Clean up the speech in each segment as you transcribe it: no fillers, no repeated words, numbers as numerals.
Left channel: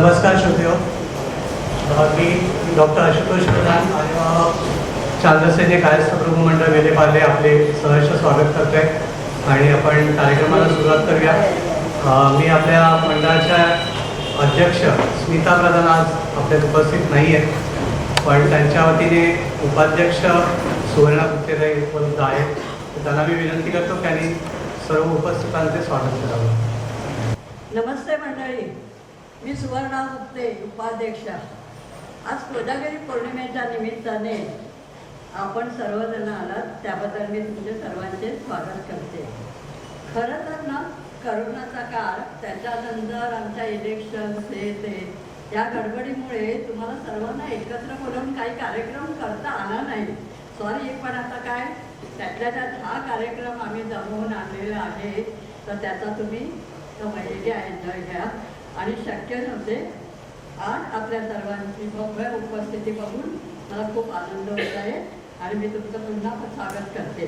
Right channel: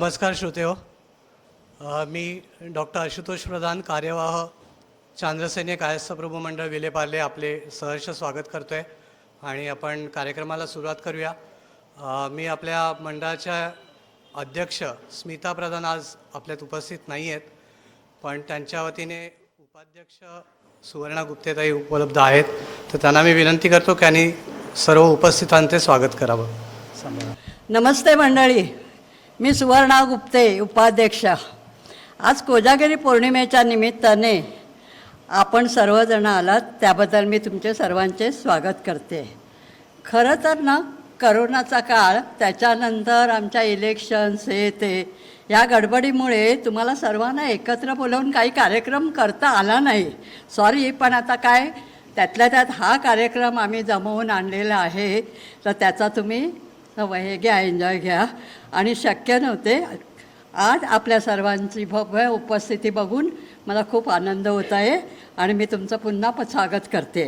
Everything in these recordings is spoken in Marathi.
नमस्कार श्रोतेहो. मी डॉक्टर आशुतोष प्रधान कार्यवाह चांद्रसैनिक कायस्थ प्रभू मंडळ वेलेपार्ले आपले सहर्ष स्वागत करते आणि आपण कार्यक्रमाला सुरुवात करूया. मी आपल्या मंडळाच्या अध्यक्ष स्मिता प्रधान आज आपल्यात उपस्थित नाही आहेत, पण त्यांच्या वतीने उपाध्यक्ष सुवर्णा गुप्तेताई उपलब्ध आहेत, तर त्यांना मी विनंती करतो की त्यांनी सर्व उपस्थितांचे स्वागत करावं. नमस्ते मंडळी, मी सुवर्णा गुप्ते उपाध्यक्ष. आज कोजागिरी पौर्णिमेच्या निमित्ताने आपण सर्वजण आलात त्याबद्दल मी तुमचे सर्वांचे स्वागत करते. खरं तर ना, करोनाचा काळ, त्याच्यानंतर आमच्या इलेक्शन्स हे ते या गडबडीमुळे तुम्हाला सर्वांना एकत्र बोलावून काही कार्यक्रम करता आला नाही. सॉरी, पण आता काय, त्यातल्या त्यात हा कार्यक्रम आम्ही जमवून आणलेला आहे, तर त्याचा तुम्ही हे घ्या, एन्जॉय घ्या. आणि शक्य नव्हते, आज आपल्या सर्वांची भव्य उपस्थिती बघून मला खूप आनंद होत आहे आणि मी तुमचं पुन्हा स्वागत करते.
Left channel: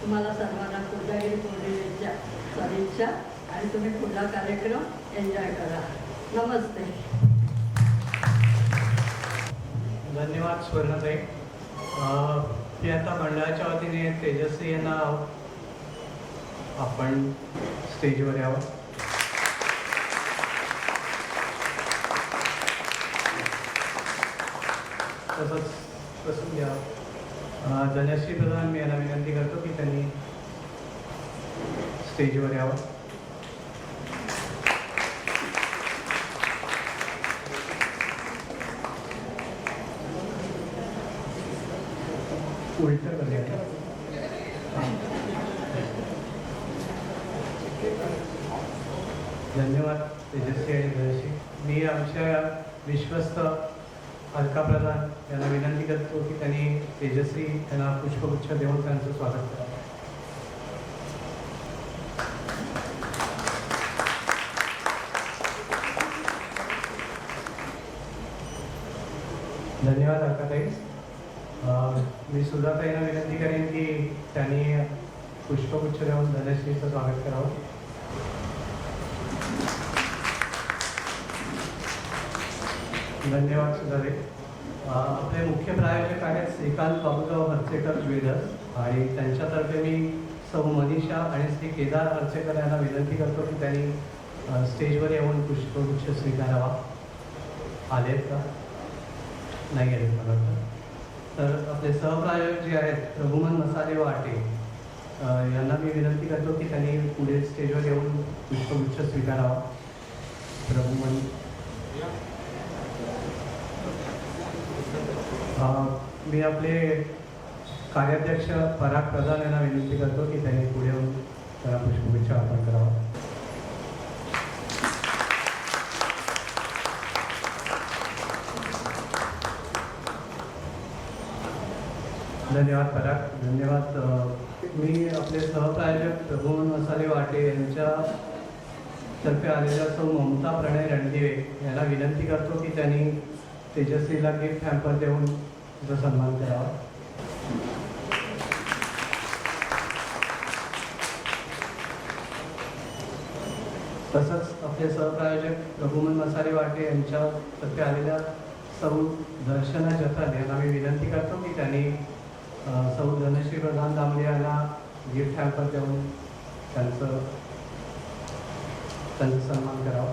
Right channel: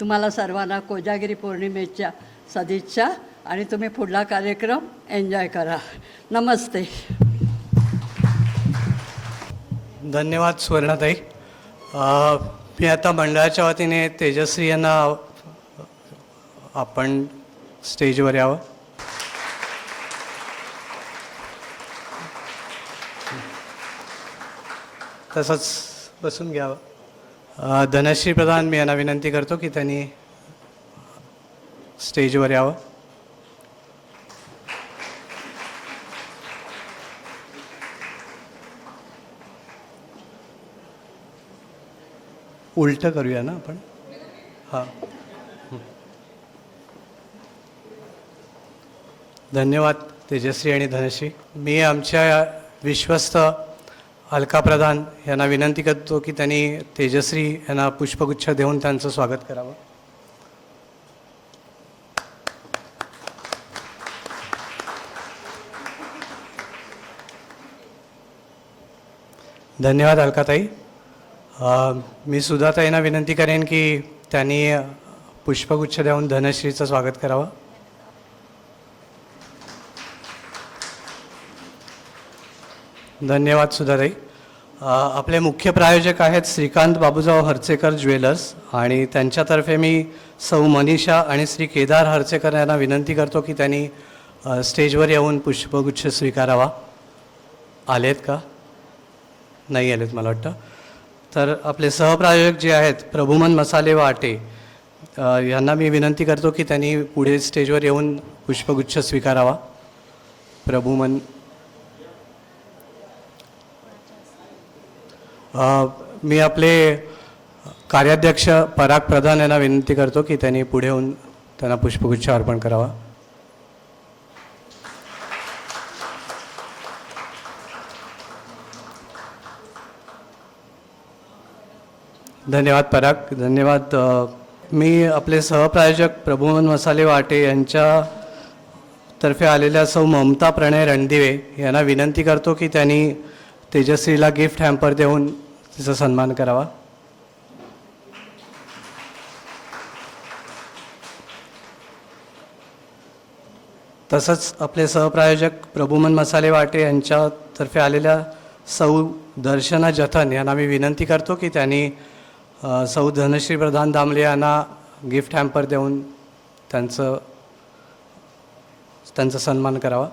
तुम्हाला सर्वांना कोजागिरी पौर्णिमेच्या सदिच्छा आणि तुम्ही पुढला कार्यक्रम एन्जॉय करा. नमस्ते. धन्यवाद सुवर्णाताई. मी आता मंडळाच्या वतीने तेजश्री यांना आपण स्टेजवर यावं. तसंच बसून घ्यावं. धनश्री प्रधान मी यांना विनंती करतो की त्यांनी स्टेजवर यावं. उलटं करूया ना आपण. हां, धन्यवाद तेजश्री आणि धनश्री. मी आमच्या विश्वस्त अलका प्रधान यांना विनंती करतो की त्यांनी तेजश्री यांना पुष्पगुच्छ देऊन त्यांचं स्वागत करावं. धन्यवाद अलकाताई. मी सुधाताईंना विनंती करेन की त्यांनी पुष्पगुच्छ देऊन धनश्रीचं स्वागत करावं. धन्यवाद सुधाताई. आपले मुख्य प्रायोजक आहेत श्रीकांत बाबूराव हर्चेकर ज्वेलर्स, आणि त्यांच्यातर्फे मी सौ मनीषा आणि श्री केदार हर्चेकर यांना विनंती करतो की त्यांनी स्टेजवर येऊन पुष्पगुच्छ स्वीकारावा. आलेत का? नाही आलेत मला वाटतं. तर आपले सहप्रायोजक जे आहेत प्रभुमन मसाले वाटे यांना मी विनंती करतो की त्यांनी पुढे स्टेजवर येऊन पुष्पगुच्छ स्वीकारावा. प्रभुमन. मी आपले कार्याध्यक्ष पराग प्रधान यांना विनंती करतो की त्यांनी पुढे येऊन त्यांना पुष्पगुच्छ अर्पण करावा. धन्यवाद पराग. धन्यवाद. मी आपले सहप्रायोजक प्रभुमन मसाले वाटे यांच्यातर्फे आलेल्या सौ ममता प्रणय रणदिवे यांना विनंती करतो की त्यांनी तेजश्रीला गिफ्ट हॅम्पर देऊन तिचा सन्मान करावा. तसंच आपले सहप्रायोजक प्रभुमन मसाले वाटे यांच्यातर्फे आलेल्या सौ दर्शना जथन यांना मी विनंती करतो की त्यांनी सौ धनश्री प्रधान दामले यांना गिफ्ट हॅम्पर देऊन त्यांचा सन्मान करावा.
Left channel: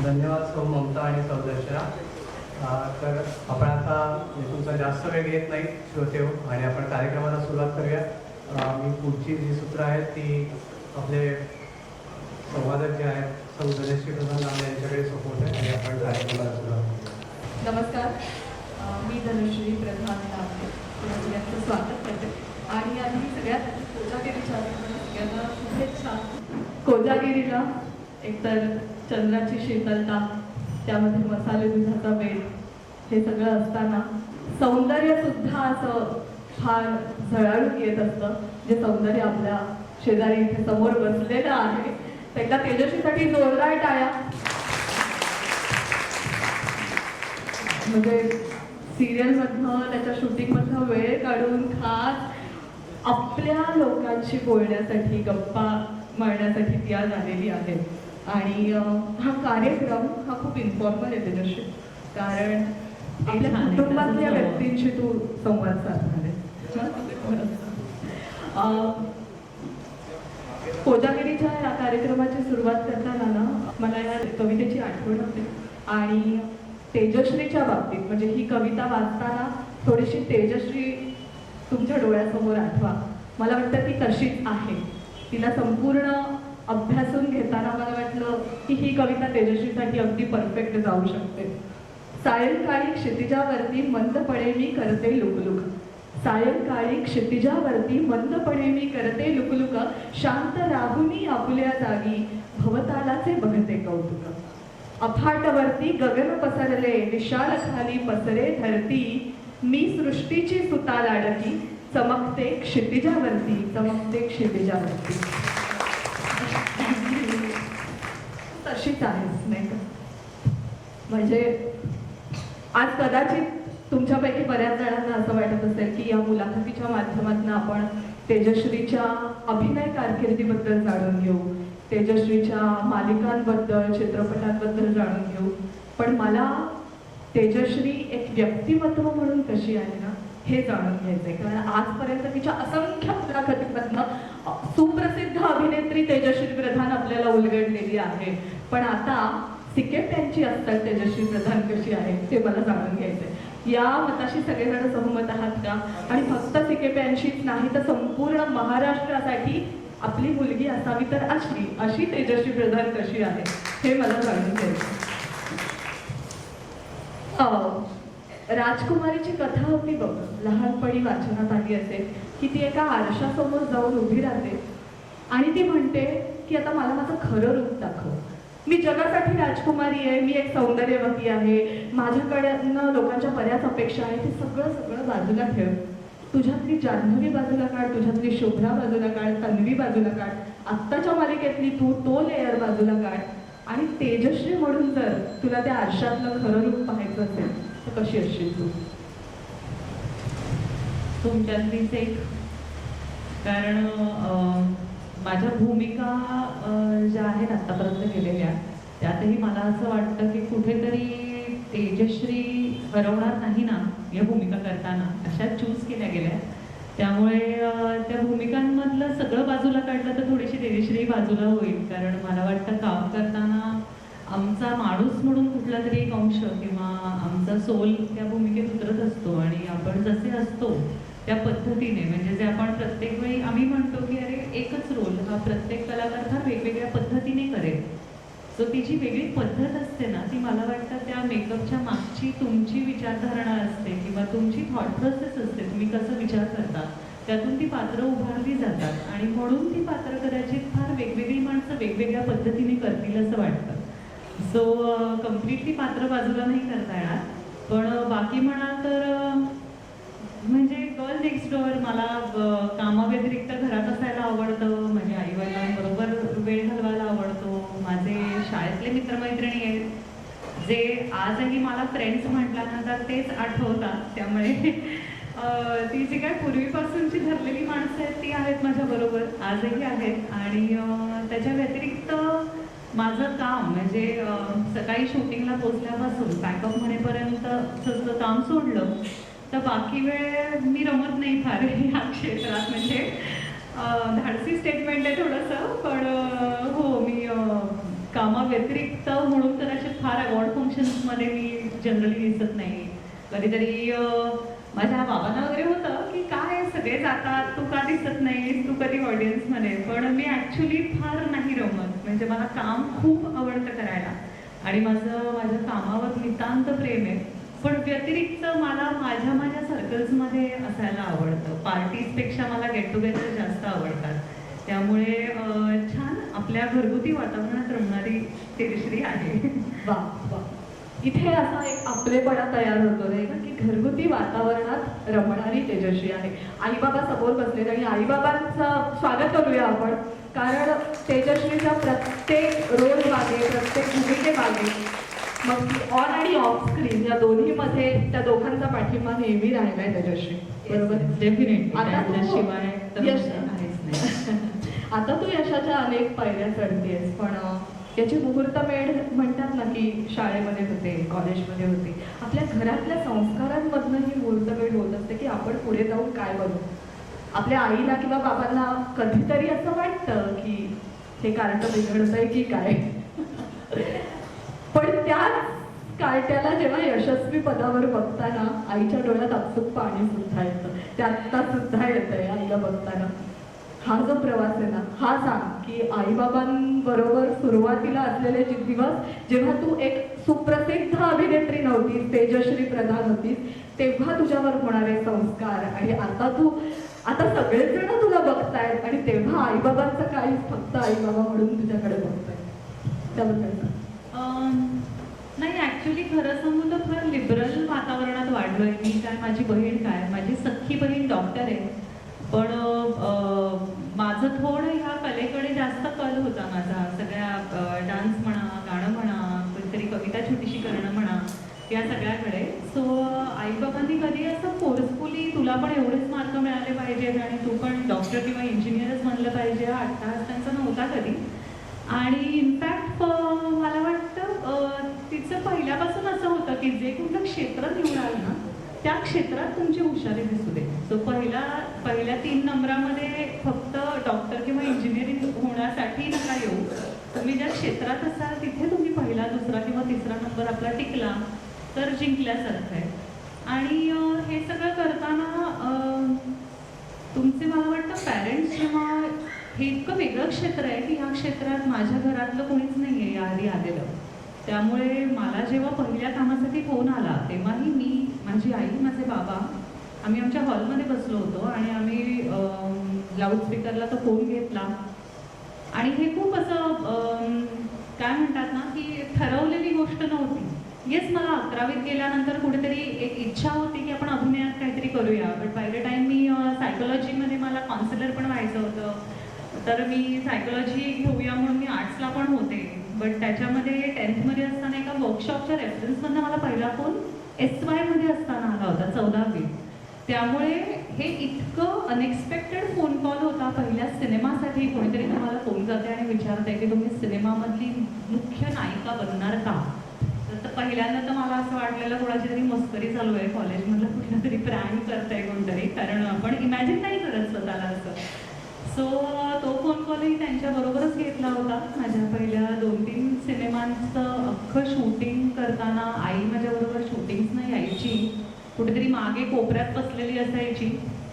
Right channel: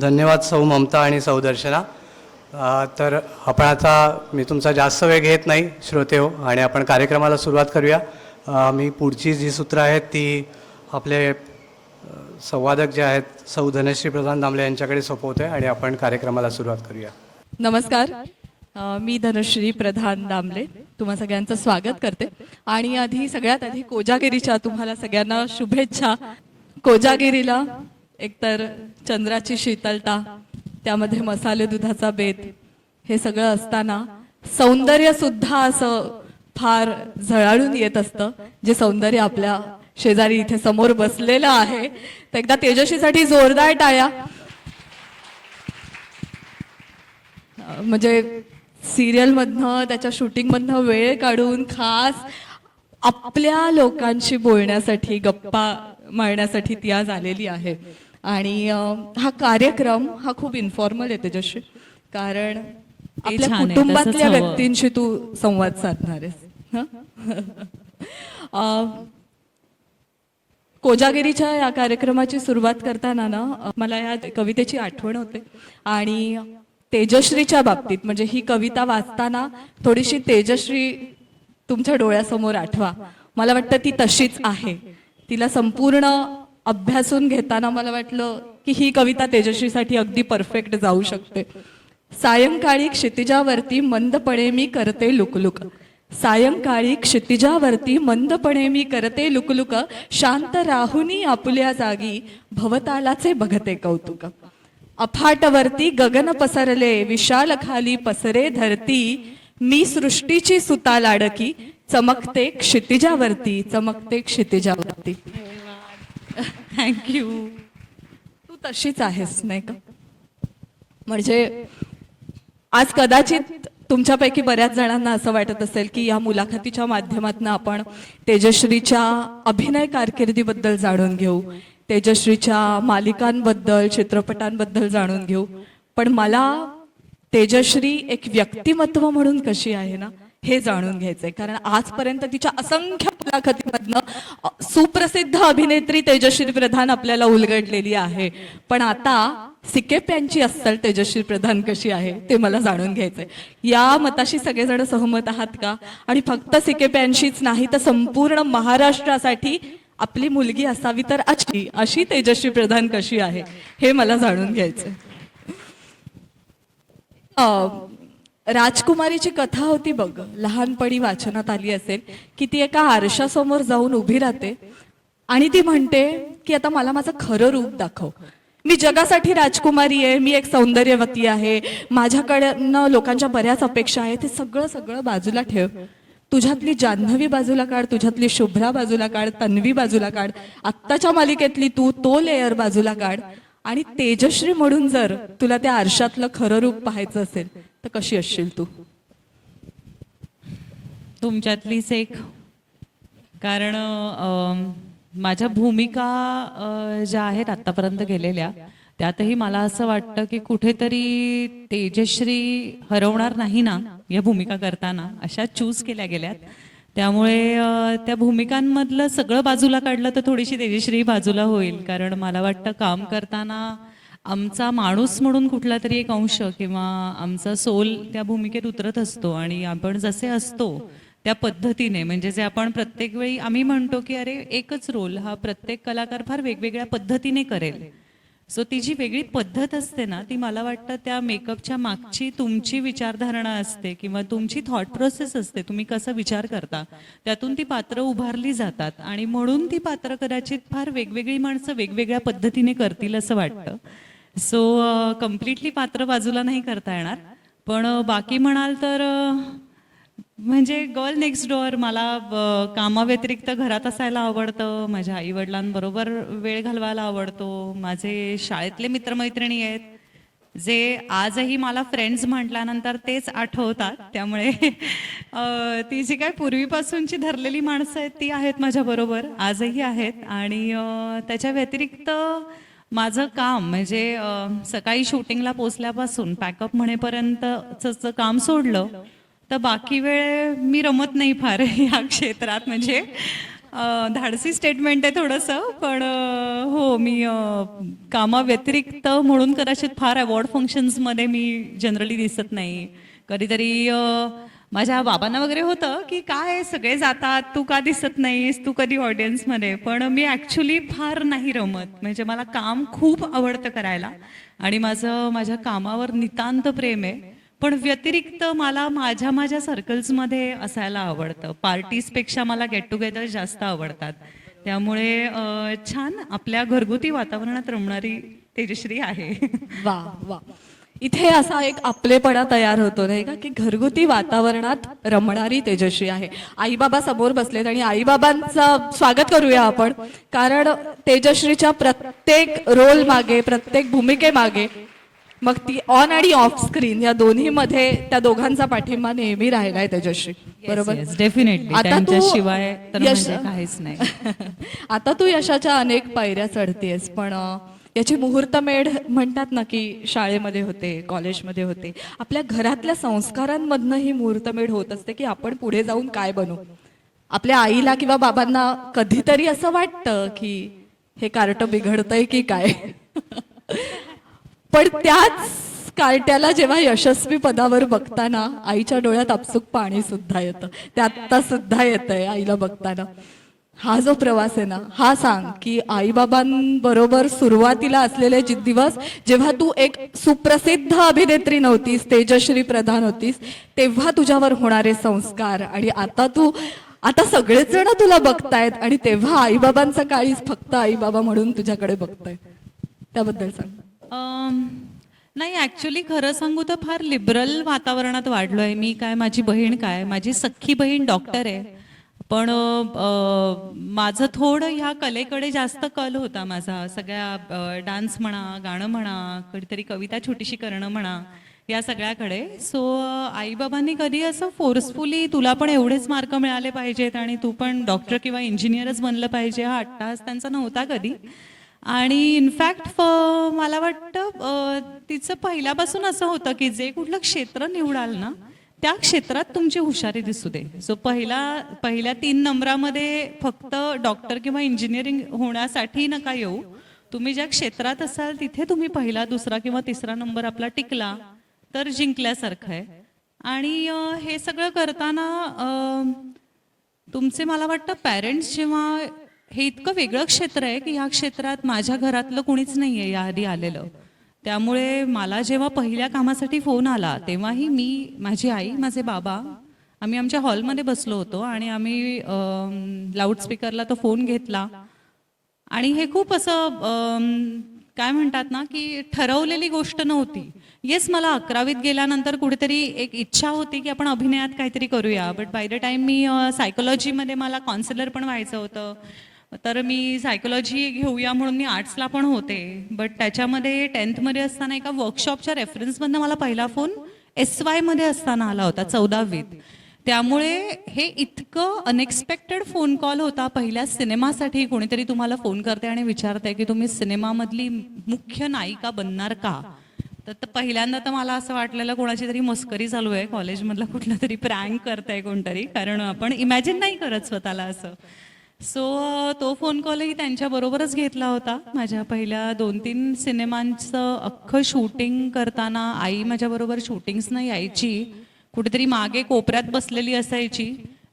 धन्यवाद सौ ममता आणि सौ दर्शना. तर आपण आता, मी तुमचा जास्त वेळ घेत नाही श्रोते हो, आणि आपण कार्यक्रमाला सुरुवात करूया. मी पुढची जी सूत्र आहेत ती आपले संवादक जे आहेत सौ धनश्री प्रधान दामले यांच्याकडे सोपवते आणि आपण कार्यक्रमाला सुरुवात करूया. नमस्कार, मी धनश्री प्रधान दामले तुम्हा सगळ्यांचं स्वागत करते. आणि सगळ्यात आधी कोजागिरीच्या तुम्हाला सगळ्यांना शुभेच्छा. कोजागिरीला एकतर चंद्राची शीतलता, त्यामध्ये मसाले दुधाचा बेत, हे सगळं असताना सौंदर्यसुद्धा असं फार झळाळून येत असतं, जे सौंदर्य आपल्या शेजारी इथे समोर बसलेलं आहे. तर एकदा तेजस्वीसाठी जोरदार टाळ्या. म्हणजे सिरियलमधनं, त्याच्या शूटिंगमधनं वेळ काढून खास आपल्या लोकांशी बोलण्यासाठी, गप्पा मांडण्यासाठी ती आज आलेली आहे. आणि हा कार्यक्रम हा खूप इन्फॉर्मल आहे तेजश्री, कारण आपल्या छान आहे, कुटुंबातल्या तसंच हवं. व्यक्तींशी तू संवाद साधणार आहेस. कोजागिरीच्या या कार्यक्रमाची सुरुवात करताना ना मला या कवितेची आठवण होते. आणि तेजश्रीच्या बाबतीत म्हणजे ही कविता वाचताना थोडीशी तेजश्री तुमच्या डोळ्यासमोर आठवा. मला वाटतं ती तशीच आहे. तिला संपूर्ण अभ्यासून घेताना मला वाटलं की ही कविता तेजश्रीसाठी अगदी परफेक्ट जाऊ शकते. सायंकाळी क्षितिजावरती मंदपणे मी करते लुकलुक. सायंकाळी क्षितिजावरती मंदपणे मी करते लुकलुक. शांत राहुनी आपुल्या जागी भवतालाचे बघते कौतुक. अफाटवरती गगन पसरले विशाल खाली पसरे धरती. मी सृष्टीची सुता लाडकी चमकते क्षितिजावरती चमकते क्षितिजावरती. थँक्यू. तू तशीच आहेस नाही का? म्हणजे आज कदाचित तुमच्यापैकी बऱ्याच जणांना असं वाटत असेल की या मुलाखतीच्या माध्यमातून आपण तेजश्रीच्या अभिनय कारकिर्दीबद्दल जाणून घेऊ, तेजश्रीच्या मालिकांबद्दल चित्रपटांबद्दल जाणून घेऊ. पण मला तेजश्री एक व्यक्तिमत्व म्हणून कशी आहे ना हे जाणून घ्यायचं आहे. कारण आजपर्यंत तिच्या असंख्य मुलाखतीमधनं सुप्रसिद्ध अभिनेत्री तेजश्री प्रधान आपल्याला उलगडलेली आहे. पण आता सिकेप्यांची अस्सल तेजश्री प्रधान कशी आहे ते मला जाणून घ्यायचं आहे. या मताशी सगळेजण सहमत आहात का? आणि फक्त सिकेप्यांशीच नाही तर संपूर्ण महाराष्ट्रासाठी आपली मुलगी असावी तर अशी तेजश्री प्रधान कशी आहे हे मला जाणून घ्यायचं. राजकुमारीची कथा होती बघ, लहानपणी वाचनात आली असेल की ती एका आरशासमोर जाऊन उभी राहते आणि ती म्हणते की आता मला माझं खरं रूप दाखव. मी जगासाठी राजकुमारी आहे, मी एक सौंदर्यवती आहे, माझ्याकडनं लोकांच्या बऱ्याच अपेक्षा आहेत. ते सगळं सगळं बाजूला ठेव. तुझ्यातली जान्हवी बाजूला काढ, तुझ्यातली शुभ्रा बाजूला काढ, तन्वी बाजूला काढ, आत्ताच्या मालिकेतली तू तो लेअर बाजूला काढ. आणि तेजश्री म्हणून जर तुला त्या आरशातलं खरं रूप पाहायचं असेल तर कशी असशील तू? तुमच्यातलीच एक. कारण माझ्या भूमिका ज्या आहेत आत्तापर्यंत गेलेल्या त्यातही मला असं वाटतं की कुठेतरी तेजश्री हरवणार नाही ना या भूमिका करताना, अशा चूज केल्या गेल्या. त्यामुळे त्या भूमिकांमधलं सगळं बाजूला काढलं तर थोडीशी तेजश्री बाजूला होईल. कारण मला वाटतं काम करताना आमचा माणूस म्हणून कुठला तरी एक अंश किंवा आमचा सोल त्या भूमिकेत उतरत असतो. आणि आपण जसे असतो त्या पद्धतीने, म्हणजे जे आपण प्रत्येक वेळी आम्ही म्हणतो की अरे एकच रोल हा प्रत्येक कलाकार फार वेगवेगळ्या पद्धतीने करेल. सो ती जी वेगळी पद्धत असते ना ती मला वाटतं त्या मेकअपच्या मागची तुमची विचारधारणा असते किंवा तुमची थॉट प्रोसेस असते, तुम्ही कसं विचार करता त्यातून ती पात्रं उभारली जातात. आणि म्हणून ती पात्रं कदाचित फार वेगवेगळी माणसं वेगवेगळ्या पद्धतीने करतील असं वाटतं. सो कम्प्लिटली पात्र बाजूला नाही करता येणार. पण बाकी म्हणाल तर म्हणजे गर्ल नेक्स्ट डोअर मला कामाव्यतिरिक्त घरात असायला आवडतं, माझ्या आईवडिलांबरोबर वेळ घालवायला आवडतो. माझे शाळेतले मित्रमैत्रिणी आहेत जे आजही मला फ्रेंड्स म्हटल्यानंतर तेच आठवतात. त्यामुळे ती जी काय पूर्वीपासूनची धरलेली माणसं आहेत ती आहेत माझ्याबरोबर, आजही आहेत. आणि त्याच्या व्यतिरिक्त माझं काम म्हणजे सकाळी शूटिंगला पोचल्यापासून पॅकअप म्हणेपर्यंतचं काम सोडलं तर बाकी वेळ मी रमत नाही फार या क्षेत्रात. म्हणजे धाडसी स्टेटमेंट आहे थोडंसं, पण हो मी कामाव्यतिरिक्त म्हणून कदाचित फार अवॉर्ड फंक्शन्समध्ये मी जनरली दिसत नाही. कधीतरी माझ्या बाबांना वगैरे होतं की काय सगळे जातात तू का दिसत नाहीस, तू कधी ऑडियन्समध्ये. पण मी ॲक्च्युली फार नाही रमत. म्हणजे मला काम खूप आवडतं करायला आणि माझ्या कामावर नितांत प्रेम आहे. पण व्यतिरिक्त मला माझ्या सर्कल्समध्ये असायला आवडतं. पार्टीजपेक्षा मला गेट टुगेदर जास्त आवडतात. त्यामुळे छान आपल्या घरगुती वातावरणात रमणारी तेजश्री आहे. वा वा. इथे असा एक आपलेपणा तयार होतो नाही का की घरगुती वातावरणात रमणारी तेजश्री आहे. आईबाबा समोर बसलेत आणि आईबाबांचं स्वागत करूया आपण. कारण तेजश्रीच्या प्रत्येक रोल मागे, प्रत्येक भूमिकेमागे, मग ती ऑन आणि ऑफ स्क्रीन या दोन्हीमध्ये त्या दोघांचा पाठिंबा नेहमी राहिला आहे तेजश्री. बरोबर डेफिनेटली आता तू त्यांच्याशिवाय तर यश- म्हणजे काहीच नाही. आता तू यशाच्या अनेक पायऱ्या चढतेस, पण याची मुहूर्तमेढ म्हणतात ना की शाळेमध्ये होते, कॉलेजमध्ये होते, आपल्या घरातल्या संस्कारांमधनं ही मुहूर्तमेढ होत असते की आपण पुढे जाऊन काय बनू. आपल्या आईला किंवा बाबांना कधीतरी असं वाटतं की हे कार्ट बिघडतंय की काय. पण त्याच कार्ट्याला जेव्हा यशस्वी पदावर बघताना आईच्या डोळ्यात आपसूक पाणी सुद्धा येतं. ते आत्ता सुद्धा येतंय आईला बघताना. हा जो प्रवास आहे ना, हा सांग की आईबाबांबरोबर सुरुवातीला असलेले दिवस, जेव्हा तू एक सुप्रसिद्ध अभिनेत्री नव्हतीस, तेजश्री प्रधान होतीस, तेव्हा तुझ्यावर होणारे संस्कार, आणि आता सगळेच जण तुला बघतायत आणि तेव्हा आईबाबांचा काळीच फक्त आईबाबा म्हणून तुझ्याकडे बघतायत. त्याबद्दल सांग. नाही, ॲक्च्युली खरं सांगू तर फार लिबरल वातावरणात वाढलो आहे मी. काय माझी बहीण, काय माझी सख्खी बहीण डॉक्टर आहे, पण माझं थोडं ह्या कलेकडे जास्त कल होता माझा. सगळ्या डान्स म्हणा, गाणं म्हणा, कधीतरी कविता छोटीशी करणं म्हणा, या सगळ्याकडे. सो आईबाबांनी कधी असं फोर्सफुली तुला पण एवढेच मार्क मिळाले पाहिजेत आणि तू पण डॉक्टर किंवा इंजिनियरच बनलं पाहिजे हा अट्टाहास त्यांचा नव्हता कधी. आणि इनफॅक्ट मला वाटतं तिचं पहिल्यापासून असं होतं की जे कुठलं क्षेत्र निवडाल ना, त्या क्षेत्रात तुमची हुशारी दिसू दे. सो पहिल्या 3 नंबरामध्ये फक्त डॉक्टर किंवा इंजिनिअरिंग होण्यासाठी नका येऊ. तुम्ही ज्या क्षेत्रात असाल तिथे तुम्ही पहिला, दुसरा किंवा तिसरा नंबर आपला टिकला तर जिंकल्यासारखं आहे. आणि हे सगळं करताना तुमचे मला वाटतं पॅरेंट्स जेव्हा, हे इतकं वेगळं क्षेत्र आहे की ह्या क्षेत्रात माझ्या घरातलं कोणीच नाही आहे याआधी आलेलं. त्यामुळे मला जेव्हा पहिल्या कामासाठी फोन आला तेव्हाही मी, माझी आई, माझे बाबा, आम्ही आमच्या हॉलमध्ये बसलो होतो आणि आम्ही लाऊडस्पीकरला तो फोन घेतला. आणि हे खूप असं काय म्हणतात ना की ठरवलेली गोष्ट नव्हती. येस, मला 11वीत गेल्यानंतर कुठेतरी एक इच्छा होती की आपण अभिनयात काहीतरी करूया. बट बाय द टाईम मी सायकोलॉजीमध्ये मला काउन्सिलर पण व्हायचं होतं, तर मी सायकोलॉजी घेऊया म्हणून मी आर्ट्सला पण होते. बट त्याच्यामध्ये 10thमध्ये असताना एका वर्कशॉपच्या रेफरन्समधनं मला पहिला फोन SYमध्ये असताना आला होता, 14वीत. त्यामुळे हे इतकं अनएक्सपेक्टेड फोन कॉल होता. पहिल्या सिनेमासाठी कोणीतरी तुम्हाला फोन करते आणि विचारते की तुम्ही सिनेमामधली मुख्य नायिका बनणार का. तर पहिल्यांदा तर मला असं वाटलेलं कोणाची तरी मस्करी चालू आहे, कॉलेजमधलं कुठलं तरी प्रँक करताय कोणतरी, कारण आपण इमॅजिन नाही करत स्वतःला असं. सो तो फोन कॉलही त्यांच्याबरोबरच घेतला होता. माझ्या पहिल्या 2-3 सिनेमांचं अख्खं शूटिंग करताना आई माझ्याबरोबर शूटिंग्सनं यायची, कुठेतरी मागे कोपऱ्यात बसलेली असायची,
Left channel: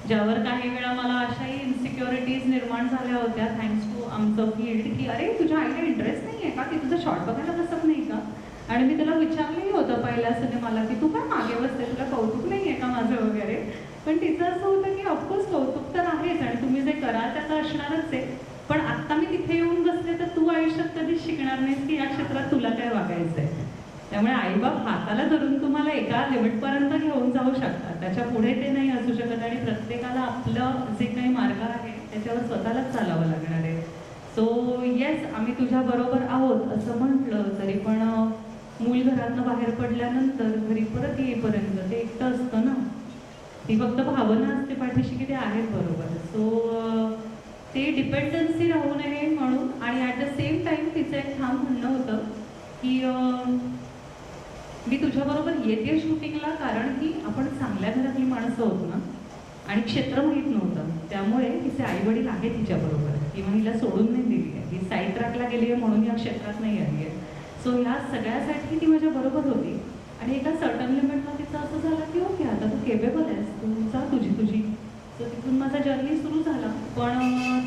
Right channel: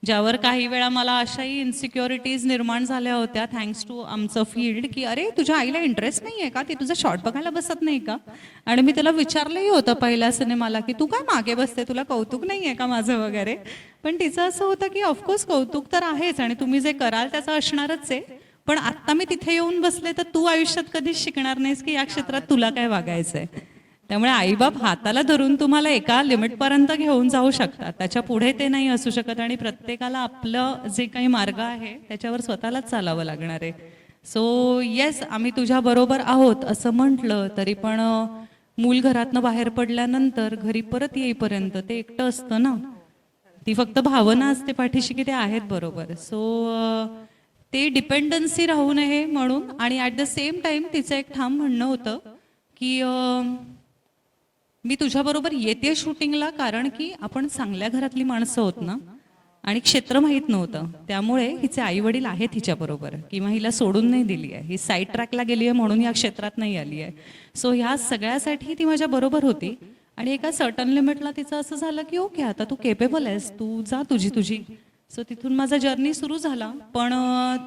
ज्यावर काही वेळा मला अशाही इन्सिक्युरिटीज निर्माण झाल्या होत्या थँक्स टू आमचं फील्ड, की अरे तुझ्या आईला इंटरेस्ट नाही आहे का, ती तुझं शॉर्ट बघायला बसत नाही का. आणि मी त्याला विचारलंही होतं पहिल्या सिनेमाला की तू काय मागे बसते, तुला कौतुक नाही आहे का माझं वगैरे. पण तिचं असं होतं की ऑफकोर्स कौतुक तर आहेच आणि तुम्ही जे कराल त्याचं असणारच आहे, पण आत्ता मी तिथे येऊन बसले तर तू आयुष्यात कधीच शिकणार नाहीस की या क्षेत्रात तुला काय वागायचं आहे. त्यामुळे आईबाप हाताला धरून तुम्हाला एका लिमिटपर्यंत घेऊन जाऊ शकतात, त्याच्या पुढे ते नाही असू शकत. आणि प्रत्येकाला आपलं जे काही मार्ग आहे त्याच्यावर स्वतःलाच चालावं लागणार आहे. सो येस, आम्ही तुझ्याबरोबर आहोत असं म्हटलं तरी पण मूल घरातनं बाहेर पडल्यानंतर घरी परत येईपर्यंत ते एकटं असतं ना. ती फक्त भावना असते पाठीशी की ते आहेत बरोबर. सो ते डिपेंडन्सी राहू नये म्हणून. आणि ॲट द सेम टाईम तिचं एक ठाम म्हणणं होतं की मी तुझ्याबरोबर येते शूटिंगला कारण की आपण चांगल्या घरातली माणसं होत ना, आणि क्षेत्र माहीत नव्हतं. त्यामुळे हिचे आईवडील आहेत हिच्याबरोबर, किंवा हिला सोडून नाही दिली आहे, ही साईड ट्रॅकला गेली आहे म्हणून या क्षेत्रात नाही आली आहे. सो ह्या सगळ्यासाठी ती माझ्याबरोबर होती. आणि एका सर्टन लिमिटला तिचं असं झालं की ओके आता तू केपेबल आहेस, तू जा तुझी. सो तिथून माझा जर्नी सुरू झाला. पण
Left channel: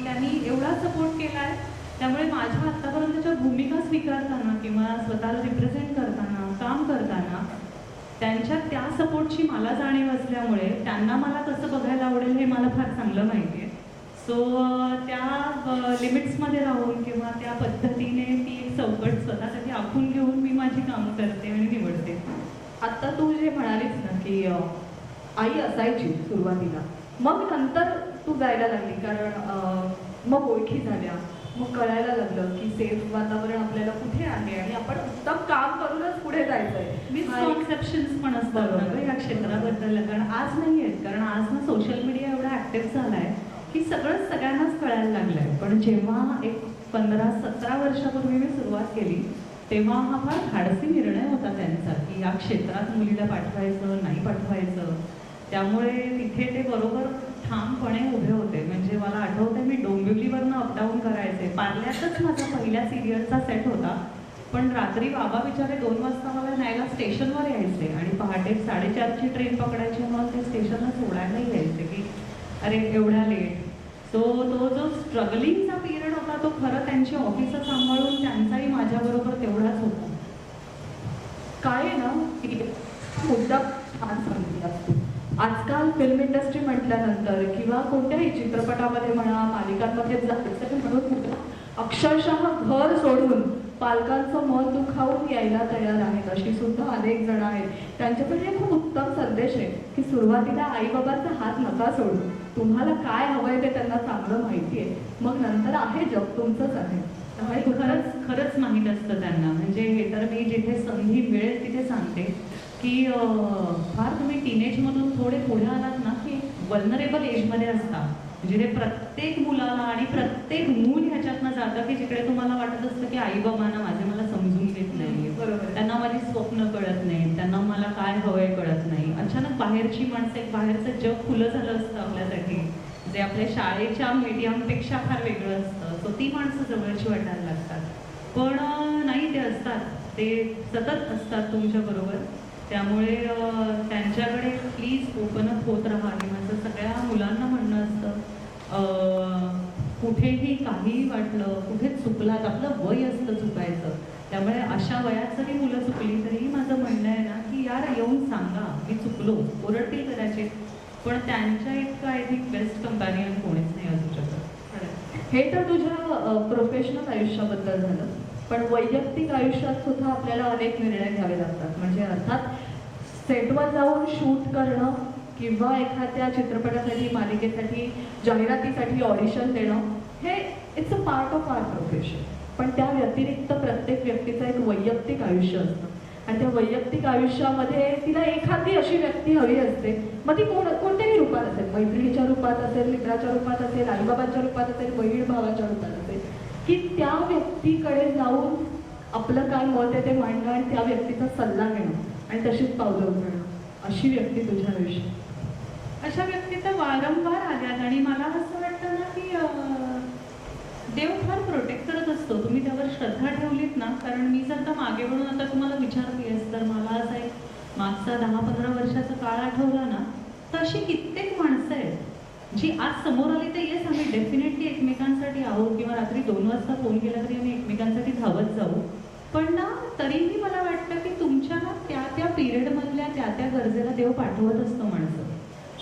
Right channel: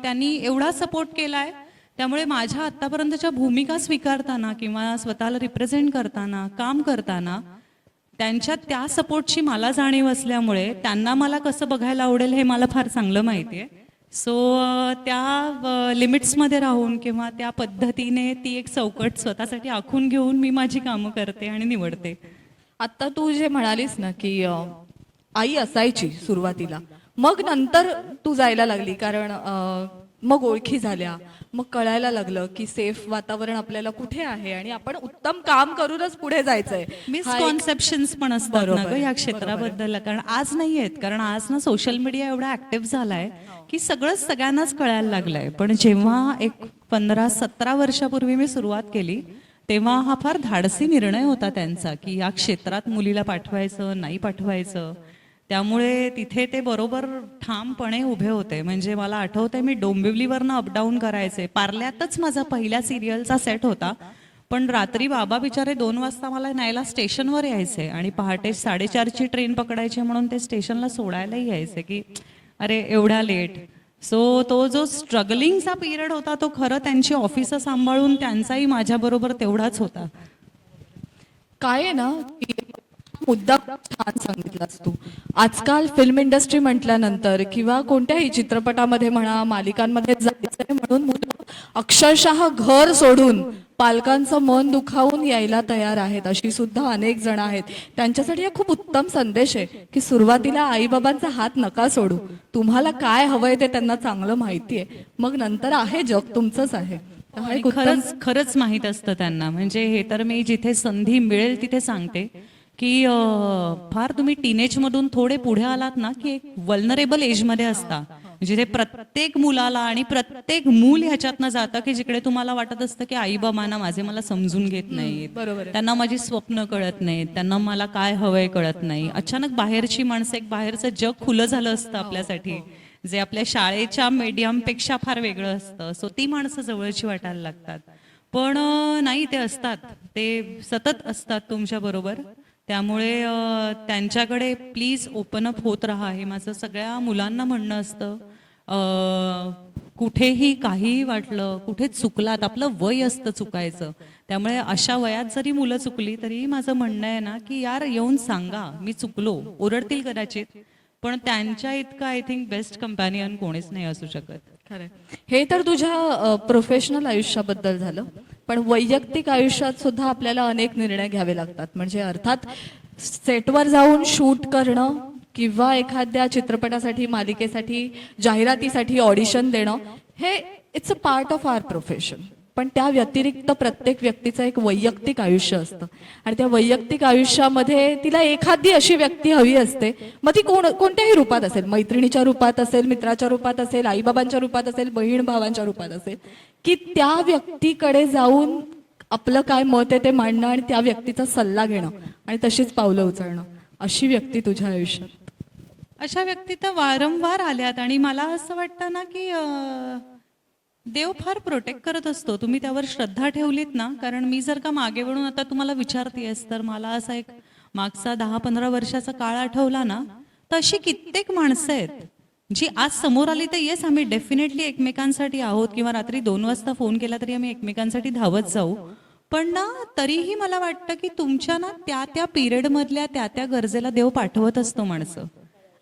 त्यांनी एवढा सपोर्ट केला आहे, त्यामुळे माझ्या आत्तापर्यंतच्या भूमिका स्वीकारताना किंवा स्वतःला रिप्रेझेंट करताना, काम करताना त्यांच्या त्या सपोर्टची मला जाणीव असल्यामुळे त्यांना मला कसं बघायला आवडेल हे मला फार चांगलं माहिती आहे. सो त्या लिमिट्समध्ये राहून किंवा त्या पद्धतीने ती एक चौकट स्वतःसाठी आखून घेऊन मी माझी कामं करते आणि निवडते. आत्ता तू जे म्हणालीस ना की आई असायची सुरुवातीला, मग नंतर तू जायला लागली कारण मग ओळखी झाल्या, मग कळायला लागलं की सेफ वातावरण आपल्याला कुठे आहे आणि आपण उत्तम काम करूनच पुढे जायचंय. हा एक- मिसकॉन्सेप्शन्स पण असतात ना बरोबर. ग ह्या क्षेत्राबद्दल. कारण आज नाही आहेत, कारण आज ना सोशल मीडिया एवढा ॲक्टिव्ह झाला आहे की सगळंच सगळ्यांनाच कळायला लागलं आहे. पण जेव्हा एक 15-17 वर्षापूर्वी मी सुरुवात केली तेव्हा हा फार धाडसी निर्णय होता त्यांचा की या क्षेत्रात मुलीला पाठवायचं नाही पाठवायचं. त्यामुळे तिथे ते बरोबर ठामपणे उभे होते. म्हणजे मला आठवतंय मी डोंबिवलीवरनं अपडाऊन करायचे. पार्ल्यातच माझा पहिल्या सिरियलचा सेट होता. पण रात्री बाबा बिचारे 2 वाजता मला न्यायला स्टेशनवर यायचे आणि पहाटे 4:30ची ट्रेन पकडायची म्हणून ते स्टेशनला सोडायलाही यायचे की अरे एवढ्या लेट. सो तो जो स्ट्रगलिंगचा पिरियड होता तो खरं त्यांची ऑफिसं सांभाळून त्यांचाही माझ्याबरोबर तेवढाच होता. काय आहे ना की मुद्दा छान सांगितलास तू. आजकाल फिल्म इंडस्ट्री म्हटल्यानंतर किंवा कोणत्याही चित्रपटामध्ये म्हणा मालिकांमध्ये जायचं म्हणून मुलं अक्षरशः घर सोडून पालकांचं मन दुखावून यायला तयार आहेत. अशी सुद्धा अनेक जण आहेत. त्यांच्यासाठी हा खूप उत्तम संदेश आहे की सुरुवातीला आईबाबांचा हात नका सोडू. तुम्हाला काय हवंय ते त्यांना चांगलं माहिती आहे. मग नंतर आहे जग तुमचंच आहे. त्यामुळे आणि खरंच खरंच माहीत असतं त्यांना. म्हणजे हे तर मी जिथे संधी मिळेल तिथे सांगते की फार तुम्ही टीनेजमधून थोडे पुढे आलात ना की एक वल्नरेबल एजमध्ये असता. जिथे प्रत्येक मुलाला आणि प्रत्येक मूल ह्याच्यातनं जातं की जिकडे तुम्हाला वाटत असतं की आई बाबांना माझे मला समजून घेत नाहीत, बरोबर. त्यांना माझी स्वप्न कळत नाहीत, त्यांना मला काय हवंय कळत नाही. अचानक बाहेरची माणसं, एक बाहेरचं जग खुलं झालं असतं आपल्यासाठी, जे आपल्या शाळेच्या मीडियमपेक्षा फार वेगळं असतं. सो ती माणसं जवळची वाटायला लागतात. पण नाही, ते असतात, ते सतत असतात तुमच्याबरोबर. त्यामुळे त्यांच्याकडे प्लीज ओपन अप होत राहा, हे माझं सगळ्या मुलांना म्हणणं असतं. कुठेही काहीही वाटलं, कुठे चुकलात, आपलं वय असतं चुकायचं. त्यामुळे अशा वयात जरी मुलं चुकली तरीही माझं म्हणणं आहे ना की यार येऊन सांगा मी चुकलो. ओरडतील कदाचित, पण त्यांच्या इतकं आय थिंक बेस्ट कंपॅनियन कोणीच नाही असू शकत. हे तर तुझ्या प्रोफेशनल आयुष्याबद्दल झालं. पण वैयक्तिक आयुष्यात सुद्धा आपल्याला अनेक निर्णय घ्यावे लागतात. म्हणजे अर्थात सेटवर जाऊन शूट करणं किंवा एखाद्या चित्रपटासाठी, मालिकेसाठी, जाहिरातीसाठी ऑडिशन देणं, हे it's a part of our profession. पण त्या व्यतिरिक्त प्रत्येक व्यक्तीचं एक वैयक्तिक आयुष्य असतं आणि त्या वैयक्तिक आयुष्यामध्ये तिला एखादी अशी व्यक्ती हवी असते. मग ती कोणत्याही रूपात असेल, मैत्रिणीच्या रूपात असेल, मित्राच्या रूपात असेल, आईबाबांच्या रूपात असेल, बहीण भावांच्या रूपात असेल, की त्या व्यक्तीकडे जाऊन आपलं काय मत आहे ते मांडणं आणि त्या व्यक्तीचा सल्ला घेणं आणि तशीच पावलं उचलणं. अशी व्यक्ती तुझ्या आयुष्यात? अशा व्यक्ती तर वारंवार आल्यात आणि मला असं वाटतं ना की देव फार प्रोटेक्ट करत असतो. तुम्ही त्यावर श्रद्धा ठेवलीत ना. कारण मी जर का मागे वळून आता तुम्हाला विचारतेस तर मला असा एक मागचा 10-15 वर्षाचा काळ आठवला ना, तर अशी कित्येक माणसं आहेत जी आज समोर आली तर येस आम्ही डेफिनेटली एकमेकांसाठी आहोत, किंवा रात्री 2 वाजता फोन केला तरी आम्ही एकमेकांसाठी धावत जाऊ. पण ना तरीही मला वाटतं की तुमच्या ना त्या पिरियडमधल्या त्या गरजेला देव पाठवत असतो माणसं.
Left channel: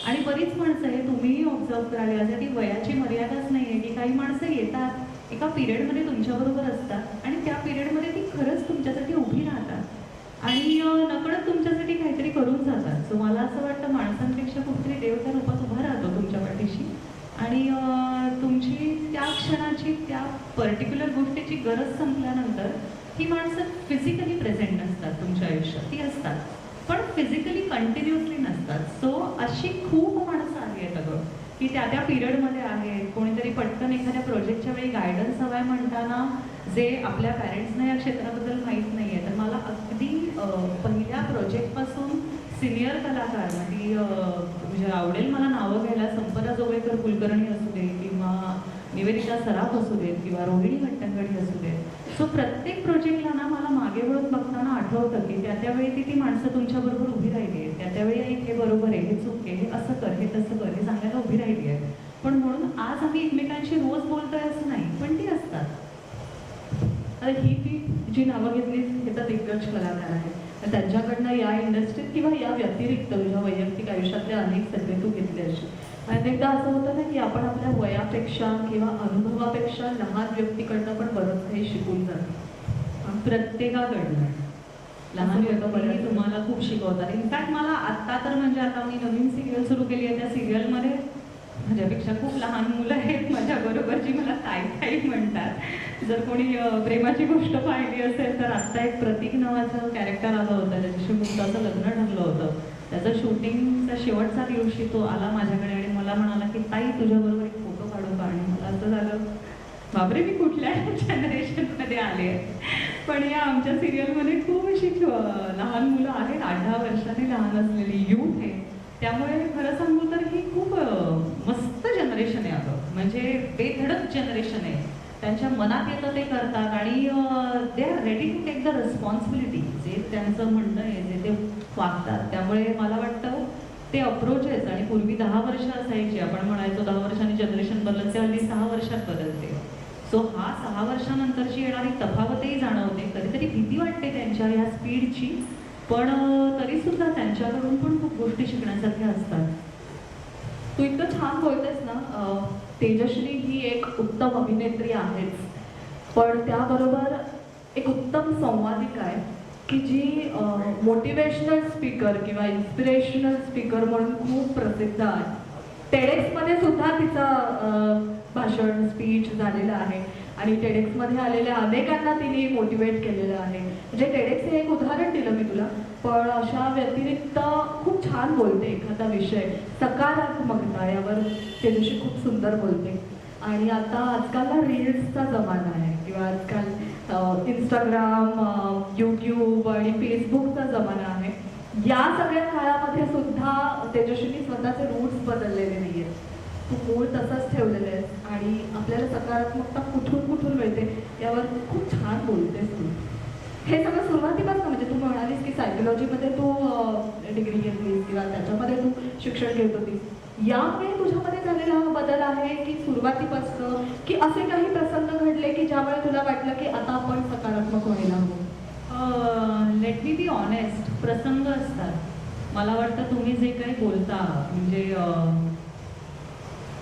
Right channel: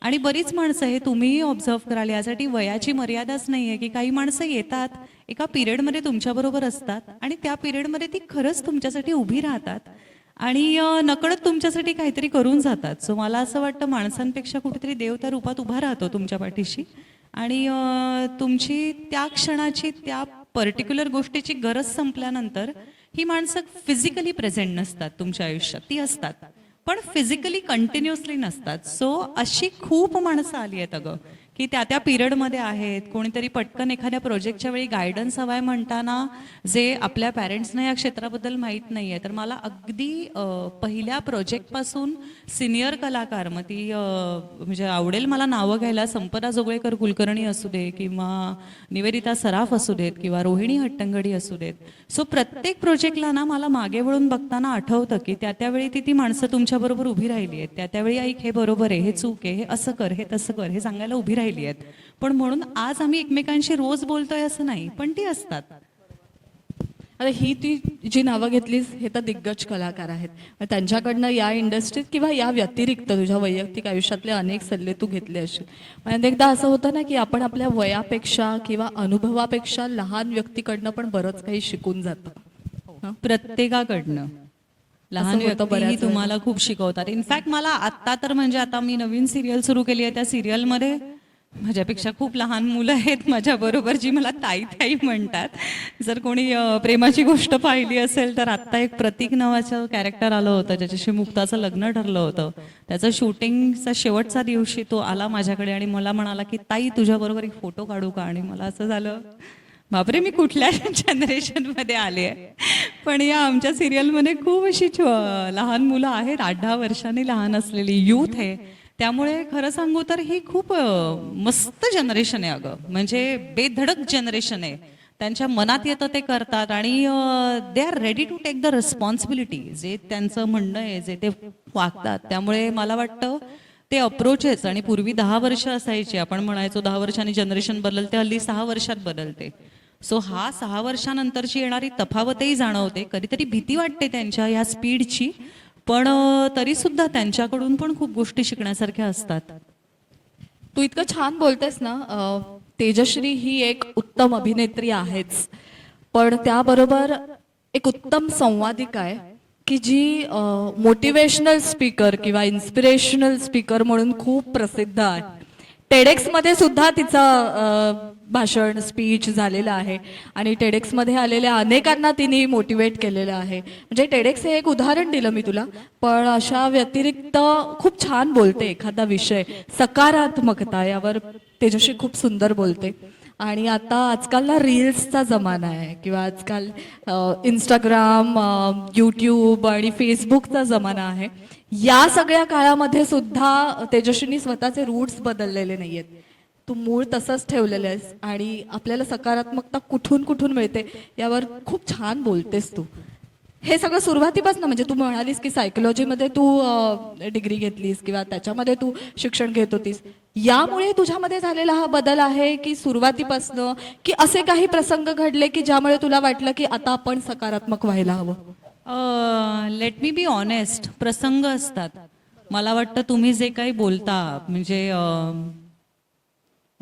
आणि बरीच माणसं, हे तुम्हीही ऑब्झर्व कराल, यासाठी वयाची मर्यादाच नाही आहे की काही माणसं येतात एका पिरियडमध्ये तुमच्याबरोबर असतात आणि त्या पिरियडमध्ये ती खरंच तुमच्यासाठी उभी राहतात आणि नकळत तुमच्यासाठी काहीतरी करून जातात. सो मला असं वाटतं माणसांपेक्षा कुठेतरी देव त्या रूपात उभा राहतो तुमच्या पाठीशी आणि तुमची त्या क्षणाची, त्या पर्टिक्युलर गोष्टीची गरज संपल्यानंतर ही माणसं फिजिकली प्रेझेंट नसतात तुमच्या आयुष्यात, ती असतात पण फिजिकली कंटिन्युअसली नसतात. सो अशी खूप माणसं आली आहेत अगं की त्या पिरियडमध्ये आहेत. कोणीतरी पटकन एखाद्या प्रोजेक्टच्या वेळी गायडन्स हवा आहे म्हणताना जे आपल्या पॅरेंट्सना या क्षेत्राबद्दल माहीत नाही आहे, तर मला अगदी पहिल्या प्रोजेक्टपासून सिनियर कलाकार, मग ती म्हणजे आवडेल मला नावं घ्यायला, संपदा जोगळेकर कुलकर्णी असू दे किंवा निवेदिता सराफ असू देत किंवा रोहिणी हट्टंगडी असू देत. सो प्रत्येक प्रोजेक्टला ना मला मागे वळून बघताना आठवतं की त्यावेळी ती माणसं तुमच्याबरोबर उभी राहिली आहेत. त्यावेळी ऐक हे बरोबर आहे, हे चूक आहे, हे असं कर, हे तसं कर, हे सांगायला उभी राहिली आहेत. पण म्हणून आज आम्ही एकमेकांशी रोज बोलतोय असं नाही, पण ती असतात. आता ही ती जी नावं घेतलीस हे तर दिग्गज कलाकार आहेत. तर त्यांच्याकडनं या इंडस्ट्रीत किंवा या व्यतिरिक्त तुझ्या वैयक्तिक आयुष्यातले अनेक सल्ले तू घेतले असे. अनेकदा असं होतं ना की आपण आपल्या वयापेक्षा किंवा अनुभवापेक्षा लहान व्यक्तीकडनं पण बरंच काही शिकून जातो. प्रत्येकाकडनं लहान असं होतं व्यक्तीही बऱ्याच वेळा. तुम्हाला खूप शिकवतात. इनफॅक्ट मला आत्ता तर म्हणजे आता मी नवीन सिरियल सुरू केली आहे, त्या सिरियलमध्ये माझ्यापेक्षा खूप लहान मुलं आहेत माझ्याबरोबर जी मला ताई ताई म्हणतात. जर कोणी प्रेमाची गोष्ट पाहिली असेल तर आत्ता एक प्रतीक नावाचं कॅरेक्टर आलं होतं ज्याच्याशी मुक्ताचं लग्न ठरलं होतं. त्याचं शूटिंगचा शेवटचा दिवशी तो आला माझ्याकडे आणि मला म्हणाला की ताई तुझ्याबरोबर एक फोटो काढू का. आणि मला असं झालं बापरे मी कुठल्या जनरेशनमध्ये आले आहे. पण या आमच्या सिरियलमध्ये खूप अशी लहान मुलं आहेत, 8-10 वर्षांनी लहान असलेली यूथ आहे. त्यामुळे खरं सांगू तर ही खूप मस्त जनरेशन आहे अगं. म्हणजे बेधडक जनरेशन आहे. त्यांच्या मनात येतं ते करतात आणि they are ready to take the responsibility. जे त्यांचं म्हणणं आहे जे ते वागतात. त्यामुळे मला वाटतं ते अप्रोचेस आणि पूर्वी 10 वर्ष असायची, आपण म्हणायचो 10 वर्षांनी जनरेशन बदलते, हल्ली 6 वर्षात बदलते. सो हा 6 वर्षानंतरची येणारी तफावतही जाणवते. कधीतरी भीती वाटते त्यांच्या या स्पीडची, पण तरीसुद्धा त्यांच्याकडून पण खूप गोष्टी शिकण्यासारख्या असतात. तू इतकं छान बोलतेस ना, तेजश्री ही एक उत्तम अभिनेत्री आहेच, पण त्याबरोबर एक उत्तम संवादिका आहे की जी मोटिवेशनल स्पीकर किंवा इन्स्पिरेशनल स्पीकर म्हणून खूप प्रसिद्ध आहे. टेडेक्समध्ये सुद्धा तिचं भाषण स्पीच झालेलं आहे आणि टेडेक्समध्ये आलेल्या अनेकांना तिने मोटिवेट केलेलं आहे. म्हणजे टेडेक्स हे एक उदाहरण दिलं मी तुला, पण अशा व्यतिरिक्त खूप छान बोलते. एखादा विषय सकारात्मकता यावर तेजश्री खूप सुंदर बोलते. आणि आता आजकाल ना रील्सचा जमाना आहे किंवा आजकाल इंस्टाग्राम, यूट्यूब आणि फेसबुकचा जमाना आहे. या सगळ्या काळामध्ये सुद्धा तेजस्वीनी स्वतःचे रूट्स बदललेले नाही आहेत. तू मूळ तसंच ठेवलेलं आहेस आणि आपल्याला सकारात्मकता कुठून कुठून मिळते यावर खूप छान बोलतेस तू. हे सगळं सुरुवातीपासून, म्हणजे तू म्हणालीस की सायकोलॉजीमध्ये तू डिग्री घेतलीस किंवा त्याच्यामध्ये तू शिक्षण घेत होतीस, यामुळे तुझ्यामध्ये झालेला हा बदल आहे की सुरुवातीपासनं, की असे काही प्रसंग घडले की ज्यामुळे तुला वाटलं की आता आपण सकारात्मक व्हायला हवं? लेट मी बी ऑनेस्ट, प्रसंग असतात. मला वाटतं तुम्ही जे काही बोलता म्हणजे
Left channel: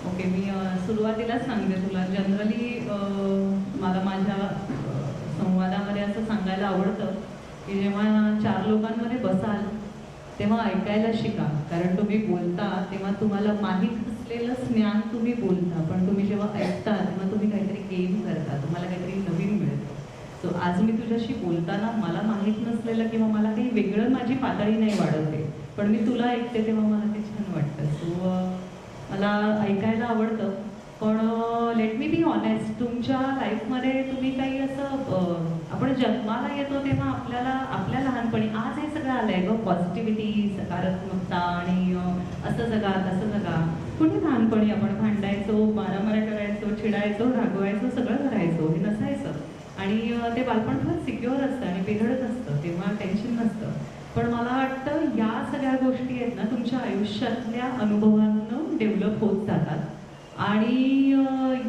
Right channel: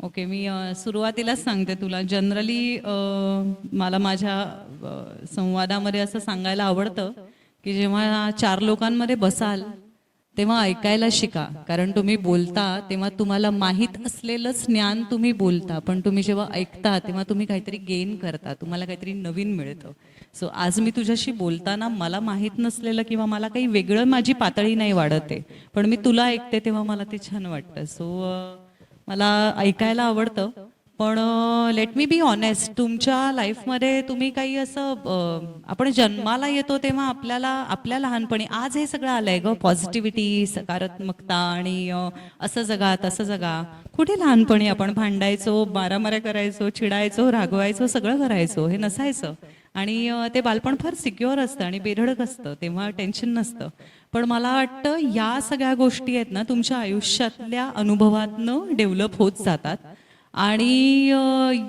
ओके मी सुरुवातीलाच सांगते तुला. जनरली मला माझ्या संवादामध्ये असं सांगायला आवडतं की जेव्हा 4 लोकांमध्ये बसाल तेव्हा ऐकायला शिका. कारण तुम्ही बोलता तेव्हा तुम्हाला माहीत असलेलंच ज्ञान तुम्ही बोलता, पण तुम्ही जेव्हा ऐकता तेव्हा तुम्ही काहीतरी गेन करता, तुम्हाला काहीतरी नवीन मिळतं. सो आज मी तुझ्याशी बोलताना मला माहीत नसलेलं किंवा मला काही वेगळं माझी पातळी नाही वाढत आहे, पण मी तुला ऐकते तेव्हा मला ते छान वाटतं. सो मला ऐकायला आवडतं. पण लेट मी बी ऑनेस्ट, तुमच्या लाईफमध्ये तुम्ही काही असं आपण जन्माला येतो तेव्हा आपल्याला आपल्या लहानपणी, आज हे सगळं आलं आहे गं, पॉझिटिव्हिटी, सकारात्मकता आणि असं जगा तसं जगा. कुठे लहानपणी आपण भांडायचो, मारामाऱ्या करायचो, चिडायचो, रागवायचो, सगळं करायचो, हे नसायचं. आणि ते बालपण फार सिक्युअर असतं आणि बेधडक असतं, तेव्हा टेन्शन नसतं. पण मला वाटतं या सगळ्या गोष्टी आहेत ना तुमच्या आयुष्यातल्या अनुभवातनं डेव्हलप होत जातात. आणि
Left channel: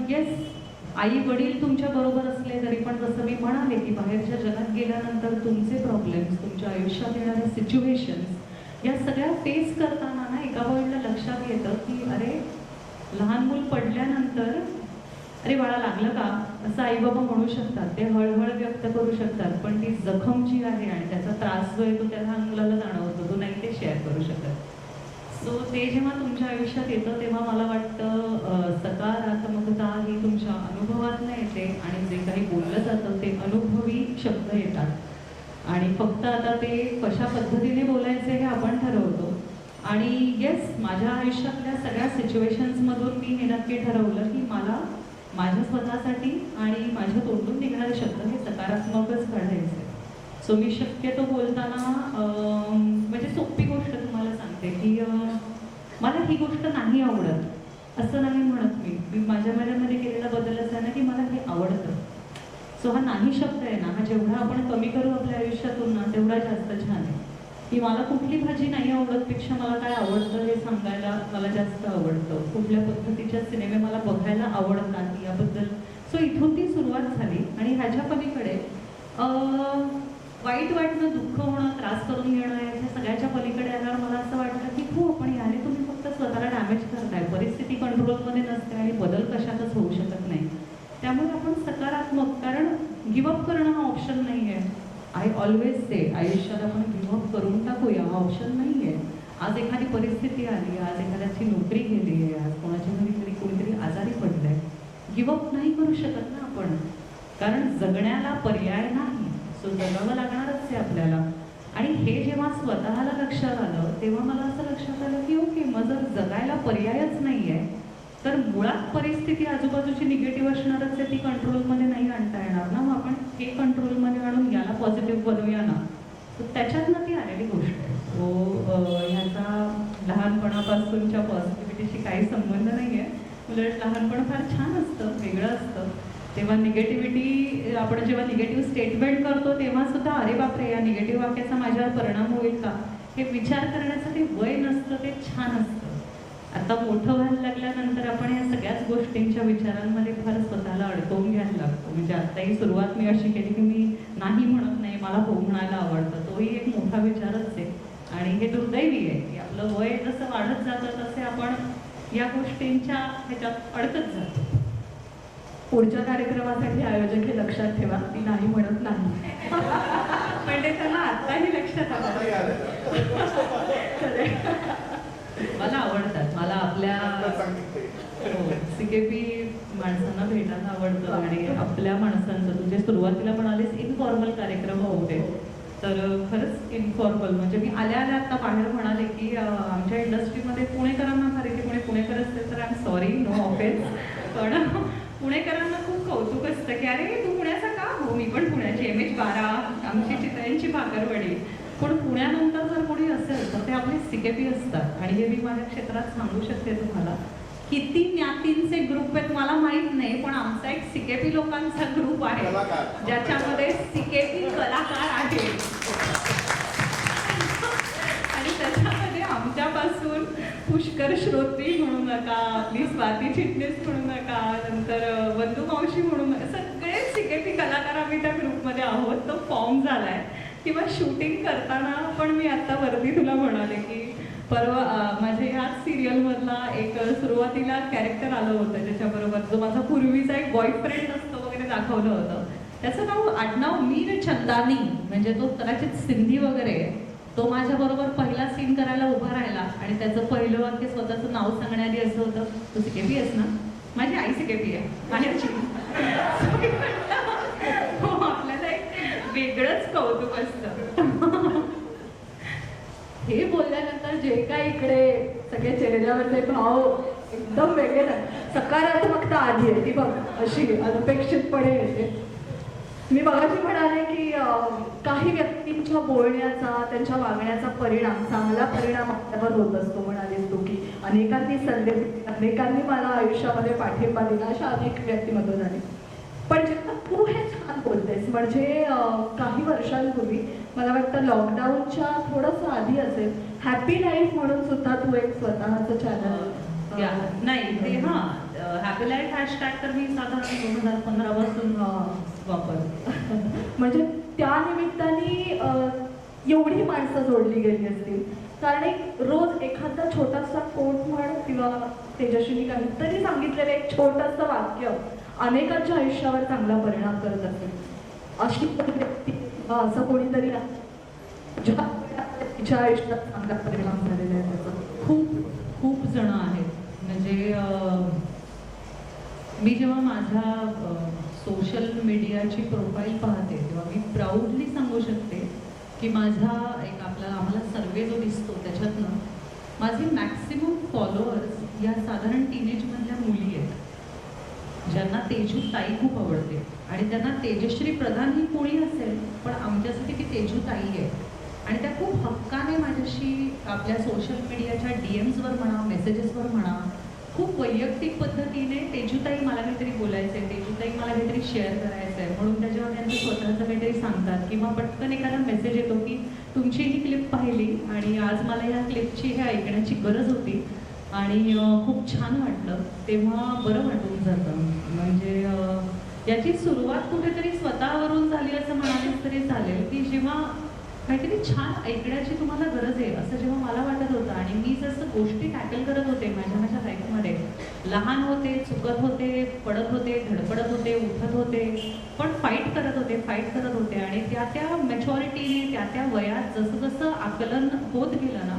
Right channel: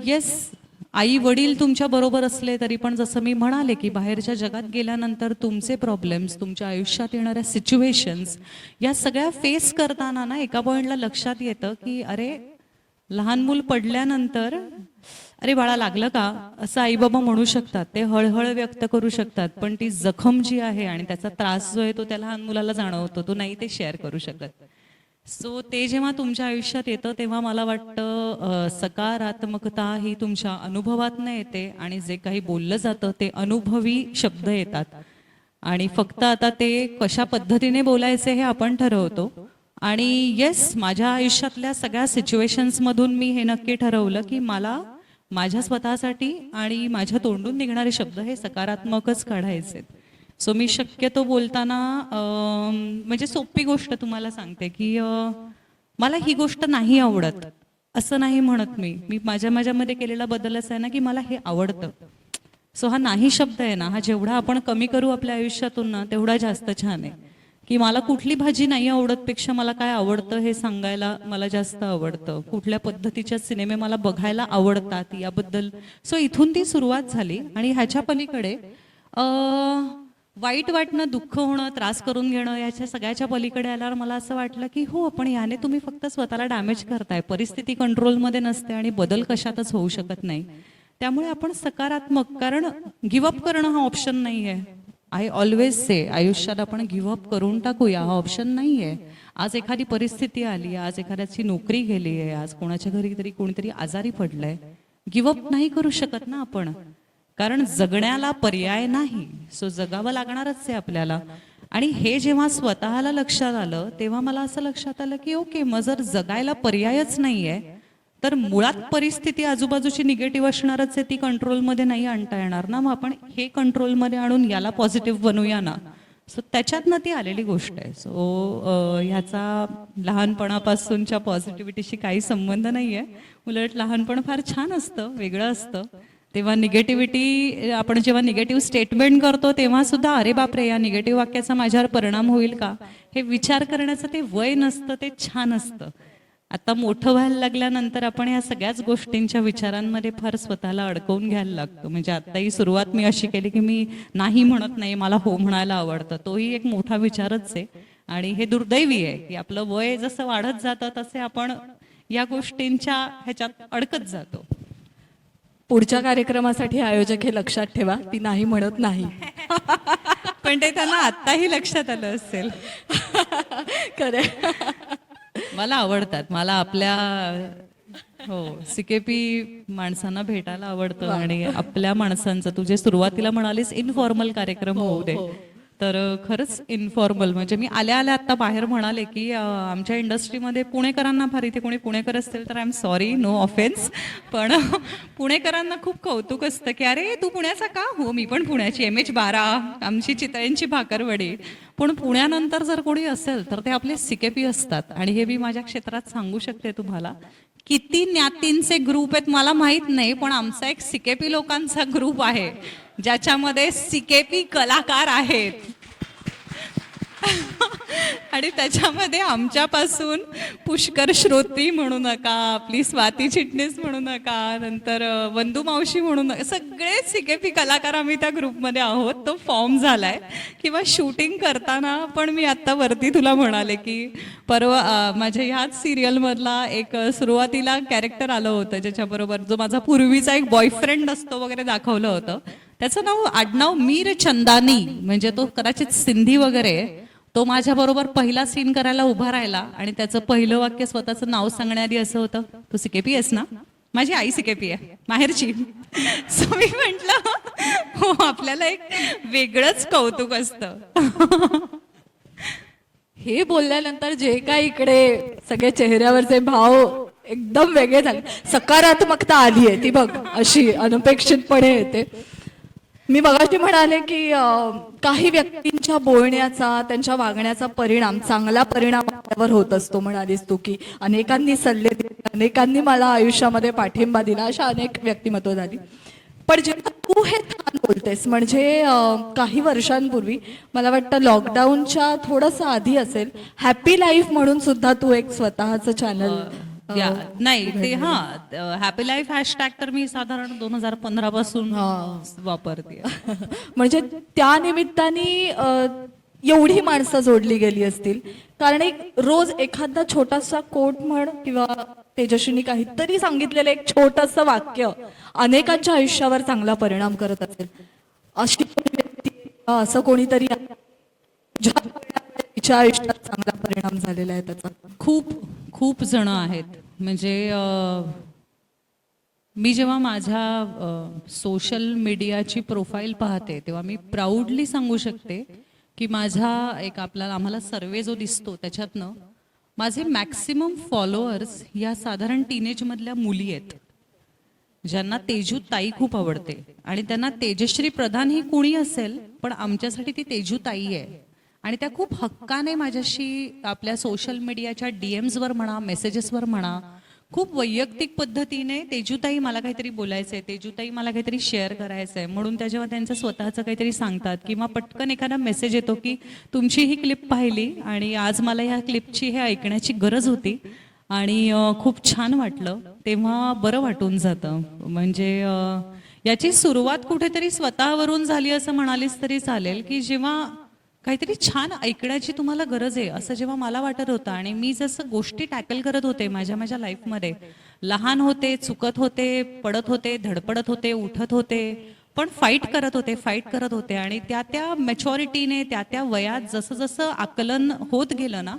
येस, आई वडील तुमच्या बरोबर असले तरी पण जसं मी म्हणाले की बाहेरच्या जगात गेल्यानंतर तुमचे प्रॉब्लेम्स, तुमच्या आयुष्यात येणाऱ्या सिच्युएशन्स, या सगळ्या फेस करताना ना एका पॉईंटला लक्षात येतं की अरे, लहान मूल पडल्यानंतर अरे बाळा लागलं का, असं आईबाबा म्हणू शकतात, ते हळहळ व्यक्त करू शकतात, पण ती जखम जी आहे आणि त्याचा त्रास जो आहे तो त्या लहान मुलाला जाणवतो, तो नाही ते शेअर करू शकत. सो ते जेव्हा तुमच्या आयुष्यात येतं तेव्हा मला वाटतं सकारात्मकता ही तुमच्या अनुभवातनं येते आणि जे काही बोललं जातं ते अनुभवी शब्द येतात. आणि फक्त आता ते कशा पद्धतीने बोलायचे हे आपण ठरवतो. आणि येस, माझ्या आयुष्यातल्या सगळ्या सिच्युएशन्समधून मी हे नक्की ठरवलं की मला माझ्या स्वतःसाठी आणि माझ्या तोंडून निघणारे शब्द हे सकारात्मकच काढायचे. सो मी शक्यतो बोलताना म्हणजे सोपी गोष्ट तुम्हाला सांगते की मला ही गोष्ट नाही आवडत असं नाही म्हणत मी माझ्यामध्ये केलेला बदल असा आहे ना की मला हे आवडतं. सो हा नाही शब्द आहे ना, हा जेवढा आपण कमी करू आपल्या आयुष्यातून ना तेवढा जास्त छान आहे. की मला कुठली भाजी नाही आवडतपेक्षा मला काय आवडतं हे सांगायला मला जास्त आवडतं. कुठल्या पद्धतीच्या सिनेमे मला बघायला आवडतात याबद्दल. सो इथून ती सुरुवात झाली आणि ह्याच्या पलीकडे वाईट वाटणं, दुःख होणं, त्रास करून घेणं, याच्या सगळ्याच्या पलीकडे आल्यावर मला असं वाटलं की हो, पण याने तुम्ही फक्त स्वतःला डॅमेज करताय. परिस्थिती कंट्रोलमध्ये नसते आणि बदल कशातच होऊ शकत नाही. त्यामुळे आपण सकारात्मक, कारण गिवअप करणं हा ऑप्शन नाही आहे. आय ऑलवेज से आयुष्यात आपण गिव्हअप करून टाकूया हा ऑप्शन नाही आहे. आज एखादी परिस्थिती आली, आज एखाद्याची नोकरी गेली आहे, आज कोणाच्या घरी तरी कोणीतरी आजारी पडलंय, गिवअप नाही करू शकत ना आपण, कारण जगण्याला पर्याय नाही. सो जगावं लागणारच आहे आपल्याला. आणि हे जेव्हा स्वतःला लक्षात आलं तेव्हा मला असं लक्षात आलं की ओके, मग जर जगायला पर्यायच नाही आहे तर मुळात परिस्थिती आजूबाजूची निगेटिव्ह असणारच आहे, ती कंट्रोलमध्ये नाही आणता येणार ना. मग आपण हे कंट्रोलमध्ये आणून याला पॉझिटिव्ह बनवूया ना. सो त्याच्यातनं ती आलेली गोष्ट आहे. सो ह्याचा लहानपणापासूनच्या पॉझिटिव्हिटीशी काही संबंध नाही आहे. उलट लहानपण फार छान असतं, वेगळं असतं. तेव्हा निगेटिव्हिटी, आपण जेव्हा निगेटिव्ह स्टेटमेंट करतो तेव्हा सुद्धा अरे बापरे, या निगेटिव्ह वाक्याचा माझ्यावर परिणाम होईल का, हे विचार करण्याचं ते वय नसतं, ते छान असतं. आता मोठं व्हायला लागल्यानंतर आपण या सगळ्याच गोष्टींच्या विचारांमध्ये फार स्वतःला अडकवून घ्यायला लागतो. म्हणजे आत्ताही सुरुवात मी अशी केली की मी नाही म्हणत नाही, मला हो म्हणायला आवडतं. तोही एक मोठा विचारच आहे. आणि हे दुर्दैवी आहे की आपलं वय जसं वाढत जातं तसे आपण या गोष्टींच्या ह्याच्यात अडकत जातो. पुढच्या कार्यक्रमासाठी आयोजक हे लक्षात ठेवा, ती नाही म्हणत नाही. पण ते त्यांना आत्ताही लक्षात आलं असेल. खरंय. मला आवडतात, मला आपल्या CKP माणसांना भेटायला आवडतं. आणि आपल्या माणसांचं, तुझे सुरुवातीला म्हणालीस इनफॉर्मल कार्यक्रम होऊ दे, तर खरंच इनफॉर्मल म्हणजे मी आल्या आल्या आत्ता बाहेर म्हणाले की आमच्या इंडस्ट्रीमध्ये पुणेकरांना फार, इथे कोणी पुणेकर असतील तर I am sorry, no offence, पण पुणेकरांना खूप कौतुक असतं की अरे तू पुण्याचा का, हो मी पण पुण्याची, MH12 आमची चितळ्यांची भाकरवडी. पण पुण्यानंतर जर कोणी असेल तर ते आपले CKP असतात. आणि हे मी माझ्या क्षेत्रात सांगू शकते तुम्हाला, किती ज्ञातींचे ग्रुप आहेत मला माहीत नाही, पण आमचा एक CKP लोकांचा ग्रुप आहे ज्याच्यामध्ये CKP कलाकार आहेत. आणि त्याच्यामध्ये आमच्यापासून पुष्कर श्रोती म्हणू नका, आपली स्वाती चिटणीस म्हणू नका, नंतर वंदू मावशी म्हणू नका, सगळे CKP कलाकार आम्ही त्या ग्रुपमध्ये आहोत. तो फॉर्म झाला आहे. किंवा शूटिंग करताना पण मी आत्ता वरती तुला म्हणाले की परवा माझ्या ह्याच सिरियलमधला एक सुरुवातीला कॅरेक्टर आलं होतं ज्याच्याबरोबर जो माझा पूर्वीचा एक बॉयफ्रेंड असतो वगैरे दाखवलं होतं. त्याचं आडनाव मीर चंदानी, म्हणजे तो कदाचित सिंधी वगैरे. तो माझ्याबरोबर पहिला सीन करायला उभा राहिला आणि त्याचं पहिलं वाक्य स्वतःचं नाव सांगण्याआधी असं होतं, तू CKP आहेस ना, माझी आई CKP आहे माहेरची. सो मी म्हटलं हो, आपल्याला एक वेगळंच कौतुक असतं. हे बोलल्यानंतर जे काही इकडे सगळे चेहऱ्यावरचे भाव एकदम वेगळे झाले, सकारात्मकता आली आहे ती बघ, अशी अनपेक्षितपणे येते. मी मगाशी म्हणाले की काही व्यक्तींच्या बोलण्याचा, त्यांच्या वागण्याचा परिणाम, चांगला परिणाम आपल्यावर होत असतो. म्हणालीस तू की अनेकांनी सल्ले दिले, अनेकांनी मला आयुष्यामध्ये पाठिंबा दिला, अशा अनेक व्यक्तिमत्व झाली. पण जेव्हा तू हे छान बोलतेस, म्हणजे काही वर्षांपूर्वी, मला वाटतं लॉकडाऊनच्या थोडंसं आधी असेल, हॅपी लाईफ म्हणून सुद्धा तू एक स्वतःचं चॅनल. नाही ते हॅपी लाईफ हॅशटॅग तर मी साधारण 2015 पासून वापरते. म्हणजे त्या निमित्ताने एवढी माणसं जोडली गेली असतील. कारण एक रोज एखादा छोटासा कोट म्हण किंवा तेजस्विनी काहीतरी सांगितलेलं एक छोटंसं वाक्य अनेकांच्या आयुष्यावर चांगला परिणाम करत असेल. अशी व्यक्ती असं कोणीतरी तिच्या आयुष्यात चांगला परिणाम झालेला आहे त्याचा. खूप खूप जण आहेत. म्हणजे मी जेव्हा माझ्या सोशल मीडियाची प्रोफाईल पाहते तेव्हा मी प्राऊडली सांगू शकते की माझा एक आम्हाला सर्वे जो दिसतो त्याच्यातनं माझे मॅक्सिमम फॉलोअर्स या साधारण टीनेजमधल्या मुली आहेत, ज्यांना तेजू ताई खूप आवडते. आणि त्यांना तेजश्री प्रधान ही कोणी असेल पण आमच्यासाठी ती तेजू ताई आहे. आणि त्या खूप हक्काने माझ्याशी आपल्या सोशल मीडियाच्या DMsवर म्हणा, मेसेजेसवर म्हणा, खूप वैयक्तिक पद्धतीने तेजूताई मला काहीतरी बोलायचं आहे, तेजूताई मला काहीतरी शेअर करायचं आहे म्हणून त्याच्यावर त्यांचं स्वतःचं काहीतरी सांगतात. किंवा पटकन एखादा मेसेज येतो की तुमची ही क्लिप पाहिली आणि आज मला ह्या क्लिपची हे ऐकण्याची गरज होती आणि खूप छान वाटलं, तेव्हा बरं वाटून जातं. म्हणजे याची सुरुवात कुठेतरी स्वतःवरून झाली असं म्हणालीस तरी चालेल की जेव्हा काहीतरी छान ऐकण्याची तुम्हाला गरज आहे असं जेव्हा मला वाटत होतं. आणि मी जसं गोष्टी टॅकल करत होते माझ्या लाईफमध्ये, लहान होते, चुकत होते, पडत होते, धडपडत होते, उठत होते, पण फाईट करत होते. आणि त्या मॅच्युरिटीने त्या वयात जसं जसं आकलन होत गेलं ना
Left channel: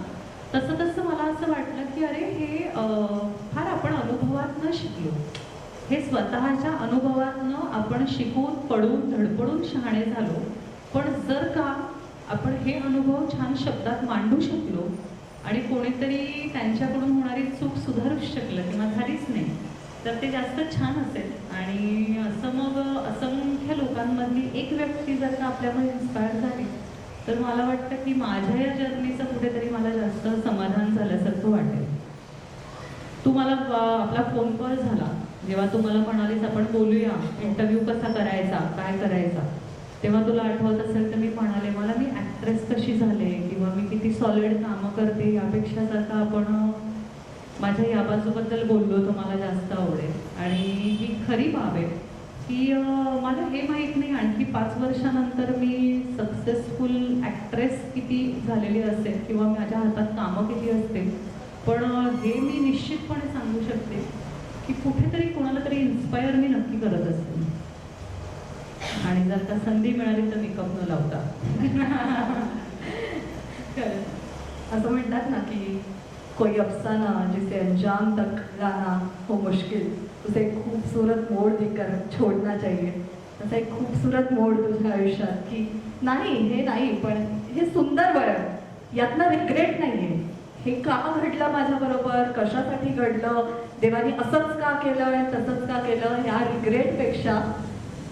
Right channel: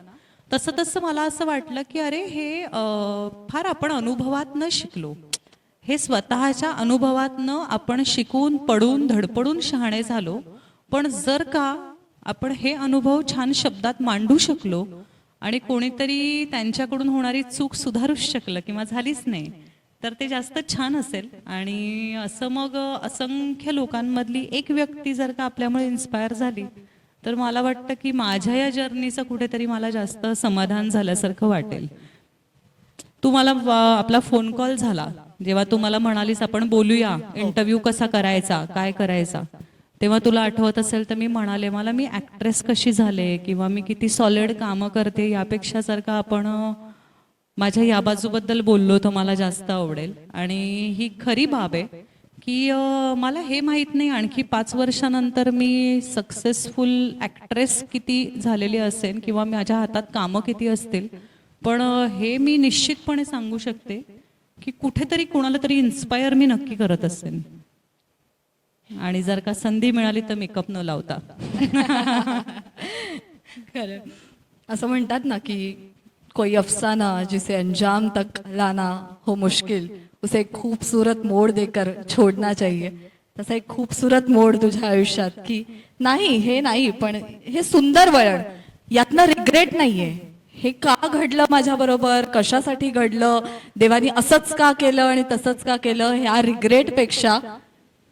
तसं तसं मला असं वाटलं की अरे हे फार आपण अनुभवातनं शिकलो. हे स्वतःच्या अनुभवातनं आपण शिकून पडून धडपडून शहाणे झालो. पण जर का आपण हे अनुभव छान शब्दात मांडू शकलो आणि कोणीतरी त्यांच्याकडून होणारी चूक सुधारूच शकलं किंवा झालीच नाही, तर ते जास्त छान असेल. आणि असं मग असंख्य लोकांमधली एक व्यक्ती जर का आपल्यामुळे इन्स्पायर झाली, तर मला वाटतं की माझ्या या जर्नीचं कुठेतरी मला जास्त समाधान झाल्यासारखं वाटेल. तू मला आपला फोन कॉल झाला जेव्हा तू मला म्हणालीस आपण बोलूया, इंटरव्ह्यू कसा करायचा, काय करायचा, तेव्हा तुला आठवत असेल तर मी म्हणाले मला मी ॲक्ट्रेस कशी झाले किंवा मी किती सॉलिड कामं करते यापेक्षा जर का आपण माझ्या या बाजूबद्दल बोललो तर मला जास्त आवडेल. आणि ही खरी बाब आहे की मला हे माहीत नाही आणखी 5 वर्षानंतर मी सक्सेसफुल ॲक्ट्रेस किती झालेली असेल किंवा माझ्या हातात कामं किती असतील, पण हे मी निश्चितपणे सांगू शकते की कुठेतरी कोणाला तरी इन्स्पायर मी नक्की करत असेल. आणि जर का संधी मिळाली तर मेकअप न लावता. खरं. असं म्हणतात ना की कोई अफसाना जिसे अंजाम तक लाना हो मुश्किल उसे एक खूबसूरत मोड देकर छोड़ना चाहिए. असं एक खूबसूरत मोड तुझ्या आयुष्यात की नाही हे नाही पण हे सुंदर वळण, यातनं रिग्रेट नाही आहे. हे का घडलं माझ्याबरोबर, कशासाठी घडलं, देवानी असंच का केलं आणि तसंच का केलं, ह्या रिग्रेटपेक्षा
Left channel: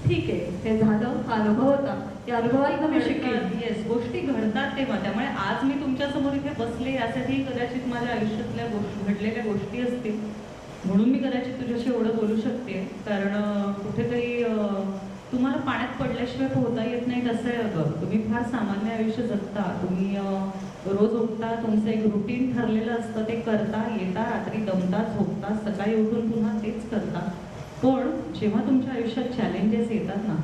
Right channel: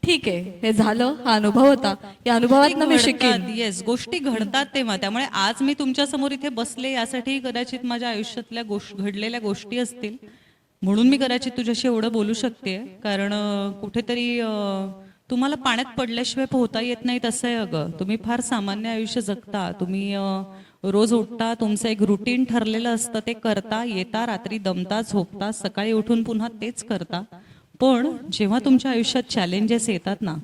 ठीक आहे हे झालं, हा अनुभव होता, या अनुभवातनं मी शिकेन. येस, गोष्टी घडतात तेव्हा. त्यामुळे आज मी तुमच्या समोर इथे बसले यासाठी कदाचित माझ्या आयुष्यातल्या घडलेल्या गोष्टी असतील म्हणून मी कदाचित तुझ्याशी एवढं बोलू शकते. कारण कुठेतरी तुम्हाला पाण्यात पडल्याशिवाय पोहता येत नाही तसं आहे. अगं तुम्ही फार सामान्य आयुष्य जगता. तुम्ही रोज उठता, तुमचं एक रुटीन ठरलेलं असतं, ते करता, येता, रात्री दमता, झोपता, सकाळी उठून पुन्हा तेच करता. पण जेव्हा तुमच्या आयुष्यात चॅलेंजेस येतात ना,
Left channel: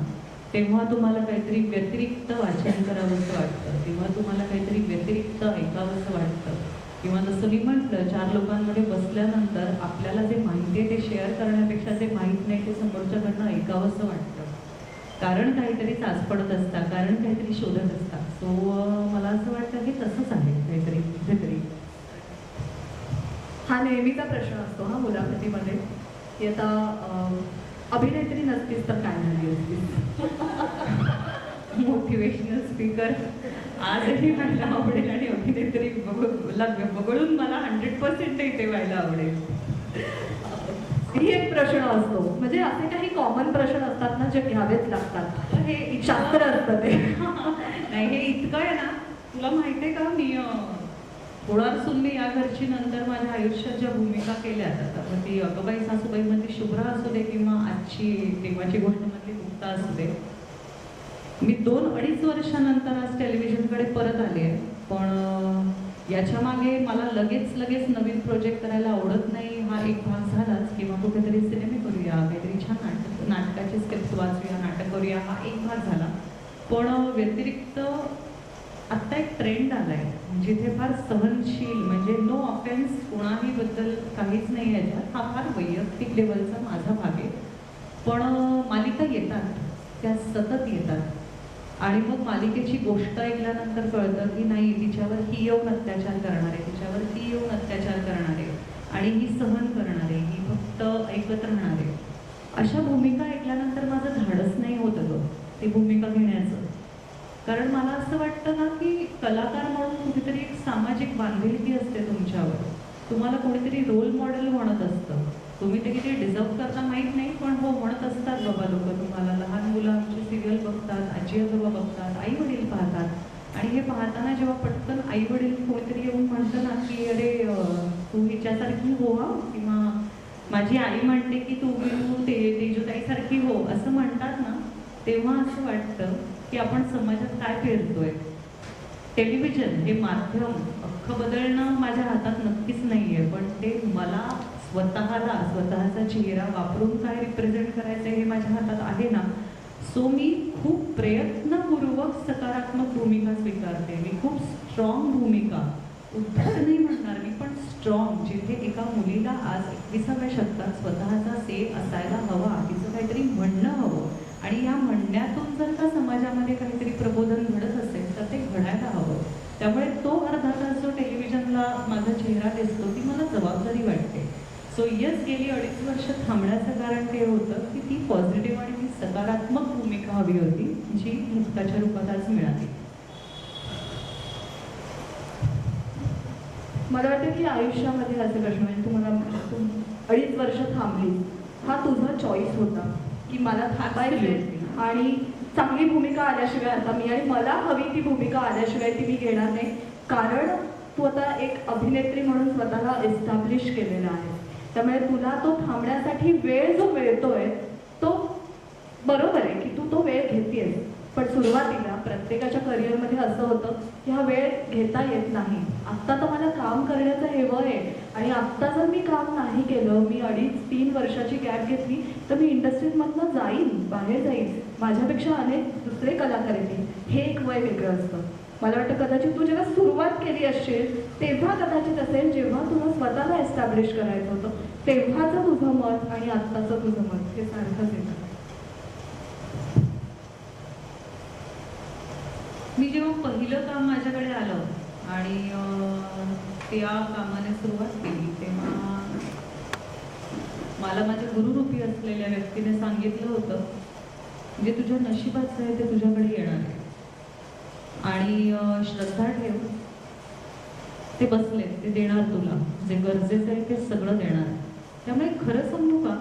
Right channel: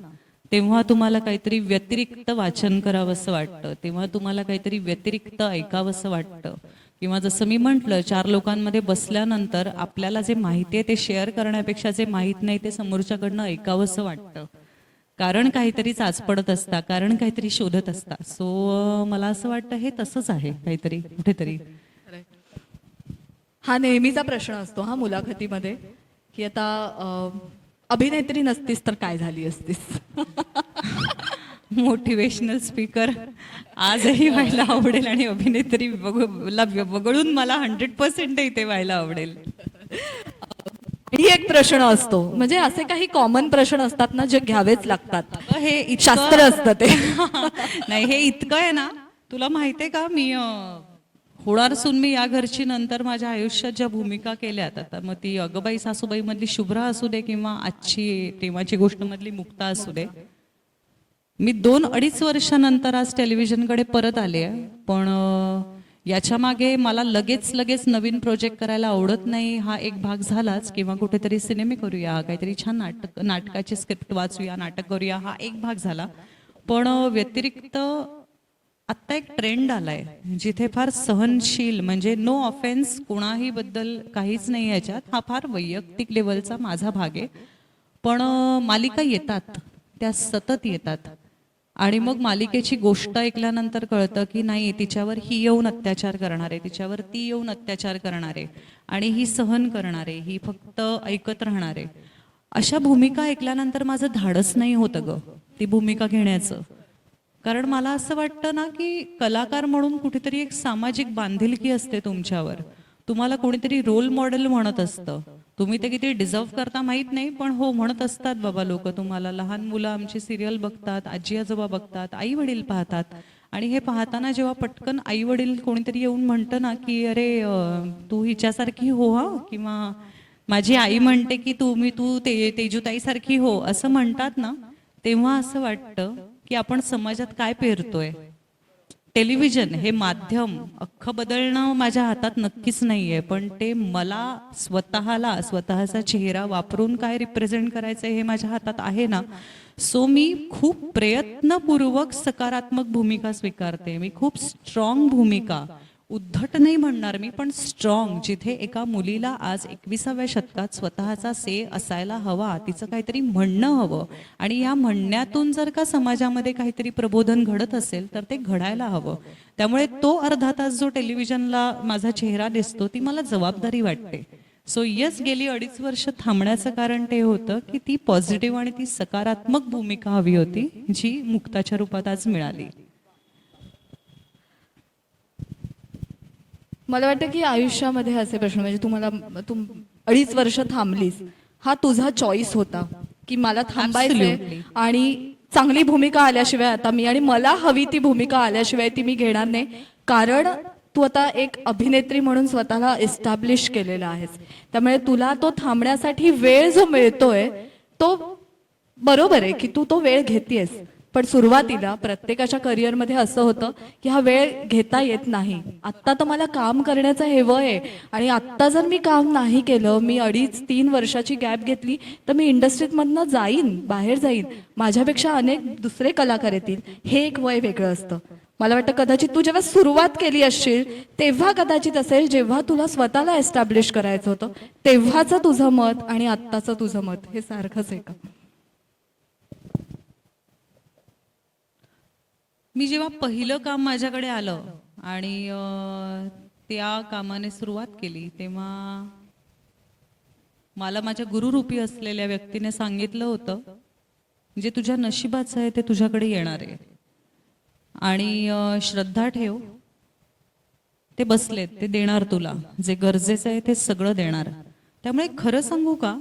तेव्हा तुम्हाला काहीतरी व्यतिरिक्त वाचन करावंसं वाटतं, तेव्हा तुम्हाला काहीतरी व्यतिरिक्त ऐकावंसं वाटतं. किंवा जसं मी म्हटलं 4 लोकांमध्ये बसल्यानंतर आपल्याला जे माहिती आहे ते शेअर करण्यापेक्षा जे माहीत नाही ते समोरच्याकडनं ऐकावंसं वाटतं. कारण काहीतरी चाचपडत असता, कारण काहीतरी शोधत असता. सो मला असं वाटतं हे तसंच आहे काहीतरी कुठेतरी. हा नेहमीचा प्रश्न असतो हा मुलाखतीमध्ये की आता अभिनेत्री नसतीस तर काय झाली असतीस. मोटिवेशनल स्पीकर आजही व्हायला आवडेल आणि अभिनेत्री वगळून मला 100% इथे व्हायला आवडेल. ही एक प्रश्न असतो, म्हणजे असे काही कॉमन प्रश्न असतात ना जे घ्यावेच लागतात. हे शास्त्र असतं ते. नाही, हे इतकं आहे ना, तुला माहिती आहे का, मी होणार सून मी या घरची नंतर माझ्या आयुष्यात ज्या भूमिका केल्यात, आता मग ती अगबाई सासूबाईमधली शुभ्रा असू दे किंवा आजची तेव्हाची गोष्टमधली मुक्ता असू दे, मी 2-2.5 वर्षानंतर आज टेलिव्हिजनकडे परत आले आहे. पण याच्या मागे मला लगेच नवीन प्रोजेक्ट करायला आवडत नाही हा एक भाग झालाच, किंवा कुठेतरी सिनेमे करूया, काहीतरी छान नाटकाची स्क्रिप्ट वाचूया, नाटक करूया, हा एक भाग झाला. पण व्यतिरिक्त आत्ता एक ट्रेंड आला आहे जिथे फार सहनशील, म्हणजे नो ऑफेन्स कुणाही बद्दल काहीच नाही याच्यात, हा फार वैयक्तिक लेवलचा माझा भाग आहे. पण मालिका येतात, त्या सतत येतात आणि मग मालिकेची गोष्ट ऐकल्यानंतर कळतं की नाही, तिच्यावर ही येऊन अत्याचार करणार आहे, तिच्यावर ती येऊन अत्याचार करणार आहे आणि ही सहन करणार आहे, ही फक्त ऐकत राहणार आहे. अशा भूमिका ऐकल्यानंतर माझं धाडस नाही होतं गं ती भूमिका घेण्याचं. कारण मला असं वाटतं ना की कलाकार म्हणून कुठेतरी एक सामाजिक बांधिलकी असते तुमच्यावर. तुम्हाला कोणीतरी रोल मॉडेल म्हणत असतं. तुम्ही ते किती डिझर्व करता माहीत नाही, पण हो म्हणत असतात बाबा लोक तुम्हाला. लहान मुलं आमची सिरियल बघतात, आजी आजोबा बघतात, आई वडील पाहतात, आणि हे पाहताना जेव्हा पटकन आई वडील कोणीतरी येऊन म्हणतं ना की अरे तू हिच्यासारखी हो हा, किंवा माझी आई म्हणते की तू तेजूताईसारखी हो, असं म्हणतात ना, तेव्हा असं वाटतं की आपण समाजात काय पेरतोय. टेलिव्हिजन हे माध्यम अख्खं बदलणं माझ्या हातात नक्कीच नाही आहे, पण ते मला स्वतःचा चेहरा वापरून काय रिप्रेझेंट करायचं हे माझ्या हातात आहे ना. सो मी खूप प्रयत्नपूर्वक सकारात्मक भूमिका स्वीकारते, मी खूप स्ट्रॉंग भूमिका, उद्धट नाही म्हणणार मी, पण स्ट्रॉंग, जिथे एका मुलीला आज 21व्या शतकात स्वतःचा से असायला हवा, तिचं काहीतरी म्हणणं हवं, आणि या म्हणण्यातून जर का समाजामध्ये काहीतरी प्रबोधन घडत असेल तर ते घडायला हवं. त्यामुळे तो अर्धा तास जो टेलिव्हिजनला माझा चेहरा दिसतो ती मला जबाबदारी वाटते. सो यस, गेली 2.5 वर्ष थांबण्याचं कारण ते होतं की ती पॉझिटिव्ह आणि ती सकारात्मक भूमिका हवी होती, जी मुक्ताच्या रूपात आज मिळाली. मला वाटतं की आयुष्यामध्ये असे प्रश्न, म्हणजे तू 2.5 वर्ष थांबलीस, हा तुझा चॉईस होता की मला थांबायचंय Absolutely. आणि चांगली भूमिका आल्याशिवाय आता मी, आणि मला हवी ती भूमिका आल्याशिवाय ती मी घेणार नाही. कारण तू आता एक अभिनेत्री म्हणून स्वतःला एस्टॅब्लिश केलेला आहेस. त्यामुळे तुला तो थांबण्यासाठी वेळ जो मिळतोय तो बरोबर आहे की तू तो वेळ घेतेस. पण सुरुवातीला प्रत्येकाच्या करिअरमध्ये असं होतं की हा वेळ घेता येत नाही. आत्ता तर मला काम करण्याचं हे वय आहे, आणि आत्ता जर मी काम नाही केलं, मी 2.5-3 वर्षाची गॅप घेतली, तर मी इंडस्ट्रीमधनं जाईन, बाहेर जाईन, माझ्यापेक्षा अनेक दुसरे कलाकार येतील. हे एक वय वेगळं असतं. मला वाटतं कदाचित तू जेव्हा सुरुवात केली असशील तेव्हा कदाचित असेल, जेव्हा तुला स्वतःला एस्टॅब्लिश करायचं होतं, तेव्हाचं तुझं मत आणि आत्ताचं तुझं मत हे सारखंच आहे. मी जेव्हा पहिलं काम माझ्याकडे आलं आणि त्या कामाने सुरुवात केली, तेव्हा मला माझ्या गुरुरूपी असलेल्या व्यक्तीने सांगितलं होतं, जे तुझ्या नशिबाचं आहे ते तुझ्याकडे येणार आहे, आणि श्रद्धा ठेव, ते बसलेत, ते देणार तुला, जे गरजेचं आहे ते सगळं देणार. त्यामुळे खरं सांगू का,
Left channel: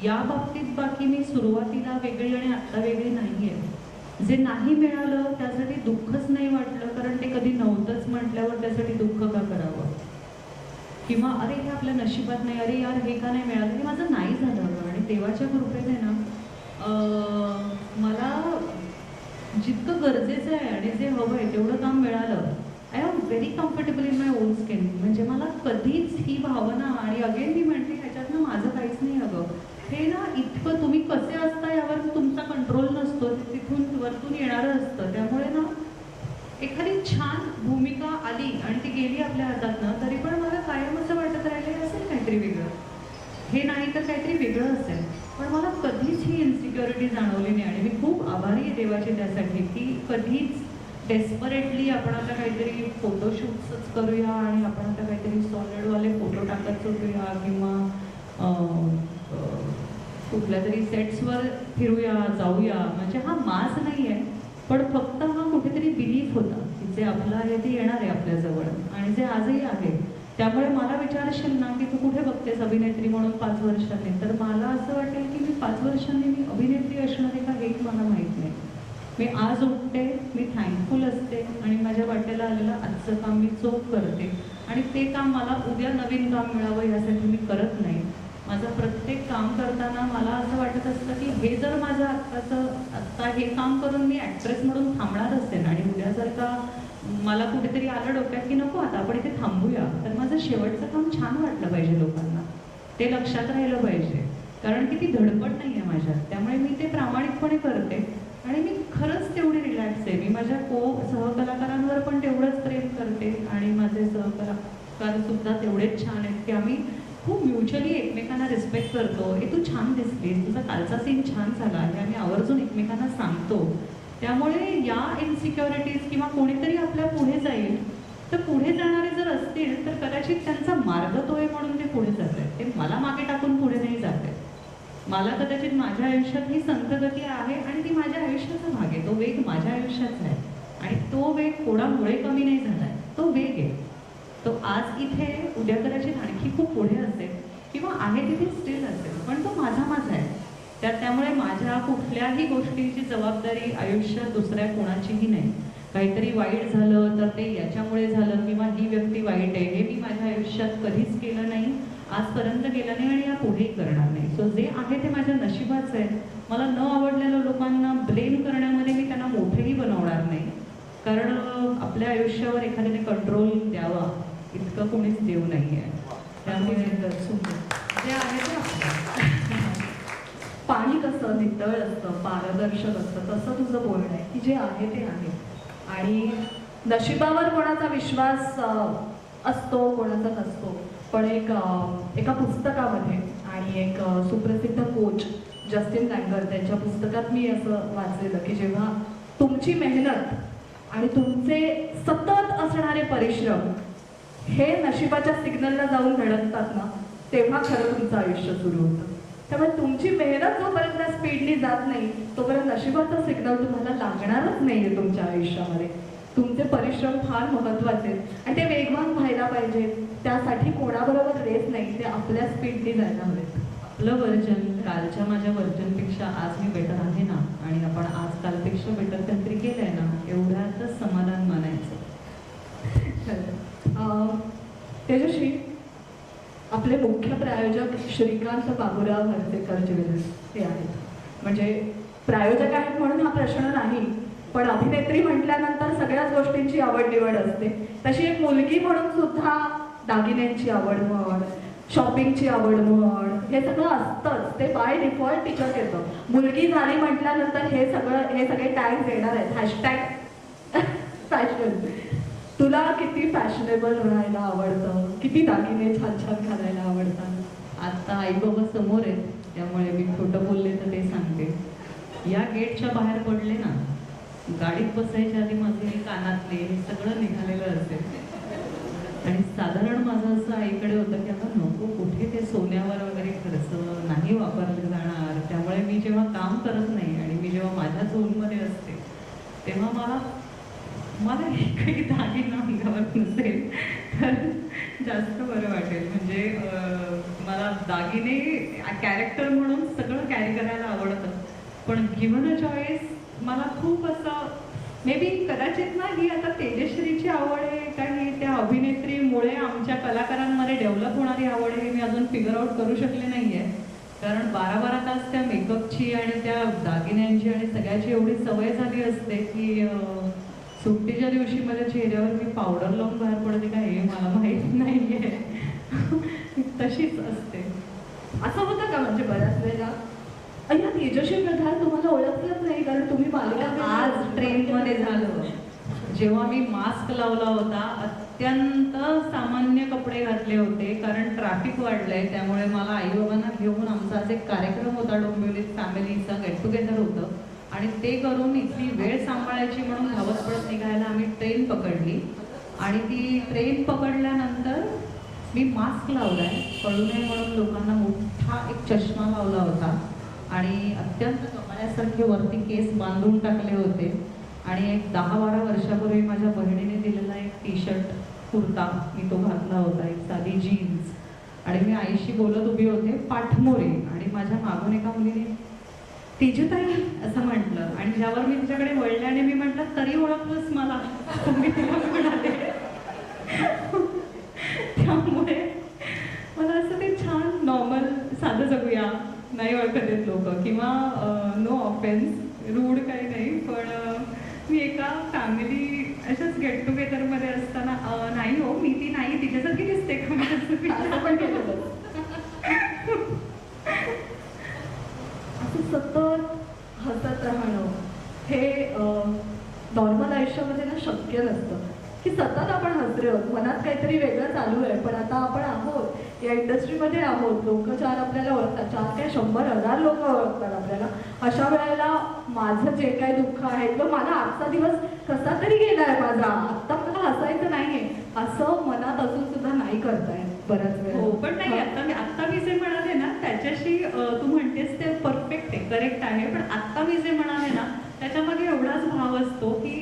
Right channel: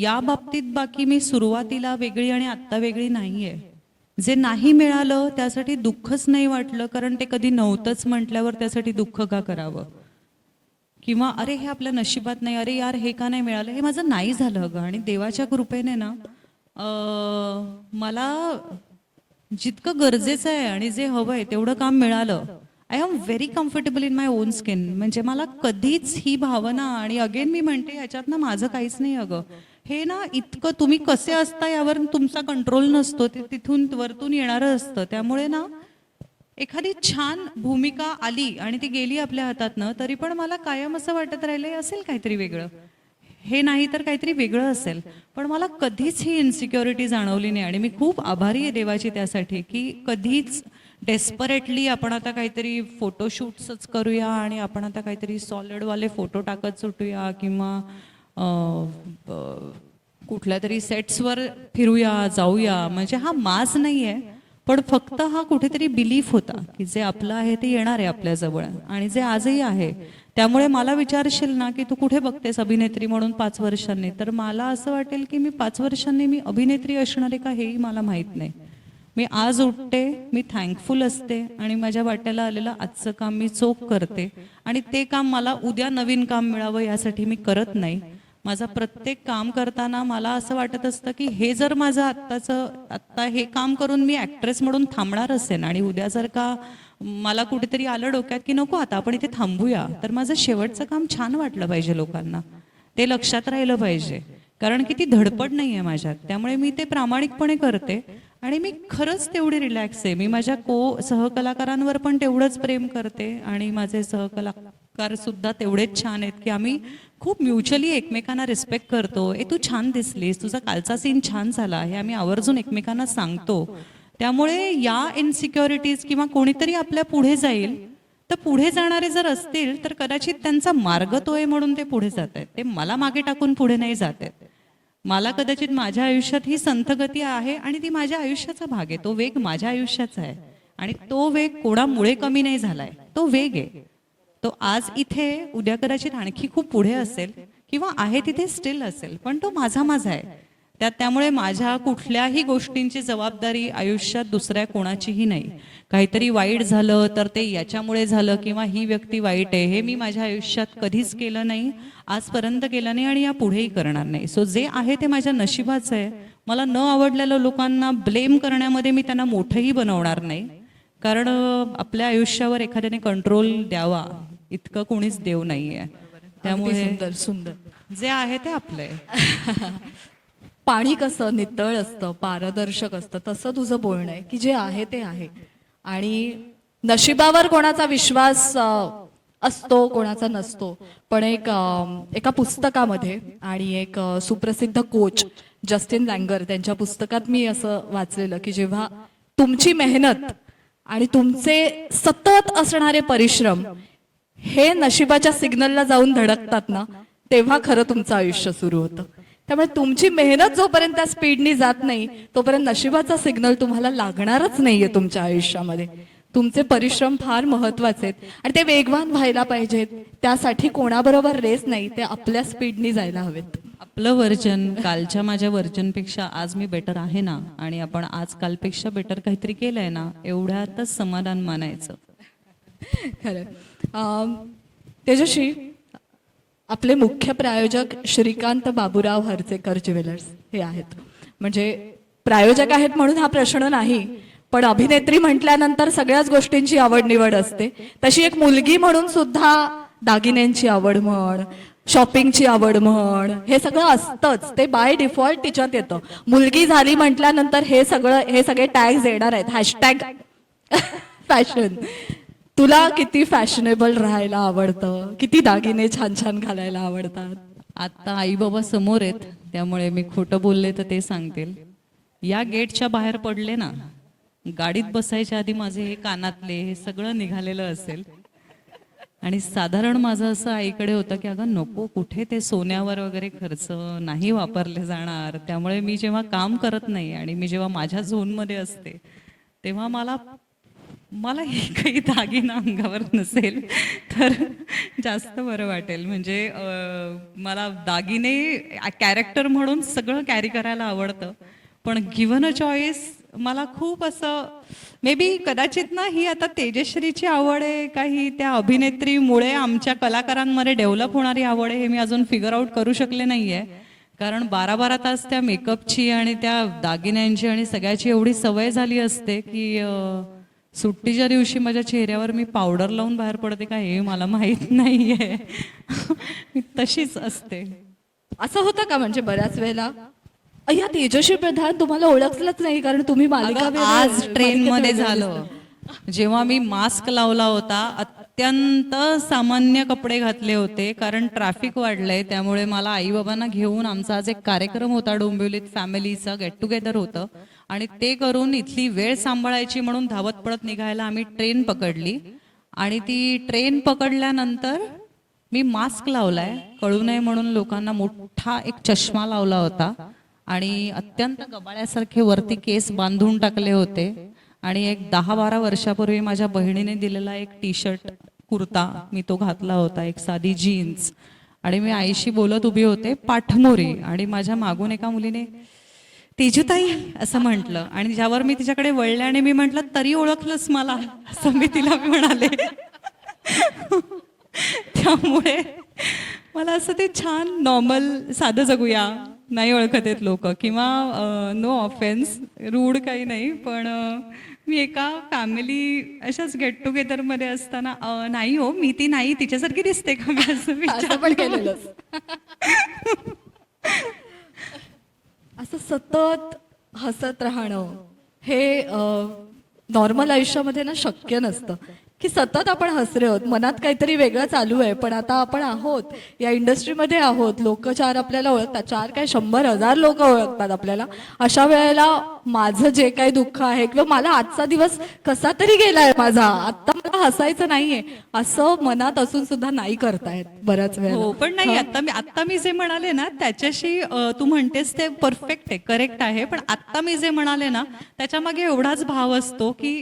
या बाबतीत बाकी मी सुरुवातीला वेगळी आणि आत्ता वेगळी नाही आहे. जे नाही मिळालं त्यासाठी दुःखच नाही वाटलं, कारण ते कधी नव्हतंच म्हटल्यावर त्यासाठी दुःख का करावं, किंवा अरे हे आपल्या नशिबात नाही, अरे यार हे का नाही मिळालं, हे माझं नाही झालं अगं. आणि देवाच्या कृपेने ना मला जितकं गरजेचं आहे आणि जे हवं आहे तेवढं काम मिळालं. I am very comfortable in my on skin. म्हणजे मला कधीच ही भावना, आणि अगेन मी म्हणते ह्याच्यातनं माझं काहीच नाही अगं, हे ना इतकं तुम्ही कसे असता यावर तुमचा कंट्रोल नसतो, ते तिथून वरतून येणारं असतं. त्यामुळे ना एखादी छान भूमिका आली आणि ती गेली आपल्या हातातनं, तरी पण मला कायम असं वाटत राहिलं हे असेल काहीतरी वेगळं, हे नाही तर काहीतरी वेगळं असेल. पण मला कधीच ही इन्सिक्युरिटी जाणवली नाही, आणि मी खूप आभारी आहे देवाची त्यासाठी, की कधीच डेस्परेटली आपण आता काहीतरी फोटोशूट्सच करूया आणि आपण आता काहीतरी सॉलिडवाले फोटो टाकत सुटूया, किंवा कुठल्या तरी सेट्सवर फिरूया, जाऊया, म्हणजे हा माज नाही आहे, पण फक्त हा कुठेतरी बिलीफ होता की जे आपलं आहे ते येणार आहे आपल्याजवळ, आणि जे आजही आहे. त्यामुळे मला विचारशील ना की तू कुठे बघतेस अभिनेत्री म्हणून 5 वर्षांनी, तर मला असं वाटेल की मी 5 वर्षांनी मी अभिनेत्री असणार आहे का हेही मला माहीत नाही. मी आज उठते, मी थँकफुल असते, आणि माझ्या वाट्याला आलेलं आजचं काम मी चोख करते, आणि ते काम मला उद्या नवीन काम मिळावं यासाठी मी करत नाही. माझं प्रत्येक काम करताना मला असं वाटत असतं की हे जर माझं आत्ता हे काम करून मी ॲक्ट्रेस म्हणून थांबणार असेल, आणि उद्या जर का मला कुठेतरी आलं डोक्यात की नको आता आपण इथे थांबूया, तर माझं शेवटचं काम छान वाटलं पाहिजे लोकांना, ते लक्षात राहिलं पाहिजे, कारण की ती धडपड नाही आहे माझ्यात. त्यामुळे मी ते प्रामाणिकपणे करते, आणि मी खरंच तेवढी रिलॅक्स आहे. मी माझ्या सहकलाकारांवर पण तेवढंच प्रेम करते, आणि माझे सहकलाकारसुद्धा तेवढेच छान आहेत की आम्ही खूप म्युच्युअली एकमेकांना रिस्पेक्ट करतो. तू छान दिसलीस, तुझा कालचा सीन छान झाला, हे आम्ही आवर्जून एकमेकांना सांगतो. त्यामुळे या इन्सिक्युरिटीज, किंवा कोणीतरी आपल्या पुढे जाईल, तर पुढे जाणारे जर असतील तर कदाचित त्यांचा मार्ग तो आहे म्हणून ते पुढे जात आहेत, ते मला मागे टाकून पुढे नाही जात आहेत. मला कदाचित माझ्या आयुष्यात ही संथगती आहे, आणि ती माझ्या आयुष्याचा भाग आहे, तो वेग माझ्या आयुष्याचा आहे, आणि तो वेग कोणामुळे कमी नाही झाला आहे, तो वेग आहे. तो आज इथे, उद्या कदाचित आणखी खूप पुढे असेल, किंवा आहे तिथे स्टील असेल, पण तो माझा आहे. त्यामुळे माझ्या कुठल्याही गोष्टींची जबाबदारी आयुष्यात दुसऱ्या कोणाचीही नाही. काहीतरी वाईट झालं तर ते याच्यामुळे झालं, किंवा ही व्यक्ती वाईट आहे, हे मी माझ्या आयुष्यात कधीच केलं नाही, आजपर्यंत केलं नाही, आणि यापुढेही करणार नाही. सो जे आहे ते माझ्या नशिबाचं आहे. मला न आवडलेल्या लोकांना ब्लेम करण्यामध्ये मी त्यांना मोठंही बनवणार नाही, कारण आपल्या आयुष्यावर एखाद्याने कंट्रोल द्यावा इतकं कोणीच देव नाही आहे. त्यामुळे सुंदर जे आहे ते आपलं. पाणी कसं नितळ असतं, पारदर्शक असतं, तसं तुझं बोलणं आहे की जे आहे ते आहे, आणि नशिबावर कोणाचा विश्वास असतो कोणाचा नसतो. पण एका पुस्तकामध्ये आणि एक सुप्रसिद्ध कोच जस्टिन लँगर त्यांच्या पुस्तकात मी असं वाचलेलं की जेव्हा तुमची मेहनत आणि तुमचे सतत असणारे परिश्रम हे नशिबाच्या सिग्नलला जाऊन धडकतात ना, तेव्हा खरं तुमचं आयुष्य सुरू होतं. त्यामुळे तुमची मेहनत जोपर्यंत त्या स्पीडनी जात नाही तोपर्यंत नशिबाचा सिग्नल तुम्हाला लागणारच नाही आहे तुमच्या आयुष्यामध्ये. तुमचे परिश्रम फार महत्त्वाचे आहेत आणि ते वेगवान व्हायला पाहिजेत. त्यासाठी कोणाबरोबर रेस नाही, ते आपल्या स्पीडनी जायला हवेत. आपलं वर्जन कालच्या माझ्या वर्जनपेक्षा आज मी बेटर आहे ना, आणि आपण आज कालपेक्षा बेटर काहीतरी केलंय ना, एवढ्यातच समाधान मानायचं. तेजश्री, आपले मुख्य प्रायोजक श्रीकांत बाबूराव हर्चेकर ज्वेलर्स हे आहेत. म्हणजे प्रायोजक आहेत म्हणून हा प्रश्न नाही, पण अभिनेत्री म्हटल्यानंतर सगळ्याच गोष्टींची आवड निवड असते. तशी एक मुलगी म्हणून सुद्धा दागिन्यांची आवड म्हण, शॉपिंगची आवड म्हण, हे सगळं असतंच. ते बाय डिफॉल्ट तिच्यात येतं. मुलगी झाली म्हटल्यानंतर हे सगळे टॅग्स येणार आहेत. Hashtag fashion. तुला किती फॅशनेबल राहायला आवडतं? किती दागिने छान छान घालायला आवडतात? आता आई बाबा समोर आहेत, त्यामुळे मी खोटं बोलले तर ते सांगते. या गेटच्या बाहेर पडले ना, गाडीत बसायच्या आधी माझे हे कानातले हे सगळं निघालेलं असेल. आणि साधारण माझं असं आईकडे होतं की अगं नको, कुठे ते सोन्यावर वगैरे खर्च नाही वापरले जाणार. त्यामुळे मी जेव्हा काम करत नाही आणि मी जेव्हा माझ्या झोनमध्ये असते तेव्हा मला एकही दागिना अंगावर नसेल तर जास्त बरं वाटेल. म्हणजे मला दागिने कॅरेक्टर म्हणून सगळं कॅरी करायला आवडतं, पण गिव्हन अ चॉईस मला खूप असं मे बी कदाचित ना, ही आता तेजश्रीची आवड आहे का ही त्या अभिनेत्रीमुळे आमच्या कलाकारांमध्ये डेव्हलप होणारी आवड आहे, हे मी अजून फिगर आउट करू शकले नाही आहे. कारण 12-12 तास त्या मेकअपची आणि त्या दागिन्यांची आणि सगळ्याची एवढी सवय झाली असते की सुट्टीच्या दिवशी माझ्या चेहऱ्यावर मी पावडर लावून बाहेर पडते का हे मला माहीत नाही आहे. मी तशीच असते. असं होतं का म्हणजे बऱ्याच वेळेला अय्या तेजस्वी प्रधान तुम्हाला ओळखलंच नाही कारण तुम्ही अगं, आज ट्रेनमध्ये झालं, जेव्हा मी मास्क लावला होता, अत्यंत सामान्य कपडे घातले होते कारण ट्रॅफिक वाढलंय. त्यामुळे मला आईबाबांना घेऊन आमचा आज एक कार्यक्रम होता डोंबिवलीत, फॅमिलीचा गेट टुगेदर होतं, आणि ते करून इथली वेळ सांभाळायची म्हणून धावत पडत निघायला आम्ही ट्रेन पकडली. आणि ती ट्रेन पकडल्यानंतर मी मास्क लावलाय कळू नये म्हणून, लोकांना मोठा एक चष्मा लावला होता आणि अत्यंत कपाळ्यासारखे वरती केस बांधून टाकले होते. आणि एक 10-12 वर्षापूर्वी माझ्या बहिणीने दिलेला एक टी शर्ट कुर्ता मी तो घातला होता, एक साधी जीन्स. आणि मी आईशी बोलत उभी होते पाठमोरी, आणि माझ्या मागून एका मुलीने तेजूताई असं म्हटलं, आणि ज्यावर मी तिच्याकडे वळले आणि मी म्हटलं तरी ओळखलंच मला, असं मी तिला म्हणाले. त्यामुळे मला असं ते छान नॉर्मल साधं जगूया, नाही ओळखत आहेत लोक, किंवा नो ऑफेन्स, रूढ काही नाही, पण मी एका फॅमिली अशाच गेट टुगेदरमध्ये असताना नाही हो मी ती नाही, तिच्यासारखी दिसते का मी असं विचार पण केलेलं. असं सतत हसत राहणं हे नॉर्मल आयुष्यामध्ये ना शक्य नसतं की सतत आपण हसरे आहोत, मनात काहीतरी वेगळं चालू आहे, पण आता आपण आहोत या इंडस्ट्रीमध्ये आहोत, लोक 4 आपल्याला ओळखतात, 4 काय 100,000 लोक ओळखतात आपल्याला. अशा वेळेला माझं जे काही दुःख आहे किंवा मला आजचा दिवस कसा तरी गेलाय माझा, आत्ता मला हसायचं नाहीये असं मनात असून सुद्धा नाही करतायत बऱ्याच वेळा. हो, पण नाही, आत्ता मी जे म्हणाले ना त्याच्याशी तू म्हणतेस ते परफेक्ट आहे, करेक्ट आहे, पण आत्ता मी जे म्हणाले ना त्याच्यामागे एवढाच भाव असतो की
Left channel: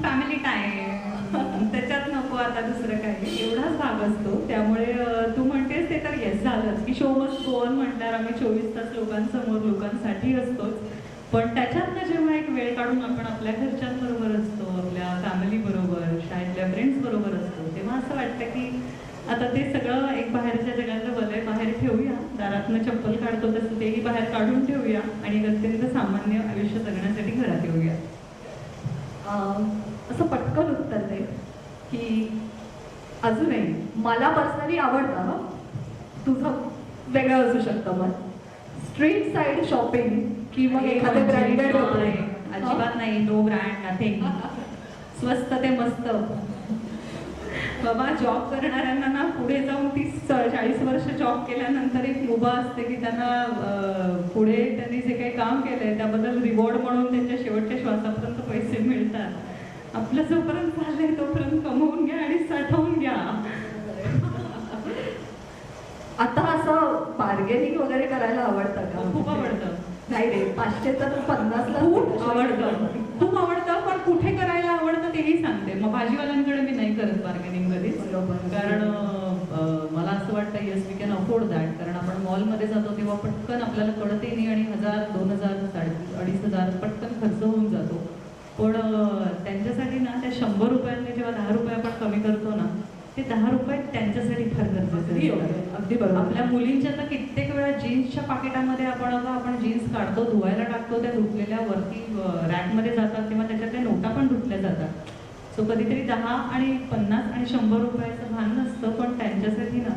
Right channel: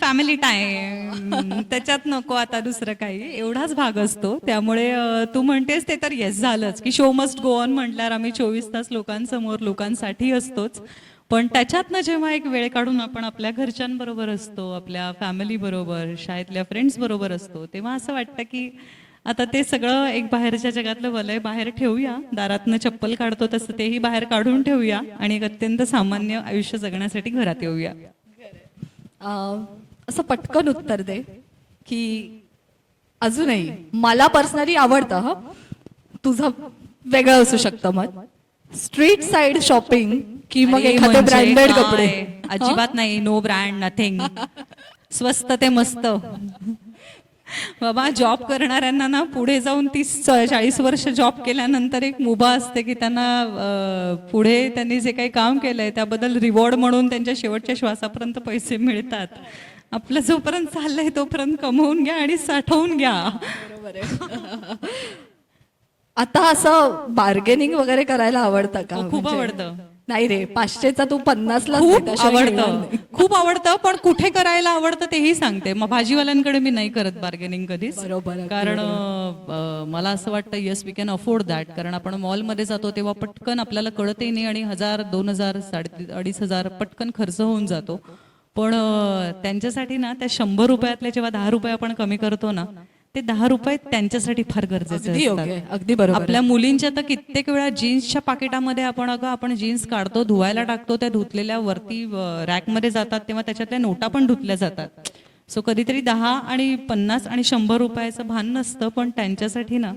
फॅमिली टाईम, त्याच्यात नको आता दुसरं काही, एवढाच भाग असतो. त्यामुळे तू म्हणतेस ते तर येस झालंच की शो मस्ट गो ऑन म्हटल्यावर आम्ही 24 तास लोकांसमोर लोकांसाठी असतोच, पण त्याच्यातनं जेव्हा एक वेळ काढून आपण आपल्या घरच्यांबरोबर असतो, आपल्या फॅमिलीबरोबर, शाळेतल्या फ्रेंड्सबरोबर असतो, तेव्हा असं वाटतं की आता ते सगळं एक बाहेरच्या जगातलं वलय बाहेर ठेवूया, दारातनं चप्पल काढतो तसं तेही बाहेर काढून ठेवूया आणि एक अत्यंत सामान्य आयुष्य जगण्यासाठी घरात येऊया. असं पटकन उत्तर दे की अजूनही मला पर्सनली आवडतं, हं तुझं वेगळं असू शकतं मत, स्ट्रीट साईड शॉपिंग की मग एखादे ब्रँडेड कपडे? अजिबात नाही, नो ब्रँड नथिंग, स्वस्त ते मस्त. बाबा जॉब करणाऱ्यांना ना पुढे जाऊन 30-40 वर्ष जॉब केल्यानंतर एक मुभा असते की त्यांना पुढे त्यांनी जे काही काम केलंय त्याबद्दल रिवॉर्ड म्हणून त्यांच्या शेवटच्या श्वासापर्यंत पैसे मिळतात. आपलं जोपर्यंत चाललंय तोपर्यंत कमवून घ्या आणि साठवून घ्या. आता असं बार्गेनिंग वगैरे करायला आवडतं का? खूप म्हणजे- आवडतं. नाही रे, 500चा तू 50ला खूप आवडतं, खूप आवडतं, पण कुठे करायला आवडतं तेही सांगते. मग भाजीवाल्यांकडे मी नाही करत बार्गेनिंग कधीच, बरोबर. कारण मला असं वाटतं yes we can afford that. कारण आपण मॉलमध्ये जातो तेव्हा पटकन आपल्याला कळतही नाही आणि 1000, 2000, 2500 पटकन खर्च होऊन जातो. पण त्यांच्यासाठी ना त्या 100 रुपयातले जेव्हा 10 रुपये आपण कमी करतो ना, ते 10 रुपये त्यांच्यासाठी फार गरजेचे अगदी योग्य आहे, असतात. अगदी बरोबर. आपल्या मुलींच्या तर कित्येक वेळा जीन्सच्या पाकिटामध्ये आपण जीन्स काढतो, धुवायला टाकतो, त्या धुतलेल्या वरती रॅकमध्ये जातात तेव्हा त्याच्यातल्या नोटा पण धुतल्या जातात. सो कधीतरी 10 आणि 50 आणि 100 रुपयाचं भान नसतं, पण त्यांच्यासाठी ना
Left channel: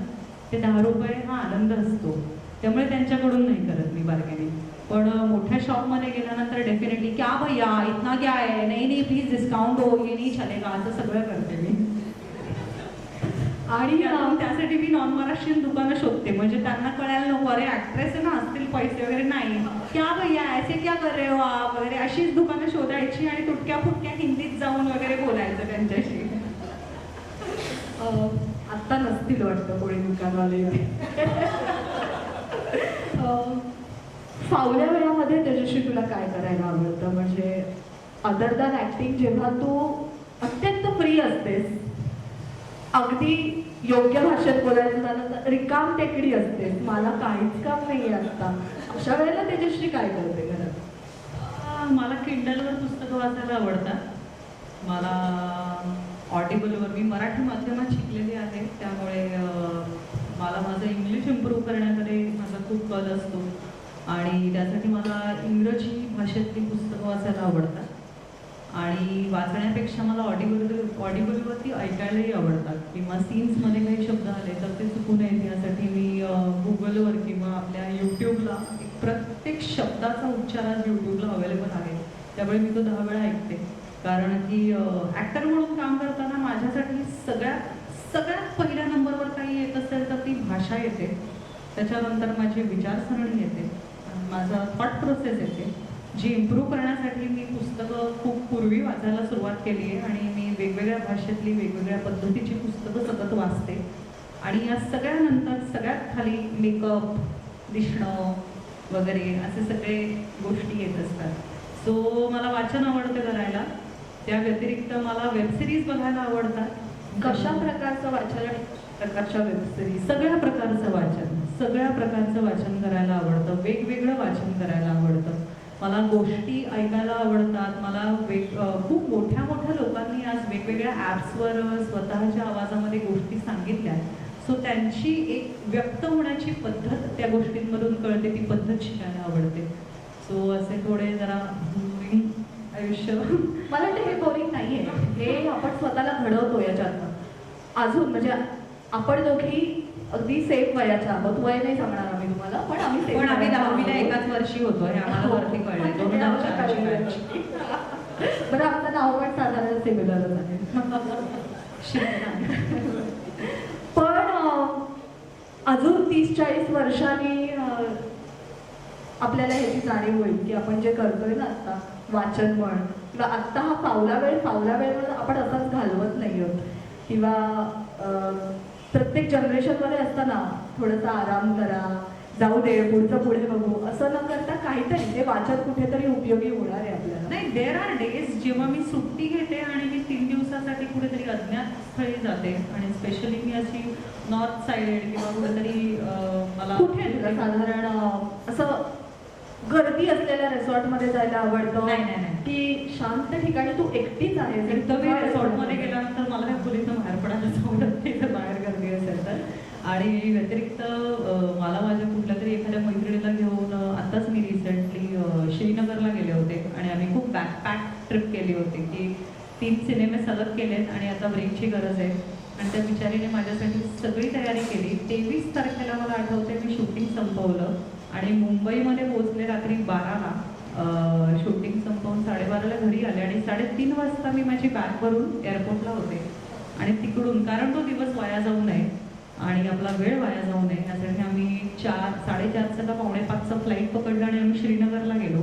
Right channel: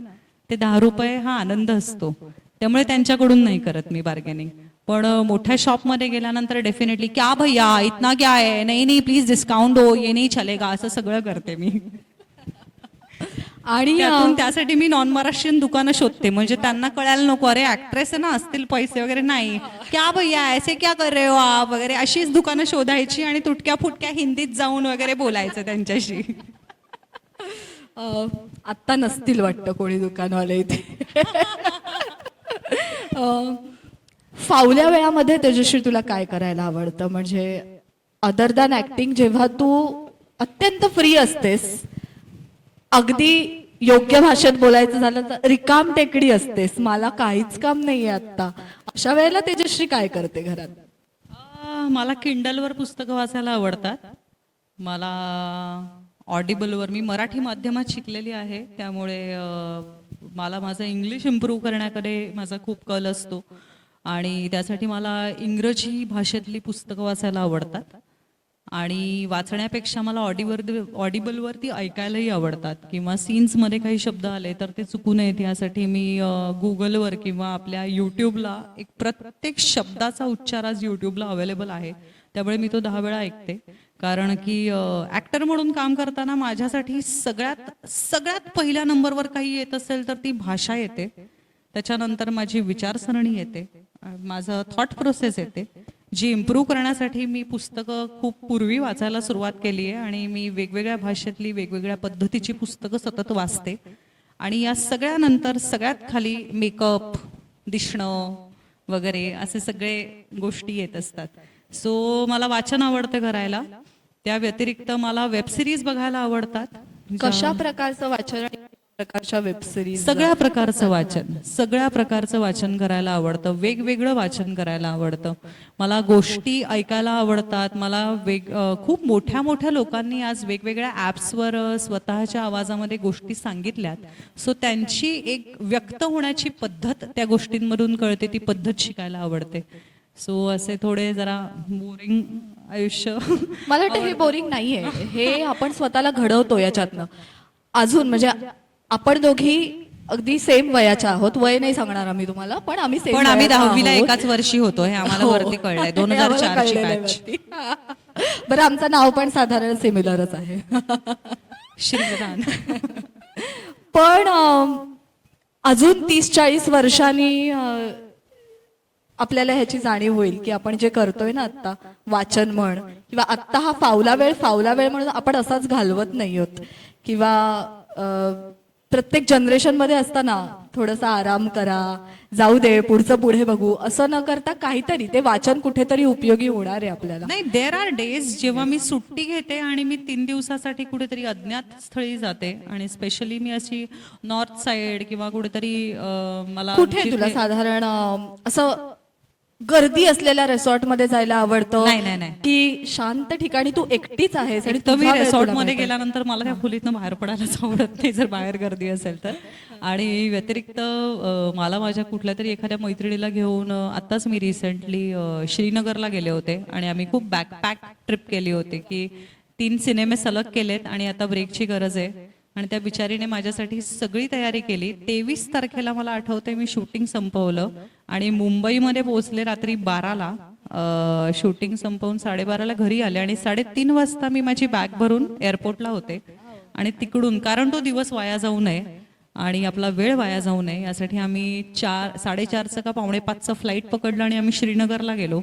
ते 10 रुपये हा आनंद असतो. त्यामुळे त्यांच्याकडून नाही करत मी बार्गेनिंग. पण मोठ्या शॉपमध्ये गेल्यानंतर डेफिनेटली क्या भैया इतना क्या है, नाही नाही प्लीज डिस्काउंट हो, ये नाही चलेगा, असं सगळं करते मी. आणि त्यातून त्यासाठी मी नॉन महाराष्ट्रीयन दुकानं शोधते, म्हणजे त्यांना कळायला नको अरे ऍक्ट्रेस आहे ना, असतील पैसे वगैरे. नाही, क्या भैया ऐसे क्या कर रहे हो आप वगैरे अशीच दुकानं शोधायची आणि तुटक्या फुटक्या हिंदीत जाऊन वगैरे बोलायचं त्यांच्याशी. आत्ता नसतील वाटतं कोणी दुकानवाले इथे. फावल्या वेळामध्ये तेजश्री तुला काय करायला आवडतं? म्हणजे अदर दॅन ॲक्टिंग, जेव्हा तू अत्यंत फ्री असतेस, अगदी योग्य भाषेत बोलायचं झालं तर रिकाम टेकडी असतेस, मला काहीच काम नाही आहे आत्ता, अशा वेळेला तेजश्री काय करते घरात? मला किंडलवर पुस्तकं वाचायला आवडतात. मला ऑडिबलवर, मी मराठी माध्यमात शिकलेली आहे त्यामुळे मला माझं इंग्लिश इम्प्रूव्ह करण्याकडे माझा खूप कल असतो आणि त्यासाठी मला इंग्रजी भाषेतली पुस्तकं वाचायला आवडतात. आणि वाचण्यापेक्षा मला ऑडिबलवरती ऐकायलाही आवडतात, किंवा सीन्समध्ये काही शब्द आले तर ते चुकू नयेत यासाठी मी गुगलवर किंवा आपल्या यूट्यूबला एक प्रत्येक शब्दाचा उच्चार आज यूट्यूबला अवेलेबल आहे, त्यामुळे मी तो 10 वेळा ऐकते. कारण की ॲक्टर म्हणून काम करताना माझ्यासाठी सगळ्यात पहिल्या नंबरवर काही येत असेल तर ती भाषा येते, त्याच्यानंतर माझी विचारसरणी येते, माझं थॉट प्रोसेस येते, जी इम्प्रूव्ह करण्यासाठी मी पुस्तकं खूप पूर्वी वाचायला सुरुवात केली आहे आणि मी वेगवेगळ्या भाषेतली वेगवेगळ्या पद्धतीची पुस्तकं सतत वाचते. आणि या सगळ्यानंतर सगळ्यात खाली मेकअप, दिसणं वगैरे असे सगळे गोष्टी येत असतात. सो मला वाचन आवडतं करायला. त्या व्यतिरिक्त मला वेबसिरीज बघायला आवडतात. कशा प्रकारचं वाचन आणि प्रकारच्या वेबसिरीज? सगळ्या प्रकारचं वाचन करायला आवडतं, वेगवेगळं वाचन करायला आवडतं. मला गोष्टी ऐकायला आवडतात. मला खूप मोठ्या लोकांनी आज वेगवेगळ्या ॲप्सवर स्वतःच्या आवाजामध्ये गोष्टी सांगितल्यात. सो त्यांची एक व्यक्त होण्याची पद्धत त्या गोष्टींमधून कळते, ती पद्धत शिकायला आवडते. सो असे थोडे जरा बोरिंग आयुष्य. मला वाटतं हे बोरिंग नाही आहे, हे आपण स्वतःला घडवतो याच्यातनं. अजून म्हणजे आपण दोघी अगदी सेम वयाच्या आहोत, वय नाही सांगणार आम्ही तुम्हाला, पण आम्ही सेम. पण आम्ही 10वीला एकाच वर्षी होतो हे आम्हाला वरती कळलंय. 2004 ची बॅच. बरं, आमचं नाव पण साधारण सिमिलरच आहे. शिंदे. पण अजून 30-40 वर्षांनी आपल्याला ह्याची जाणीव होईल की आपण जे करतोय ना आत्ता, वाचन म्हण किंवा आत्ता हा फावला वेळ म्हणून आपण असाच घालवत नाही आहोत, किंवा प्रत्येक जनरेशनमध्ये असताना थोडासा आराम करा, जाऊ दे पुढचं पुढे बघू, असं न करता काहीतरी ते वाचन कुठेतरी उपयोगी होणार आहे आपल्याला. नाही, देर आर डेज जेव्हा मी सुट्टी घेते आणि मी 3 दिवसासाठी कुठेतरी अज्ञात स्थळी जाते, आणि स्पेशली मी अशी नॉर्थ साईड किंवा कुठेतरी मला कुठे तुला साधारण असं गर्दी असलेल्या रिसॉर्टमध्ये जायला आवडतं? नाही. की शांत ठिकाणी तू एकटीच आहेस आणि एकदम मी तुझा वेळ रिसॉर्टमध्ये तुला गेल्यानंतर मला त्या खोलीतनं बाहेर पडायलाच आवडत नाही जर बाहेर गर्दी असेल तर. आणि व्यतिरिक्त मला माझ्या कुठल्या तरी एखाद्या मैत्रिणीला घेऊन आत्ताच मी रिसेंटली श्रीनगरला गेले होते आणि आम्ही खूप बॅकपॅक ट्रिप केली होती की 3 सिनेमे सलग केलेत आणि आता ब्रेकची गरज आहे. आणि त्या बिचारीने माझ्यासाठी सगळी तयारी केली. 23 तारखेला मला आठवते मी शूटिंग संपवलं आणि मुंबईमध्ये पोहोचले रात्री 12ला. शूटिंग संपवून 12:30ला घरी आले आणि 3:30 वाजता मी माझी बॅग भरून एअरपोर्टला होते. आणि तिकडून, कारण तो दिवस वाया जाऊ नये आणि आपला वेळ वाया जाऊ नये यासाठी आम्ही 4:30चं का 4:45चं फ्लाईट पकडलं आणि आम्ही श्रीनगरला गेलो.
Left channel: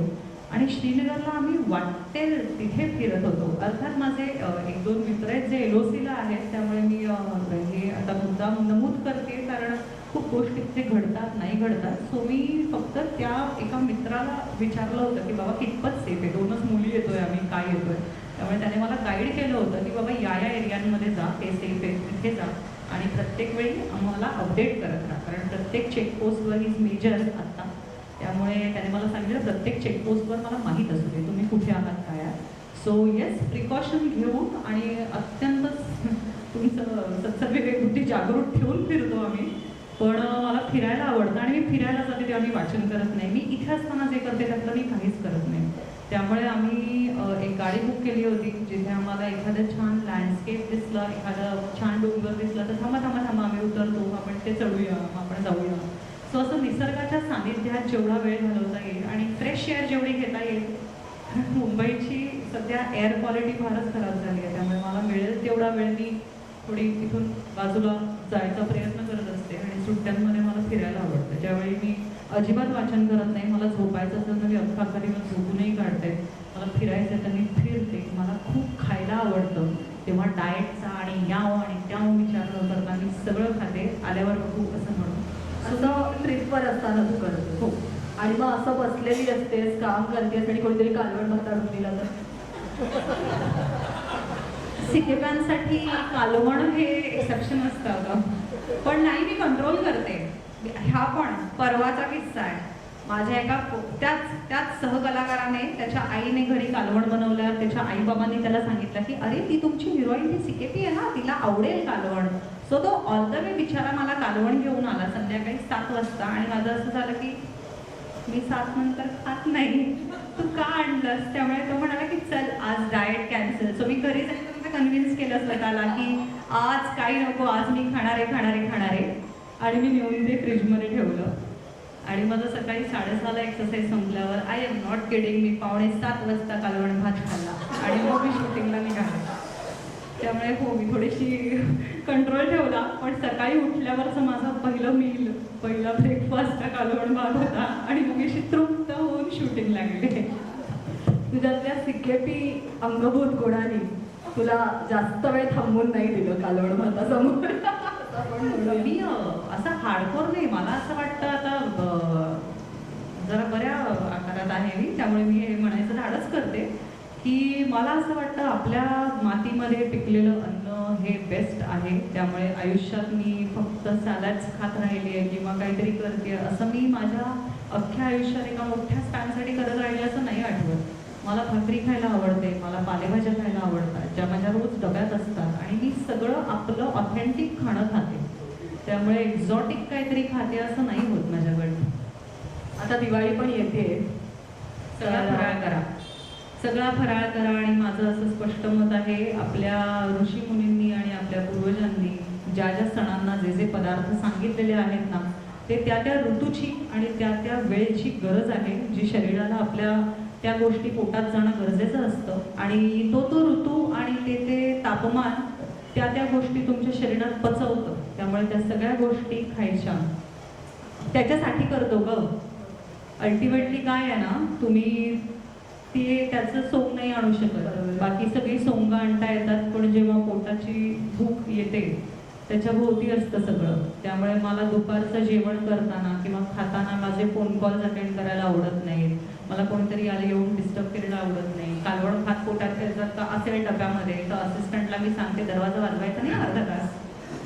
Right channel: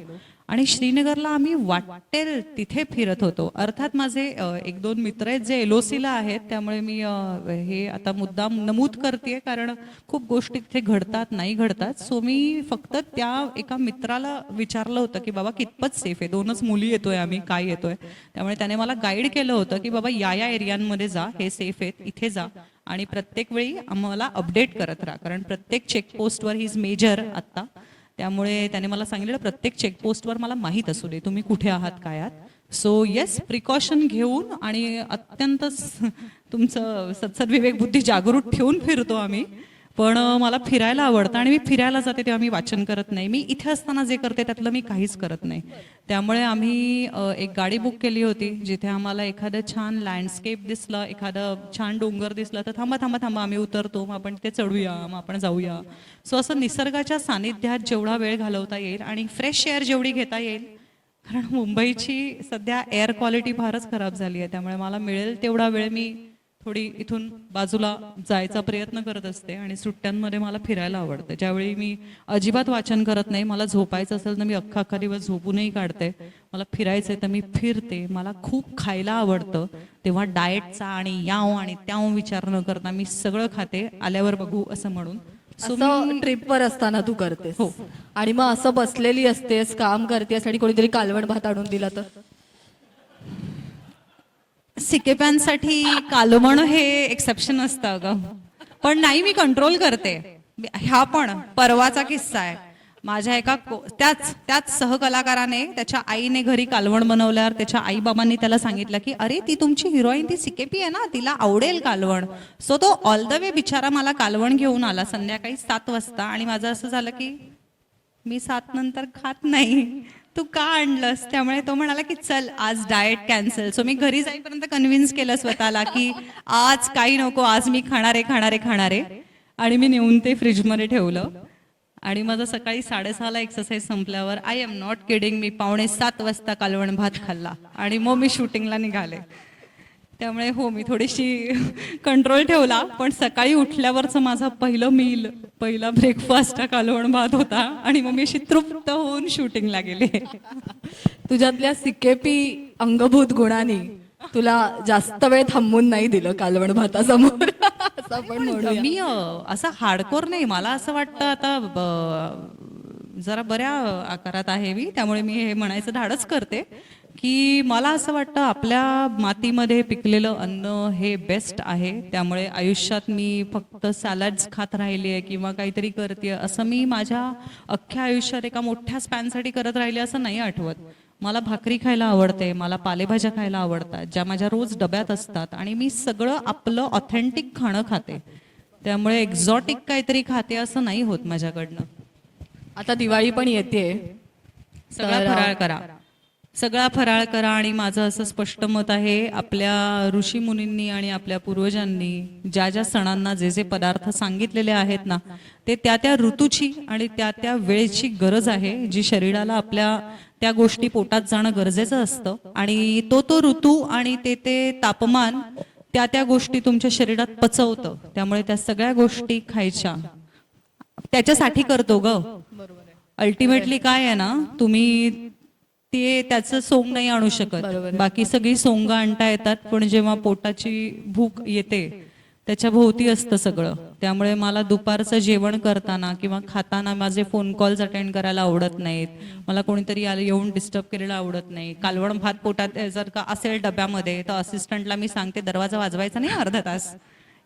आणि श्रीनगरला आम्ही वाटेल तिथे फिरत होतो. अर्थात माझे 1-2 मित्र आहेत जे LOCला आहेत, त्यामुळे मी हे आता मुद्दाम नमूद करते कारण खूप गोष्टी तिथे घडतात, नाही घडतात. सो मी फक्त त्या एका मित्राला विचारलं होतं की बाबा कितपत सेफ आहे, 2च मुली येतोय आम्ही, काय येतोय. त्यामुळे त्याने मला गाईड केलं होतं की बाबा या एरियांमध्ये जा, हे सेफ आहेत, इथे जा आणि प्रत्येक वेळी आम्हाला अपडेट करत राहा, कारण प्रत्येक चेकपोस्टवर ही इज मेजर आत्ता. त्यामुळे त्याने मला सांगितलं प्रत्येक चेकपोस्टवर मला माहीत असू दे तुम्ही कुठे आहात, काय आहात. सो येस, प्रिकॉशन घेऊन आणि अत्यंत तुमचं सत्सद्विवेक बुद्धी जागृत ठेवून फिरतो आम्ही. पण मला फिरायला आवडतं आणि मी फिरायला जाते तेव्हा मी वाचन करत नाही. मी इथे असताना जे करते त्यातलं मी काहीच करत नाही. त्यामुळे आम्ही एक गाडी बुक केली होती जिथे आम्हाला एखादं छान लँडस्केप दिसलं, एखादं छान डोंगर दिसलं तर थांबा थांबा थांबा आम्ही उतरतो, मग आपण ते चढूया, मग आपण जाऊया. सो असं निसर्गाच्या सानिध्यात जेवढा वेळ घालवता येईल आणि फ्रेश एअर जेवढी घेता येईल, कारण मुंबईची सध्या एअर क्वालिटी फारच खराब झाली आहे. त्यामुळे मला मिळेल तेवढा वेळ मी थोडी इथून बाजूला जायचा प्रयत्न करत असते आणि सुट्ट्यांमध्ये मला फिरायला आवडतं. ज्यावेळी मी अजिबात वाचन करत नाही, मला झोपायचं असेल तर मी अख्खा दिवस झोपूनही काढते. मला फिरायचं आहे तर मी फिरते. मला खूप खायला आवडतं, तेव्हा डाएटचा आणि याव आणि त्याव विचार न करता मी सगळं खाते, आल्यावर बघू असं म्हणून. असं ट्रिपवर असताना तू करतेस हो. आणि मग असं बसलेली असतेस, काम करतेस आणि कोणीतरी कालवण भात आणून दिला तर? सिकेप्यांसाठी कालवण हे एक्सेप्शन असतं अगं, पण नाही, मी कंट्रोल करते. हा पण परवाचा किस्सा आहे. माझ्या एका त्याच सहकलाकाराने त्याच्या आईने घरी कालवण बनवल्यावर त्याच्या आईबाबांनी त्याला सांगितलं की अरे ती तुमची हिरोईन ती सिकेपी आहे ना, तिला आवडेल कालवण. सो तो ऑल द वे बिचारा मला कालवण घेऊन आला संध्याकाळी 7 वाजता आणि माझं असं झालं की मी 7 नंतर खात नाही, तू का आणलंस? त्यामुळे तो म्हणाला की चल आज डाएट कॅन्सल. सो मी घरी जाईपर्यंत कन्व्हिन्स केलं स्वतःला की आज काही नको, आज मी खाणारे आणि मी नेऊन ते फ्रीजमध्ये ठेवलं. आणि माझं सकाळी 6:30ला एक्सरसाइज संपल्यावर आय एम नॉट किडिंग, मी 6:45 वाजता कालवण भात खाल्ला आणि मग मी शूटिंगला निघाले. त्यामुळे हो, मी थोडीशी कंट्रोल ठेवला. पण सकाळी उठल्यावरचं माझा पहिला ब्रेकफास्ट हा कालवण भात होता आणि मग मी अशी तृप्त होऊन शूटिंगला गेले. तुझ्यातल्या सिकेपी अंगभूत गुणांनी तुला जास्त वेळ थांबून नाही दिलं कालवण भातासमोर असं आपण म्हणूया. मी असं हार्डकोर नाही, मला असं वाटतं आता जरा बऱ्या आकारात आहे मी, त्यामुळे मी हे म्हणायचं धाडस करते की मला असं वाटतं आपल्या मातीमध्ये पिकलेलं अन्न हे बेस्ट आहे. त्यामुळे आयुष्यात मी फक्त सॅलड्स खात राहिली आहे किंवा काहीतरी करते असं मी माझ्या अख्ख्या आयुष्यात एका मोठ्या स्पॅनसाठी करत राहिले असं नाही आठवत. मला भाकरी खायला आवडते, मला पालेभाज्या खायला आवडतात ज्या माझ्या रोज डब्यात असतात आणि मी सगळं आपलं ऑथेंटिक खाणं खाते. त्यामुळे एक्झॉटिक काहीतरी खाते असं नाही होत माझ्याकडनं. आता दिवाळी पण येते, सगळा फराळ करा आणि माझं असं स्पष्ट मत आहे, आपल्या ऋषीमुनींनी आणि आपल्या पूर्वजांनी ज्या ज्या सणांना जे जे पदार्थ सांगितलेले आहेत ना, ते त्या ऋतूची आणि त्या वेळेची गरज आहे. जी शरीराला आपल्या त्या गोष्टी पोटात जाणं गरजेचं असतं आणि तो ऋतू आणि ते तापमान त्या गोष्टी तुमच्या शरीरात पचवतं. त्यामुळे त्या सगळ्या गोष्टी खायच्या त्याच्यासाठी करतो ग. अल्टिमेटली काय आहे ना, तुम्ही त्याचं सोंग नाही आणू शकत, बाकी सगळी सोंग आणता येतात, पण जेव्हा पोटाची भूक येते त्याच्या भोवती असतं सगळं. त्यामुळे मला दुपारचं जेवण करताना किंवा खाताना माझे फोन कॉल्स अटेंड करायला आवडत नाहीत, मला कोणीतरी येऊन डिस्टर्ब करायला आवडत नाही. कालवण भात पोटात जर का असेल डब्यामध्ये तर असिस्टंटला मी सांगते दरवाजा वाजवायचा नाही, अर्धा तास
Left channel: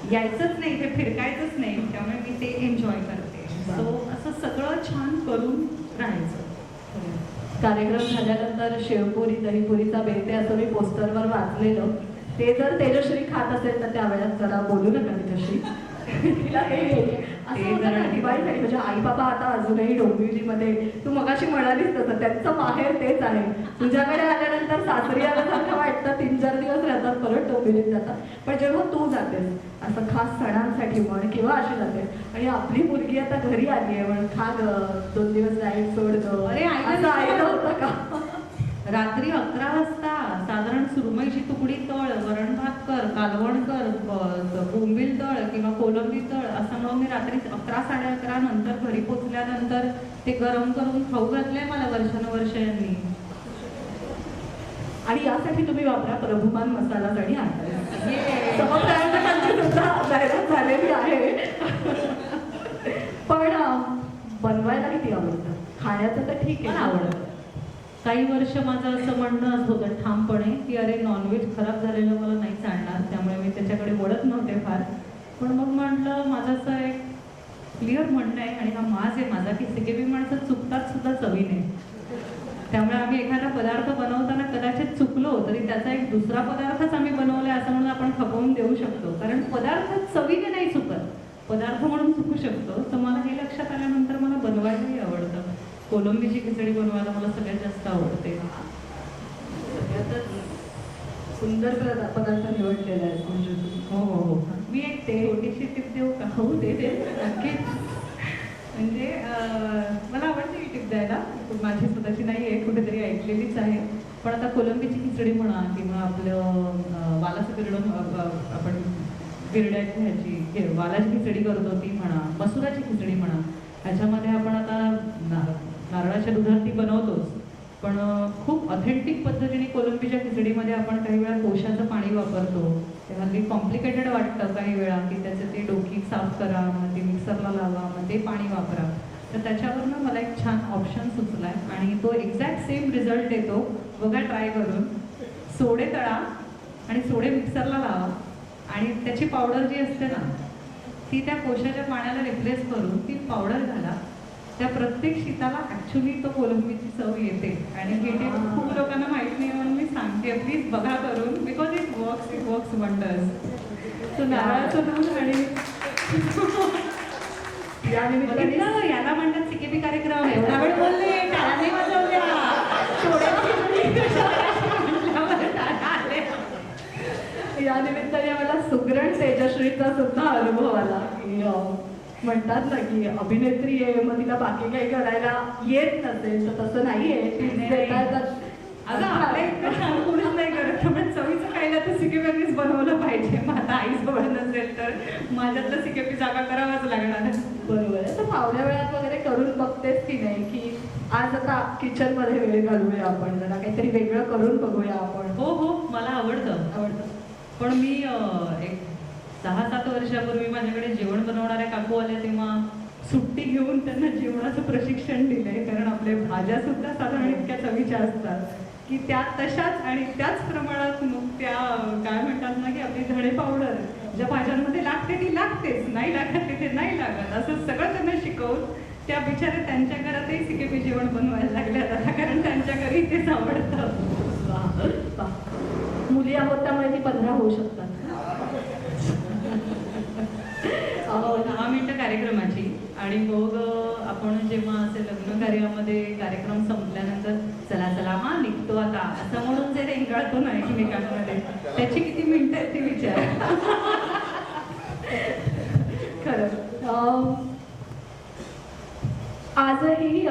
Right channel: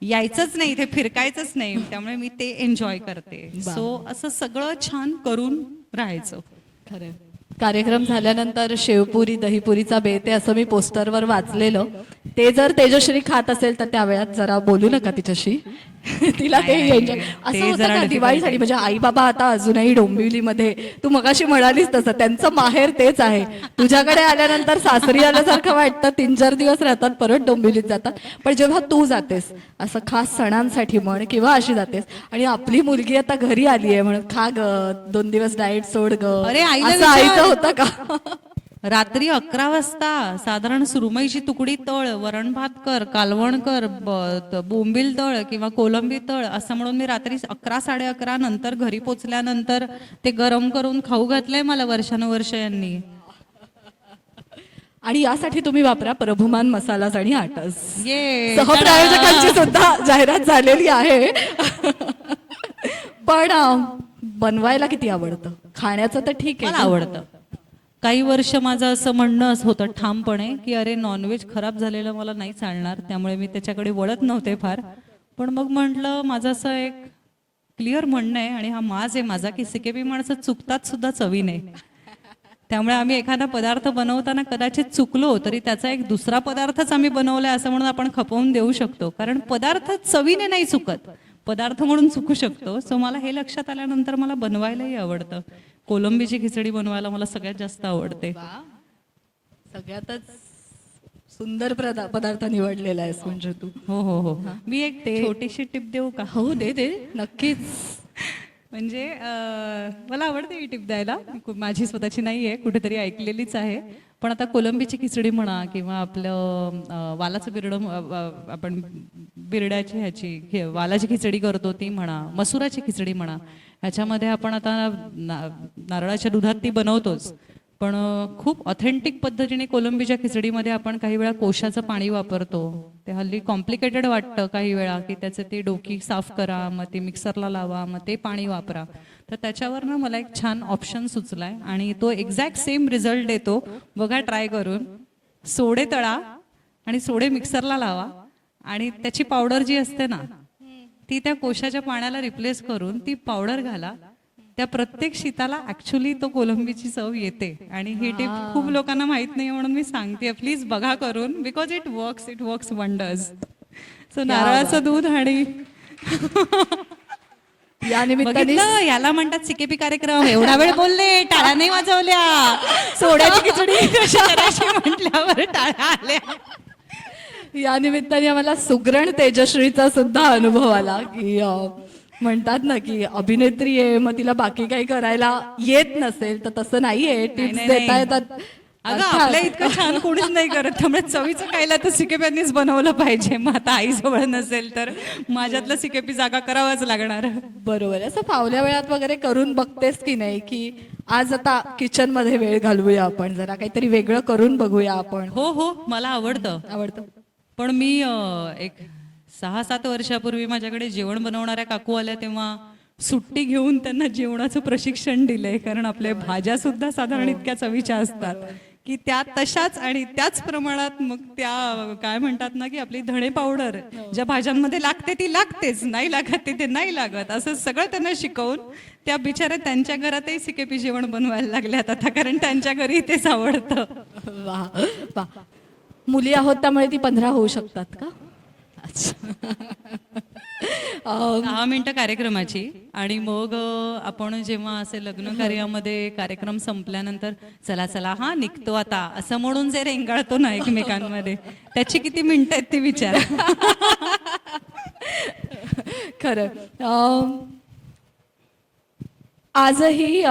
यायचंच नाही, इथे फिरकायचंच नाही. त्यामुळे मी ते एन्जॉय करते. सो असं सगळं छान करून राहायचं. कार्यक्रम झाल्यानंतर शेवपुरी दहीपुरीचा बेत आहे असं मी पोस्टरवर वाचलेलं. ते जर तेजश्री खात असेल तर त्या वेळात जरा बोलू नका तिच्याशी, तिला ते घ्यायचे असं होतं का दिवाळीसाठी. म्हणजे आई बाबा आता अजूनही डोंबिवलीमध्ये, तू मगाशी म्हणालीस तसं त्यांचं माहेर तेच आहे. तुझ्याकडे आल्यानंतर सासरी आल्यासारखं वाटतं, 3-4 दिवस राहतात परत डोंबिवलीत जातात. पण जेव्हा तू जातेस असं खास सणांसाठी म्हण किंवा अशी जातेस आणि आपली मुलगी आता घरी आली आहे म्हणून खा ग 2 दिवस डाएट सोड ग, अरे असं आईचं होतं का? रात्री 11 वाजता साधारण सुरमईची तुकडी तळ, वरण भात कर, कालवण कर, बोंबील तळ किंवा कोलंबी तळ असं म्हणून मी रात्री 11 11:30 नंतर घरी पोचल्यानंतर ते गरम करून खाऊ घातलंय मला वर्षानुवर्ष यांनी. आणि यासाठी तुम्ही वापरा प्रभुमान मसालाच आणि आटस. ये सहप्रायोजकांची सुद्धा जाहिरात झालेली आहे. पण बनवायला किती आवडतं? खाण्याचं तर ठीक मला आहे. आवडतं. काही वर्ष माझं असं म्हणणं होतं ठामपणे की अरे नॉनव्हेज खराब झालेलं मला नाही चालणार, त्यामुळे मी त्याच्याकडे वळत नव्हते फार. पण मग म्हटलं माझं असं एक क्लिअर म्हणणं आहे आणि हा माज आहे माझा की सिकेबी माणसं चुकतात सुद्धा चवीने. त्यामुळे आम्ही एखादा पदार्थ बनवताना कदाचित चुकलो तरी त्याचा एक दुसरा पदार्थच आम्ही बनवलाय असं म्हणून आपण खपवून देऊ शकतो, कारण पदार्थ चवीने नाही चुकत, पदार्थ म्हणून चुकू शकतो. सो मला हे लक्षात आल्यानंतर मला बनवायलाही आवडतं. कोलंबीची खिचडी बनवायला मला सगळ्यात जास्त आवडते. सगळ्यातच सुंदर पदार्थ निवडलेला आहेस म्हणजे तू. हो हो हो. मी एक ते- छोटीशी टिप देऊ का? हो दे दे नक्कीच. म्हणजे मला आवडते ही टिप द्यायला, माझी स्वतःची नाही आहे, कुठेतरी ऐकलेलीच आहे. पण आता कोलंबीची खिचडी म्हणा किंवा आपलं वालाचं बिरडं आपण बिरड्याची ह्याची वालाची खिचडी करतो ती म्हणा, मसुराची खिचडी म्हणा, ह्याच्यामध्ये आपण आता नारळाच्या दुधात ती बनवतोच. पण खूप ऑथेंटिक पद्धतीने कोलंबीच्या खिचडीमध्ये आपण काही वेळा कोशाचं पाणी वापरतो. ते हल्ली कॉम्प्लिकेटेड वाटतं काही वेळा की त्याचे ती डोकी साफ करा, मग ते मिक्सरला लावा, मग ते पाणी वापरा. तर त्याच्यावरनं मला एक छान ऑप्शन सुचला आहे आणि तो एक्झॅक्ट सेम रिझल्ट देतो. बघा ट्राय करून. सोडे तळा आणि सोडे मिक्सरला लावा आणि त्याची पावडर जी असते ना ती त्या कोशाच्या पाण्याला रिप्लेस करून ती पावडर घाला. त्या प्रत्येक शीताला ॲक्च्युली तो कोलंबीची चव येते. आणि ही टिप खूप लोकांना माहीत नाही म्हणून मी सांगते, प्लीज बघा करून, because it works wonders. So नारळाचं दूध आणि या निमित्ताने बघितलं, याला म्हणतात सिकेपी कार्यक्रम. एवढा वेळ बोलले, टाळ्या नाही वाजवल्या. सोड्याची खिचडी कशा करायची म्हटल्यावर टाळ्या आल्या. या निमित्ताने आम्हाला सुगरण तेजश्रीचा सुद्धा अनुभव आला की म्हणतात ना की अभिनेत्री आहे मग तिला बाकी काही करायला येत नसेल, तर तसं नाही आहे. टिप्स नाही, देता नाही. येतात. अगं आपल्या इतकं छान कोणीच नाही करत, त्यामुळे चवीचं खायला तर सिकेपीनीच बनवलं पाहिजे. मग आता आईजवळ नसेल तर माझ्यातलं सिकेपी जागा करावाच लागणार. बरोबर आहे. असं फावल्या वेळात वगैरे करून बघतेस की नाही की आज आता किचनमध्ये वेळ घालवूया आपण, जरा काहीतरी वेगळं करून बघूया आपण? हो हो, मला आवडतं. आवडतं. पण मी एक 6-7 वर्षापूर्वी माझ्याकडे जेवण बनवणाऱ्या काकू आल्या तेव्हा सुट्टी घेऊन त्यांना जेवणाचं प्रशिक्षण दिलंय, कारण आपल्या भाज्या सुद्धा साधारण इतक्या चवीच्या असतात की त्या तशाच आणि त्याच प्रमाणात मग त्या काय म्हणतात ना की आपली धणे पावडर ज्या भाज्यांमध्ये लागते ती लागतेच, नाही लागत ते नाही लागत, असं सगळं त्यांना शिकवून त्या बिचारे त्यांच्या घरातही सिकेपी जेवण बनवायला लागल्यात आता, कारण त्यांच्या घरी तेच आवडतं. वा वा. मुली आहोत त्यामुळे ती 15 होऊ शकतात का? 10 मिनिटं कार्यक्रमाची आणि मग आपण जेव्हा असे लग्न कार्यामध्ये कार्यक्रम संपल्यानंतर चला चला हा निघतो आता असं म्हणून जे रेंगाळतो ना एकमेकांमध्ये, त्याची किती मिनिटं आहेत ती विचार. खरं. आजही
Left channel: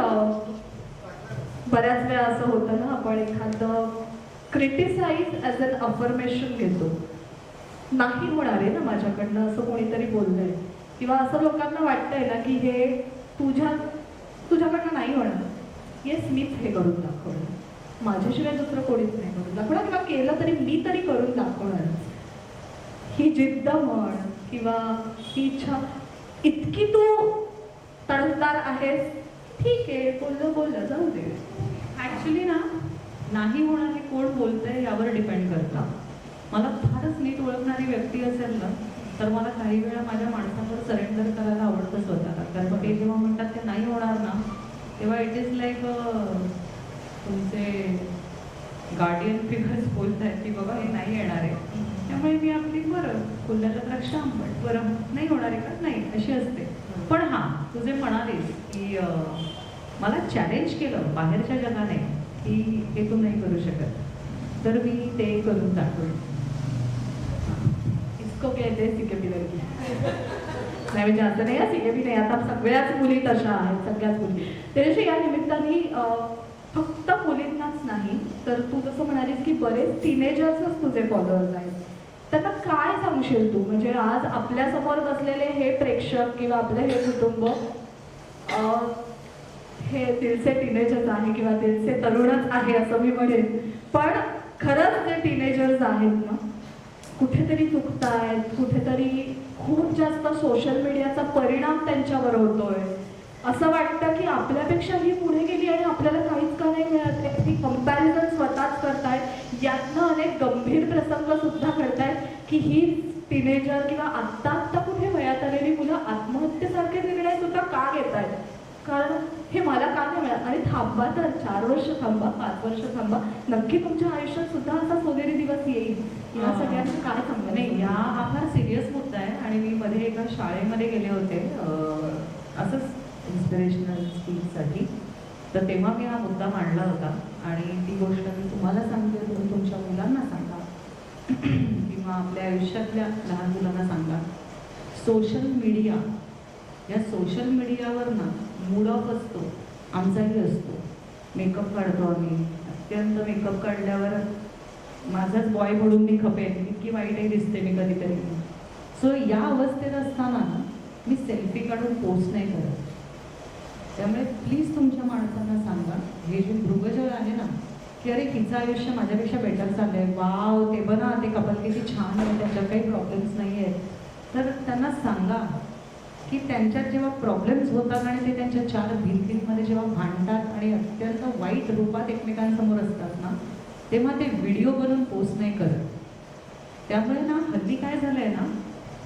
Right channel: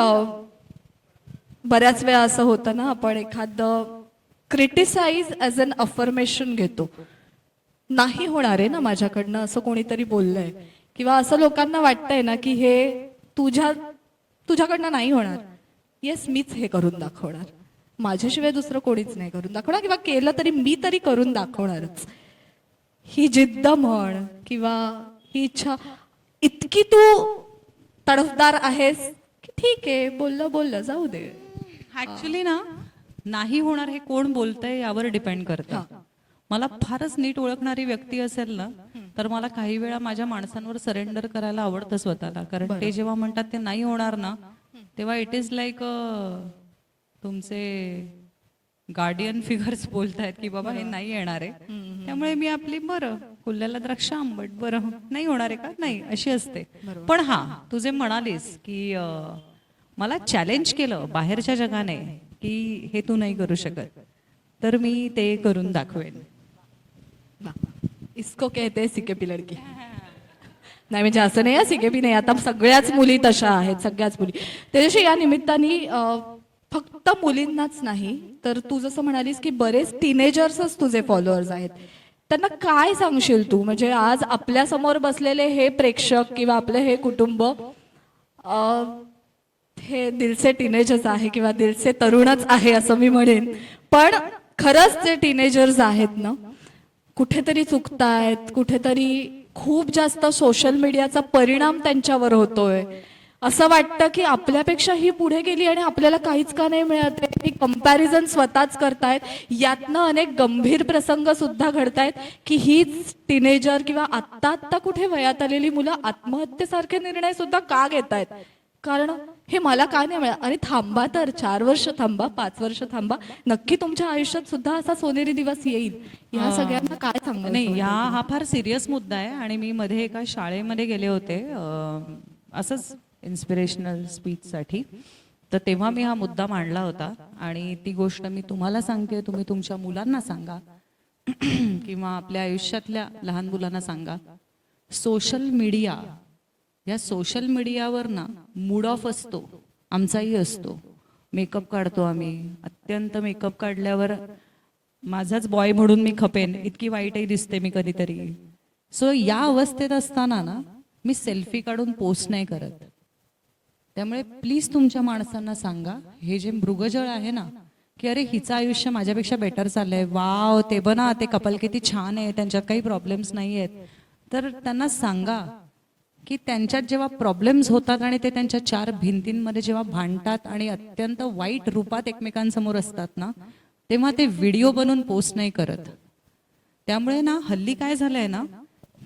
बऱ्याच वेळा असं होतं ना, आपण एखादं क्रिटिसाइज ॲज अन अफर्मेशन घेतो. नाही होणार आहे ना माझ्याकडनं, असं कोणीतरी बोललं आहे किंवा असं लोकांना वाटतंय ना की हे तुझ्याकडनं नाही होणार. येस, मीच हे करून दाखवणार, माझ्याशिवाय दुसरं कोणीच नाही करून दाखवणार, किंवा केलं तरी मी तरी करून दाखवणारच. ही जिद्द म्हण किंवा ही इच्छा, इतकी तू तडफदार आहेस, ठीक आहे, बोललं जाऊ दे. ॲक्च्युली ना, नाही होणार हे कोण बोलतंय यावर डिपेंड करतं. मला फारच नीट ओळखणारी व्यक्ती असेल ना तर मला काही वेळा माझ्या माणसांवर सरेंडर करायला आवडतं स्वतःला, कारण ते जेव्हा म्हणतात ते नाही होणार ना तेव्हा इट इज लाईक तुमचे गार्डियन फिगर्स बोलत आहेत की बाबा हे नाही येणार आहे. त्यामुळे मी आपली बरं उरलेला द्राक्ष आंबट, बरं नाही होणार आहे का, नाही, अशी असते. पण हां, तू जे म्हणालीस की मला चॅलेंज केलं बाहेरच्या जगाने की हे तू नाही करू शकत, तर मी ते करून दाखवेन. इसको कहते सिकेबी लडकी. नाही म्हणजे असं नाही, सिकेबी नाही, आता सगळ्याच मुली तशा आहेत, सगळ्याच मुली. त्याच्याशी या निमित्ताने फक्त मुलींनाच नाही, तर तू जसं म्हणालीस की बरेच टीनेजर्सच तुझे फॉलोअर्स आहेत. त्यांना काय सांगशील तू? म्हणजे आज आपल्यासमोर बसलेले हे प्रेक्षक किंवा आपलं हे कुटुंब हे दिलचे टीनेजर्स आहे किंवा दिलचे तरुणच आहे असं मी म्हणेन. पण खरंच जे टीनेजर्स आहेत ना, कुठेतरी चुकतायत, कुठेतरी खूप जास्त सोशल मीडियाचा परिणाम त्यांच्यावर होतोय. असं वाटतं की आपल्यापेक्षा ही पुढे गेली आणि आपल्याला काहीच का नाही मिळत आहे. ही कंपॅरिझन स्वतःच करतायत. यातनं अनेक गंभीर प्रसंग सुद्धा घडतायत की हीच टीनेजर किंवा आत्ता आत्ता कुठे वयात आलेली मुलं आत्महत्येसारखे निर्णय सुद्धा का घेत आहेत. कारण हे मला का नाही मिळत. अरे थांबा तर, 4 वर्ष थांबा, 5 वर्ष थांबा, नक्की तुमच्या आयुष्यात सुद्धा असा सोनेरी दिवस येईल. या सगळ्यांना काय सांगणार? नाही, हा फार सिरियस मुद्दा आहे. आणि मी मध्ये एका शाळेमध्ये गेले होते असंच इन्स्पिरेशनल स्पीचसाठी. तर तेव्हा मी हा मुद्दा मांडला होता आणि ती गोष्ट मी तुम्हाला सांगते, तुम्ही तुमच्या मुलांना सांगा किंवा आपल्या आयुष्यातल्या लहान मुलांना सांगा. सोशल मीडिया, या सोशल मीडियावर ना मूड ऑफ असतो, आमचाही असतो. मेकअप काढतो आम्ही, अत्यंत मेकअप काढल्यावर माझाच बॉय म्हणून मी खपेन इतकी वाईटही दिसते मी कधीतरी. सो या अवस्थेत असताना ना मी सेल्फी काढून पोस्ट नाही करत. त्यामुळे प्लीज तुमच्या माणसांना सांगा, हे जे मृगजळ आहे ना, की अरे हिचं आयुष्य माझ्यापेक्षा बेटर चाललं आहे, वाव ते बना ते कपल किती छान आहे, त्यांच्यात काही प्रॉब्लेम्स नाही आहेत. तर त्यांना सांगा की त्यांच्यात जेव्हा प्रॉब्लेम्स होतात आणि ते त्यांच्या 4 भिंतींमध्ये जेव्हा भांडतात आणि अत्यंत वाईट रूपात एकमेकांसमोर असतात ना, तेव्हा ते व्हिडिओ बनवून पोस्ट नाही करत. त्यामुळे ना हल्ली काय झालं आहे ना,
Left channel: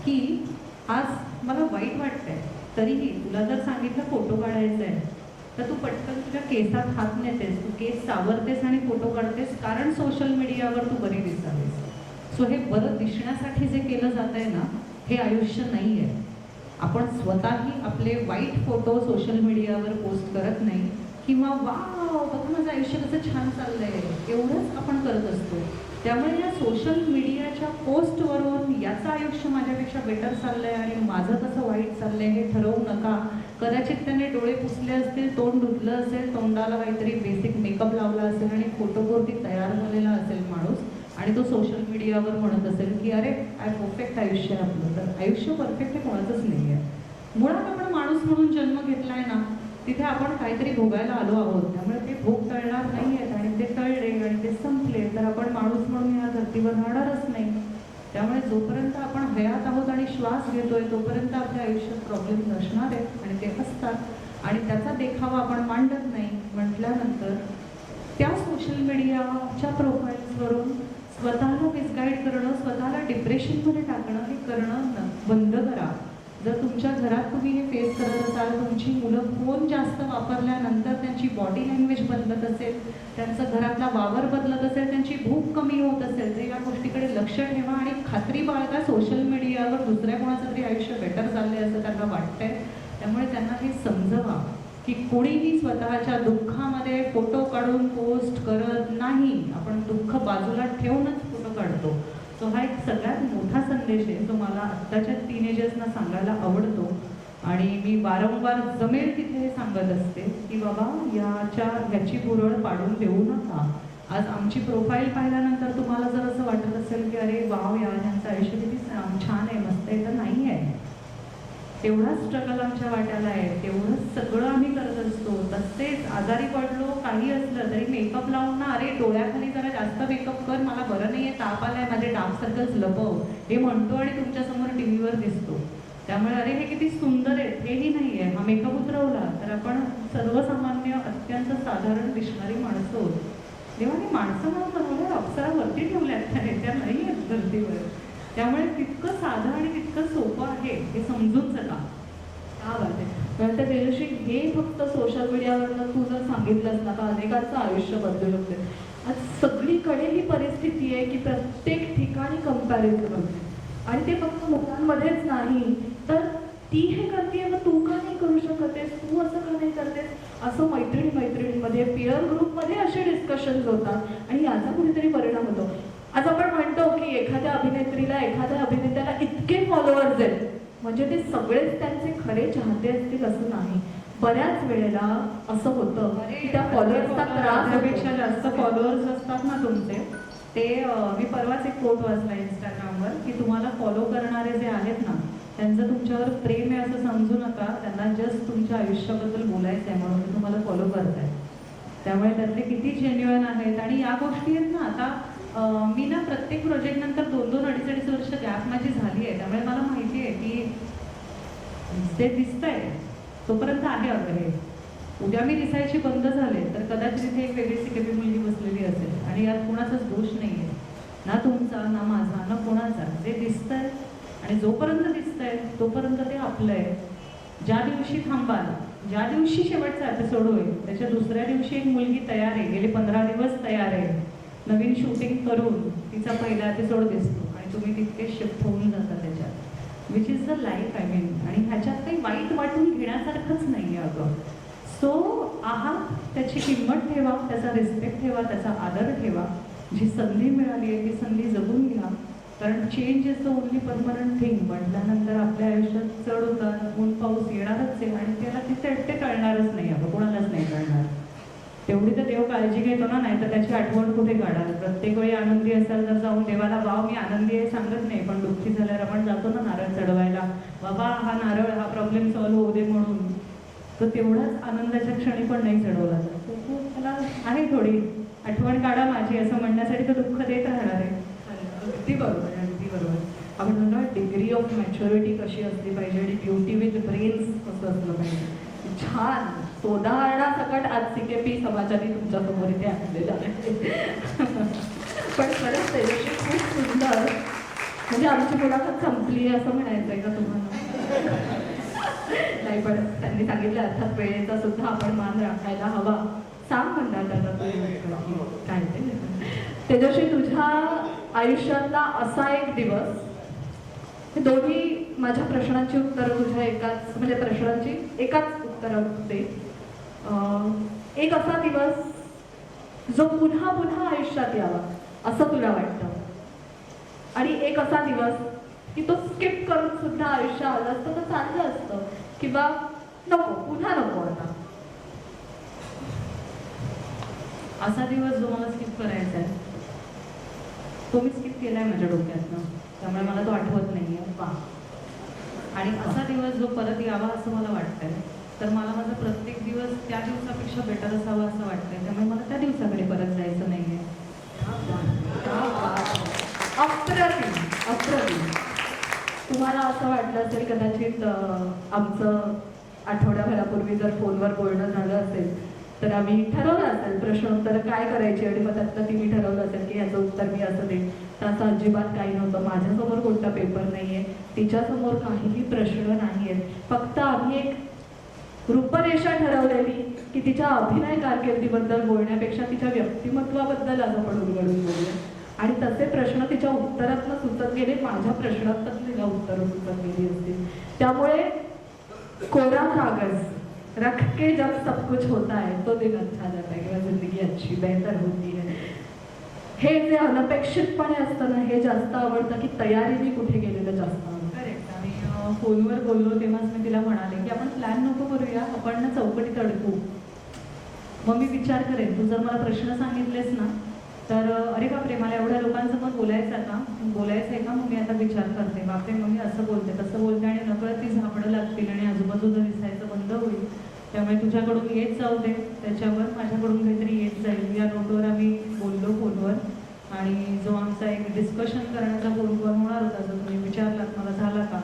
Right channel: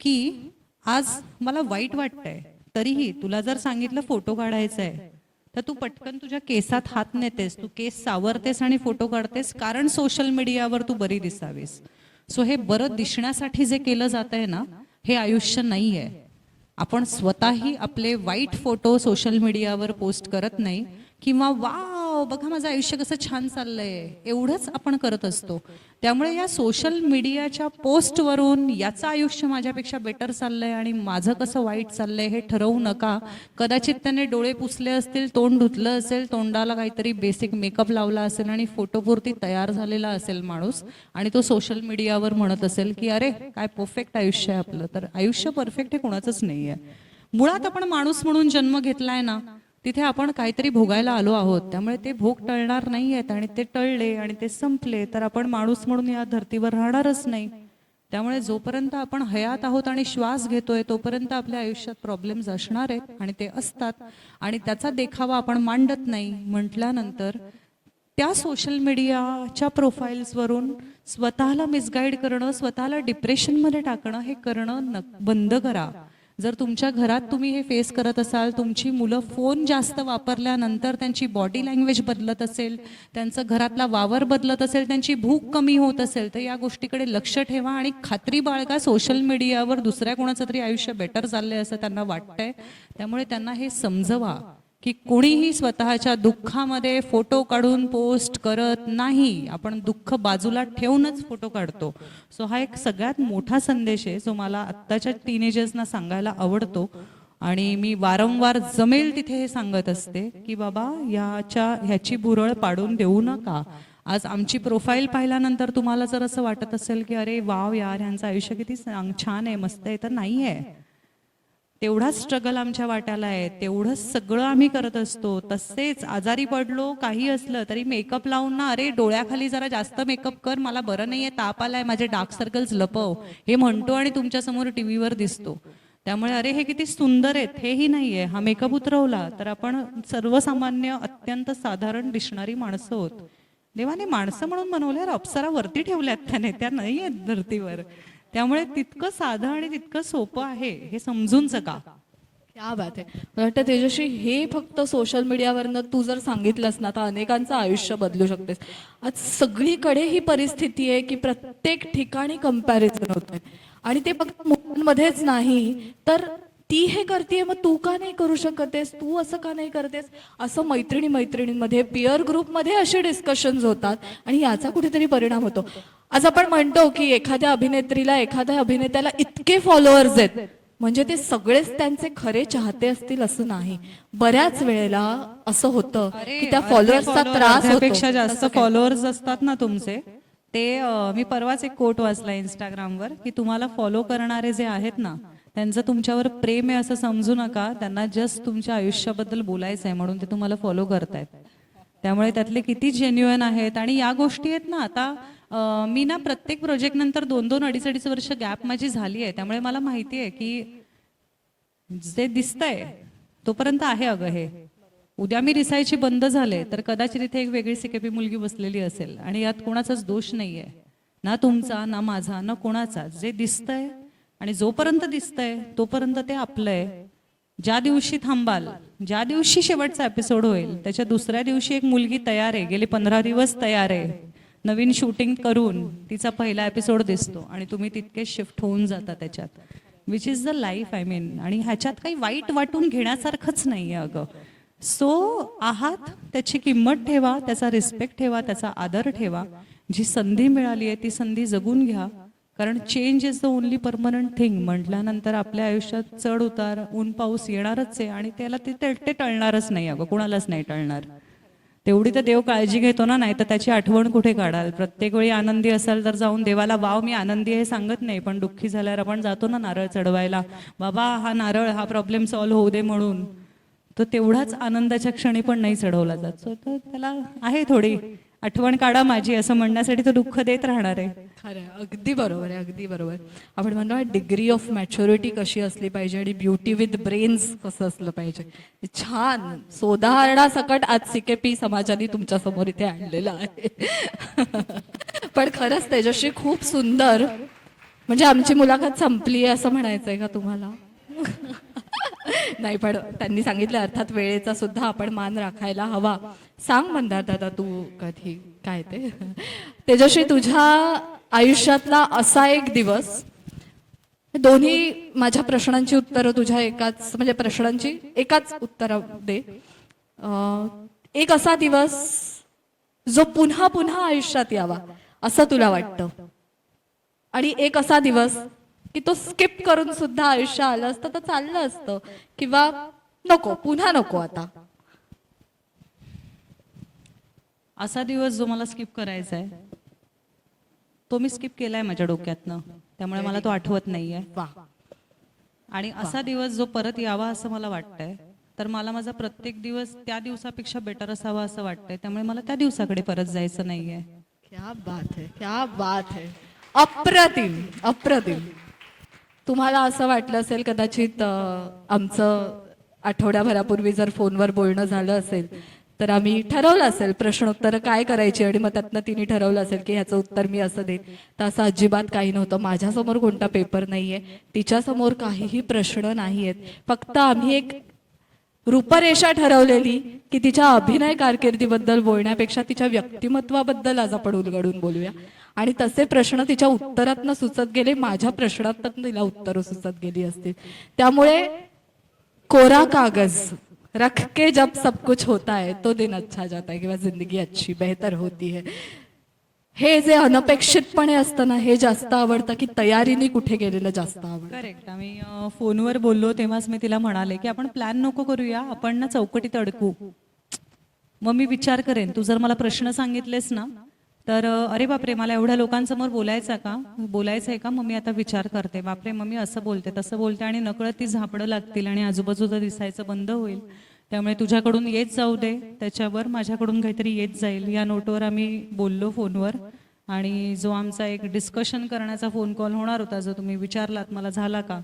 की आज मला वाईट वाटतंय, तरीही तुला जर सांगितलं फोटो काढायचा आहे तर तू पटकन तुझ्या केसात हात नेतेस, तू केस सावरतेस आणि फोटो काढतेस, कारण सोशल मीडियावर तू बरी दिसावीस. सो हे बरं दिसण्यासाठी जे केलं जात आहे ना, हे आयुष्य नाही आहे. आपण स्वतःही आपले वाईट फोटो सोशल मीडियावर पोस्ट करत नाही किंवा वाव बघा माझं आयुष्य कसं छान चाललं आहे एवढंच आपण करत असतो. त्यामुळे या सोशल मीडियाच्या पोस्टवरून याचं आयुष्य माझ्यापेक्षा बेटर चाललं आहे आणि माझं कसं वाईट चाललं आहे हे ठरवू नका. कदाचित त्याने डोळे पुसले असतील, तोंड धुतलं असेल, तोंडाला काहीतरी बेसिक मेकअप लावला असेल आणि फोटोपुरती तयार झालेला असेल माणूस आणि तो सोशल मीडियावर म्हणत असेल की अरे काय परफेक्ट आयुष्य आहे आपलं. तर आयुष्य परफेक्ट हे कोणाचंच नाही आहे. मुळात आपण माणूस म्हणून जन्म घेतला आहे ना, तिथे आपण काहीतरी भोगायला आलो आहोत. त्यामुळे ते भोग टळणार नाही आहेत आणि ते टळले आणि ते संपले तर आपण माणूस म्हणून या धर्तीवर राहणारच नाही. त्यामुळे जोपर्यंत आपण हयात आहोत आणि श्वास घेतोय तोपर्यंत आपल्या आयुष्यात प्रॉब्लेम्स असणार आहेत आणि ते असतात आणि त्याचा देखावा आपण मांडत नाही. म्हटल्यानंतर त्या सोशल मीडियाच्या प्रोफाईल्सवरून स्वतःला मिसगाईड करणं, स्वतःला डिप्रेशनमध्ये टाकणं हे करणं बंद करा. जर तुमच्या घरात तुम्ही हे फेस करत असाल, तुमची मुलं फोन जास्त वापरल्यानंतर त्यांची बॉडी लँग्वेज बदलत असेल, त्यांचं घरातला वावर बदलत असेल, त्यांची भूक कमी होत असेल, तर या गोष्टीकडे लक्ष ठेवा आणि खात्री बाळगा. सोशल मीडियावर दुसऱ्या कोणाचं तरी आयुष्य बेटर चाललं आहे असं त्यांना वाटतंय. त्यामुळे त्यांना हे समजवा की कोणीही स्वतःच्या दुःखामध्ये फोटो काढून पोस्ट करत नाही. आपण दुःख बाजूला ठेवूनच फोटो काढतो. सो हा एक सगळ्यात मोठा संदेश आहे जो मला आत्ताच्या टीनेजर्सना सांगायला आवडतो आणि मी वारंवार जमेल तिथे हे सांगत असते की बाबा ह्याची भुरळ पाडून देऊ नका. आज आमची प्रोफाईल पाहिल्यानंतर तुम्हाला जर असं वाटत असेल की अरे वाव यार ह्यांचं आयुष्य किती छान आहे, मस्त आहे, तर नाही आहे. तेवढाच स्ट्रगल आमच्या वाट्याला आहे, तेवढंच सगळं आम्ही करत असतो. तसेच आजारी पडलो काही असलं तरी मेकअप लावून ना अरे डोळ्याखाली जरा जास्त मेकअप कर, मला बरं नाही आहे, ताप आला आहे, माझे डार्क सर्कल्स लपव हे म्हणतो आणि तुमच्यासमोर टी व्हीवर दिसतो. त्यामुळे अरे हे किती सुंदर आहेत हेही नाही आहे. हा मेकअप उतरवला तर आपण सर्वसामान्य अत्यंत साधारण दिसणारी माणसं होत. जेव्हा ती माणसं म्हणून बनवल्यावर अप्सरा वरती ठेवल्यात त्याने, त्या नाही आहेत धर्तीवर. त्यामुळे तितकं साधं आणि तितकं सोपं आहे हे समजून जगा. क्या बात आहे. मला वाटतं तेजश्री हे फक्त सोशल मीडियावरनं तू जर सांगितलंस ना तर अनेकांचं आयुष्य बदलू शकतेस. आज सगळीकडे ही परिस्थिती आहे की प्रत्येक ठिकाणी कंपॅरिझन होत आहे आणि ते फक्त मुलांमध्येच नाही तर ती हे करते मग तू का नाही करू शकतेस, तू असं का नाही करतेस, असं मैत्रिणींमध्ये पिअर ग्रुपमध्ये असे डिस्कशन्स होतात आणि याचा कुठेतरी परिणाम होतो. आज आपण म्हणतो की एखाद्या अभिनेत्रीला एखाद्या अभिनेत्याला इतके फॉलोअर्स आहेत म्हणजे ते सगळेच त्यांचे खरे चाहते असतील असं नाही. बऱ्याच वेळेला असं होतं की त्या फॉलोअर्सचा त्रास त्यापेक्षा होतो. जास्त असं काय? फॉलोअर्स असतात ना तुमचे ते मी परवाच एक कोट वाचला इंस्टाग्रामवर की तुम्हाला फॉलो करणारे जे आहेत ना त्यांचं तुमच्यावर प्रेम आहे असं समजू नका, त्यांना जस्ट तुमच्या आयुष्याबद्दल बोलायचं आहे म्हणून ते तुम्हाला फॉलो करताय. त्यामुळे त्यातले किती जेन्युअन आहेत. आणि या गोष्टी आहेत ना आता मी ना प्रत्येक प्रोजेक्टनंतर 2-2, 2.5 वर्ष गॅप माझी झाली आहे. त्यामुळे मला माहिती आहे की ते दिसतंय तोपर्यंत आहे अगं हे. उद्या मी दिसायची बंद झाले तर कदाचित इथे एक वेगळी सिकेबी मुलगी बसलेली असेल आणि यात कोणाचाच दोष नाही आहे, ना तुमचा ना माझा ना कोणाचा. जे दिसतंय आणि जोपर्यंत दिसतंय तोपर्यंत ते आपलं आहे. ज्या दिवशी थांबाल, ज्या दिवशी शेवटचा एपिसोड होईल त्याच्या दुसऱ्या दिवशी एक मुलगी तयार आहे, गेले 15 दिवस तयार आहे, नवीन शूटिंग करून तिचा पहिला एपिसोड दिसतो आणि तुम्ही तितके शिफ्ट होऊन जाता त्याच्यात. Which is the life I mean. आणि ह्याच्यात काही वाईट वाटून घेण्यासारखंच नाही आहे अगं. सो आहात त्याची किंमत ठेवा, त्याचा रिस्पेक्ट ठेवा, त्याचा आदर ठेवा. जी संधी मिळाली आहे ती संधी जगून घ्या. कारण change is the only permanent thing म्हटल्यानंतर आपल्या आयुष्यात चढ उतार ऊन पाऊस येणारच आहे आणि त्याला ते टळणारच नाही अगं, कोणालाच नाही टळणार. तेवढी तर देव काळजी घेतो ना, नाही तर त्याची आठवण कुठे काढाल. प्रत्येक वेळी आनंदी असाल तर जाऊन देवाला वाव मी आनंदी आहे सांगत नाही, पण दुःखी झाल्यावर आपण जातो ना नारळ चढवायला, बाबा हा नारळ हा प्रॉब्लेम सॉल्व्ह होऊ दे म्हणून. तो तेवढाच आनंदाच्या क्षणी पण नाही चढवला जात. सो तो त्याला आहे थोडी आठवण काढा माझी असं म्हणण्यासाठी तो दुःख देत राहणार आहे. अगदी बरोबर आहे, अगदी बरोबर. आपण म्हणतो डिग्री ऑफ मॅच्युरिटी कशी असली पाहिजे आणि ब्युटी विथ ब्रेन्स कसं असलं पाहिजे. छान सोदाहरणासकट आज सिकेपी समाजाने तुमच्यासमोर इथे आणलेलं आहे. पण खरंच तेजस्वी खूप सुंदर. म्हणजे आमची मुलाखत संपली आहे असं म्हणायचं आहे का तुम्हाला? नाही, पण त्यांनी सांगितलं अर्थात वेळेचा सुद्धा आपण मान राखायला हवा. सांग मंदार दादा तू कधी काय ते तेजस्वी तुझ्या आयुष्यातला असा एक दिवस, दोन्ही माझ्या प्रश्नांची उत्तरं तुझ्या एकाच म्हणजे प्रश्नांची एकाच उत्तरं दे. एक असा दिवस जो पुन्हा पुन्हा आयुष्यात यावा असं तुला वाटतं आणि एक असा दिवस की तो स्किप करून सुद्धा आयुष्य आलं असतं तर चाललं असतं किंवा नको पुन्हा नको आता. असा दिवस जो मला स्किप करायचा आहे तो मी स्किप केला आहे माझ्या डोक्यातनं, त्यामुळे मला तो आठवत नाही आहे. वा. आणि असा दिवस जो परत यावा असं मला वाटतंय, तर मला माझा प्रत्येक दिवस त्या दिवसापेक्षा बेटर असावा असं वाटतंय. त्यामुळे मला त्या दिवसाकडे परत जायचं नाही आहे. क्या बात. अप्रतिम अप्रतिम. तुम्हाला असं वाटलं असेल कदाचित आमचं आठवड्याभरापूर्वी जर फोनवर बोलणं झालं असेल तर आम्ही ठरवलं असेल प्रश्नोत्तरं काय करायची आणि मग त्यातनं तिने ठरवलं असेल की ह्याचं उत्तर मी असं देईन. तर असं अजिबात काही नव्हतं. माझ्यासमोर कोणता पेपर नाही आहे, तिच्यासमोर काहीही प्रश्न नाही आहेत. फक्त आम्ही एक रूपरेषा ठरवलेली की तिच्या अभिनय कारकिर्दीबद्दल बोलण्यापेक्षा तिच्या व्यक्तिमत्वाबद्दल आज आपण उलगडून बोलूया. आणि तसे प्रश्न तिच्या उत्तरातनं सुचत गेले, माझ्या प्रश्नातनं तिला उत्तरं सुचत गेली असतील. त्यामुळे कोरा कागज रख के जब सब कुछ होता है तो दिन अच्छा जाता है किंवा जिंदगी अच्छी बेहतर होती है, हे जे अनपेक्षितपणे असतं ना हे जास्त आवडतं की तयारीने कुठे गेलेलं जास्त आवडतं. करेक्ट. आम्ही फोनवर बोललो तेव्हाच मी तिला म्हणाले की आपण प्लॅन नको करूया, आपण ना चौकटीत अडकू. मग मी विचार करेन, तू जर मला प्रश्न सांगितलेस ना तर अरे बापरे मला एवढ्या लोकांसमोर बोलायचं आहे का, मग मी आता विचार करते, बापरे मग मी असं बोलते तसं बोलते आणि नकळत ती झापडं लागतील आणि आजूबाजूला दिसायचं बंद होईल. त्यामुळे तुझ्याकडून येत जाऊ दे, त्याच्यावर माझ्याकडून काहीतरी येत जाईल. या नोटवर आम्ही बोललो फोनवर. आणि जो आमचा एक डिस्कशन करण्याचा फोन कॉल होणार होता जो तुम्ही विचारलात मला झाला का,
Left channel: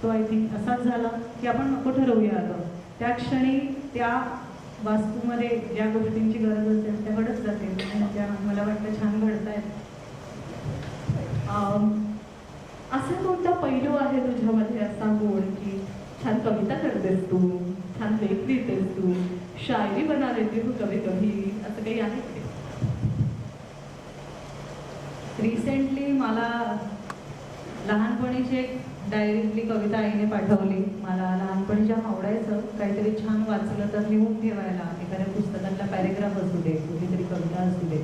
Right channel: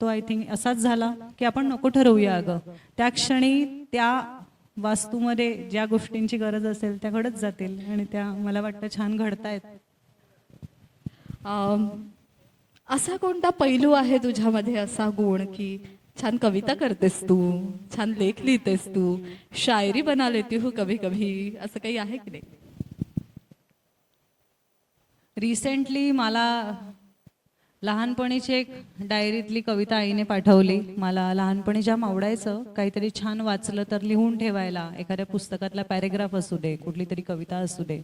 तो आय थिंक असाच झाला की आपण नको ठरवूया अगं. त्या क्षणी त्या वास्तूमध्ये ज्या गोष्टींची गरज असेल त्या घडत जातील आणि त्या मला वाटतं छान घडतायत. असा कोणता पैलू आहे तुझ्यामध्ये असा गुण की छान कविता करतेस तू, छान लेख लिहितेस तू, शायरी बना लेती हो कभी कभी, असं काही आहे की नाही? रिसेंटली मला लहानपणीची एक डायरीतली कविता आईने पाठवली. मला लहानपणी जाम आवडायचं काहीतरी छान वाचलं तर लिहून ठेवायला, एखाद्या पुस्तकातला पॅरेग्राफ असू दे, कुठली तरी कविता असू दे,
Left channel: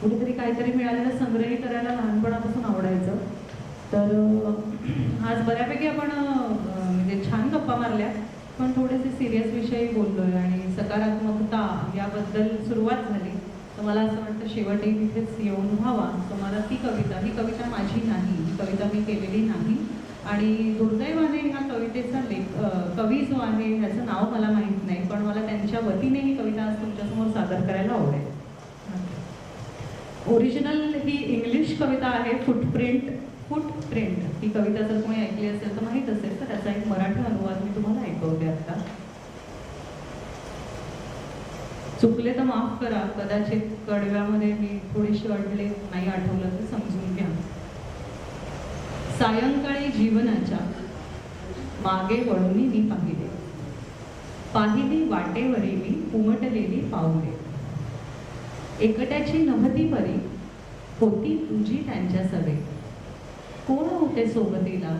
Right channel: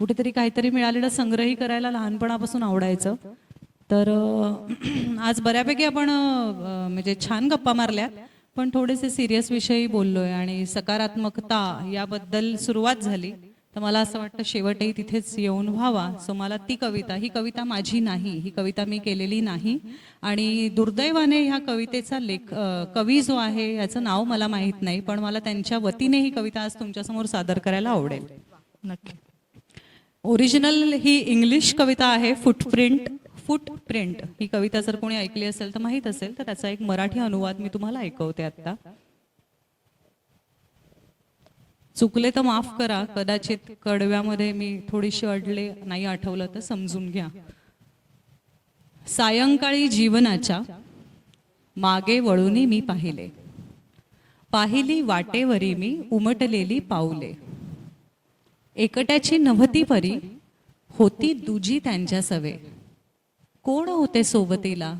कुठेतरी काहीतरी मिळालेलं संग्रही करायला लहानपणापासून आवडायचं. तर आज बऱ्यापैकी आपण म्हणजे छान गप्पा मारल्या. पण थोडेसे सिरियस विषयी बोललो आहे आणि सकारात्मकता याबद्दल सुरुवात झाली, तर मला असं वाटतं शेवटही तिथेच येऊन व्हावा. सो मला ती कविता माझी नाही, ही कविता मी केलेली नाही आणि दुर्दैवाने ह्या कवितेचा कवी जो आहे ह्याचं नाव मला माहीत नाही, पण मला त्यांच्या वतीने ही कविता आज तुमच्यासमोर सादर करायला आवडेल. नक्की. ओरिजिनल ही इंग्लिश कविता आहे, फुटप्रिंट. ही कविता जर कोणी ऐकली असेल तर माहीत असेल, तर त्याचा एक मराठी अनुवाद मी तुम्हाला ऐकवते आता. चुकले तर माफ करा, कदाचित कडव्यामध्ये मी थोडीशी अडले, नाही आठवलं तर समजून घ्या. सायंकाळी जीवनाच्या मागे वळूनी मी पाहिली वाटेवरी मी उमटलेली पाऊले. एकट्याची नव्हती परी, होती तुझी त्यांच्या सवे. कोण होते सोबतीला,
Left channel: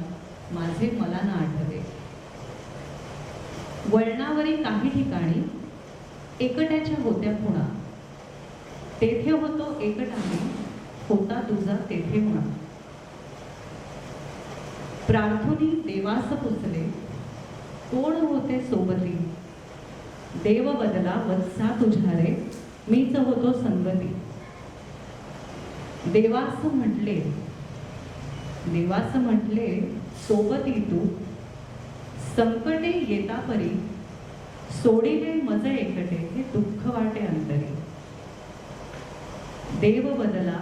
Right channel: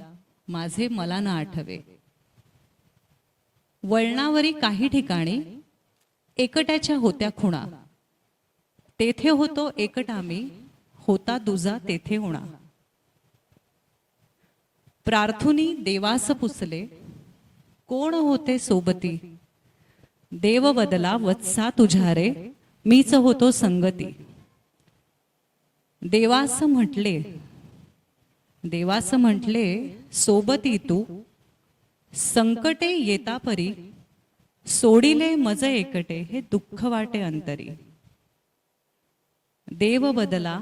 माझे मला ना आठवे. वळणावरी काही ठिकाणी एकट्याच्या होत्या खुणा. तेथे होतो एकटा मी, होता तुझा तेथे होणा. प्रार्थुनी देवास पुसले, कोण होते सोबती. देव बदला वत्सा तुझ्या रे, मीच होतो संगती. देवास म्हटले सोबती तू, संकटे येता परी. सोडिले मज एकटे, हे दुःख वाटे अंतरी. देव बदला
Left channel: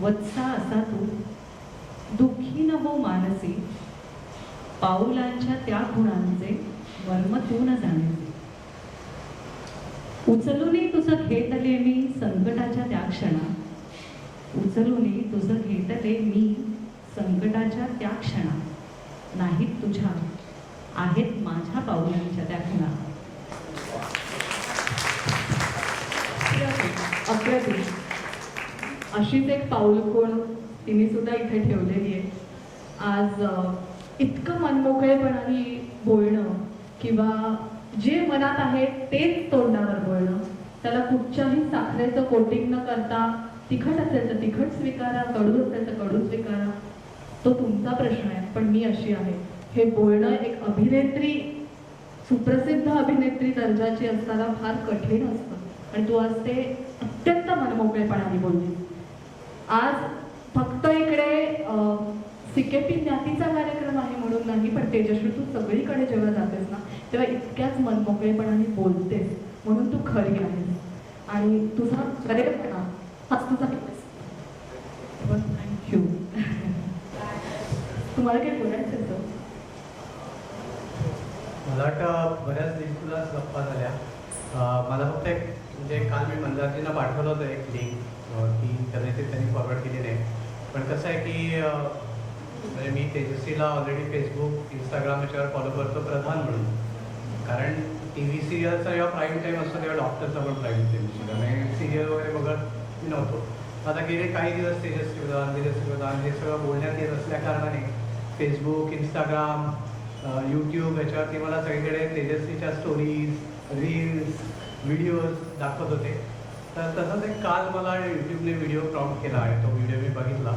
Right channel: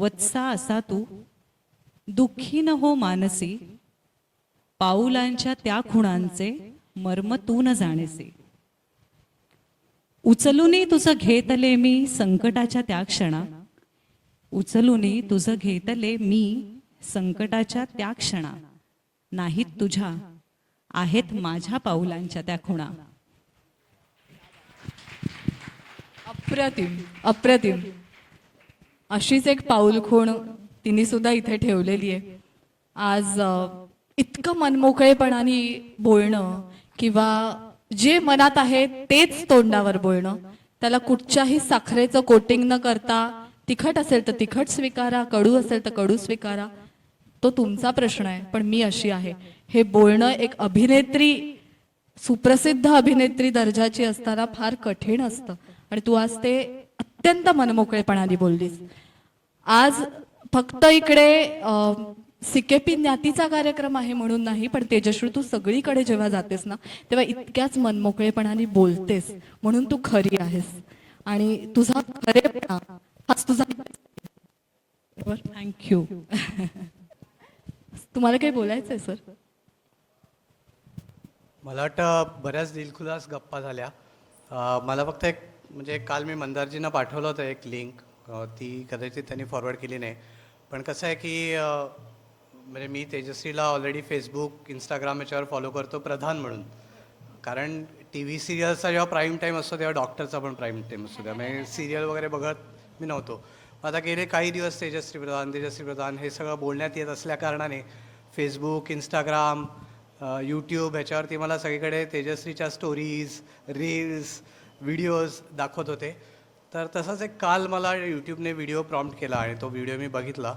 वत्सा असा तू, दुःखी न हो मानसी. पाऊलांच्या त्या खुणांचे मर्म तू न जाणसी. उचलूनी तुझं घेतले मी संकटाच्या त्या क्षणा. उचलूनी तुझं घेतले मी संकटाच्या त्या क्षणा. नाहीत तुझ्या, आहेत माझ्या पाऊलांच्या त्या खुणा. अप्रतिम. अशीच एक पाऊल खूण तिने सुद्धा इथे ठेवलेली आहे. आज इतकं मनमोकळेपणाने बोलणं किंवा जे मनात आहे तेच तोंडावर बोलणं, त्याला कुठच्याही साखरेचं कोटिंग न करता, तिखट असेल तर तिखट स्वीकारा, कडू असेल तर कडू स्वीकारा, तो तुमचा प्रश्न आहे, पण मी अशी आहे. हे बोलणं एक अभिनेत्री, सुप्रसिद्ध अभिनेत्री दर्जाची असताना फार कठीण असतं आणि तू आज ते अत्यंत मनमोकळेपणाने बोललीस. आज फक्त इकडे सिकेपी ज्ञातीचा कार्यक्रम आहे म्हणून नाही, पण तेजश्री तू सगळीकडे जेव्हा जातेस ना तेव्हा इतक्याच मनमोकळेपणाने बोलतेस, म्हणून तू खरी आहेस आणि तुझा खरेपणा हाच तुझा. थँक्यू. तुम्हाला काही बोलायचं आहे सर? मला वाटतं बऱ्याच दिलखुलास गप्पा झाल्या. मला फक्त एक म्हणजे काल मी मंदारजींना पाठवलं होतं एक लिंक, ती कदाचित त्यांनी फॉरवर्ड केली नाही. पण कसं आहे की म्हणजे मी तेजश्रीला ऑलरेडी फेसबुक, इंस्टाग्राम याच्यावर फॉलो करतो प्रधान म्हणून. कारण टी व्ही सिरियलचा जेव्हा प्राईम टाईम असतो तेव्हा डॉक्टरचा पण प्राईम टाईम असतो, त्यामुळे सिरियल वगैरे बघत मी नव्हतो. आता गेले काही दिवस तेजश्री प्रधान हे सगळं बोलण्यात येत असल्या कारणाने फेसबुक, इंस्टाग्राम, यूट्यूब ह्याच्यावरती मला सगळीकडे तेजश्रीच्या स्टोरीज, रील्स, व्हिडिओज दाखवत होते. तर तसंच एक काल मला यूट्यूबने व्हिडिओ प्रॉम्प्ट केला आणि तो व्हिडिओ मी बघितला.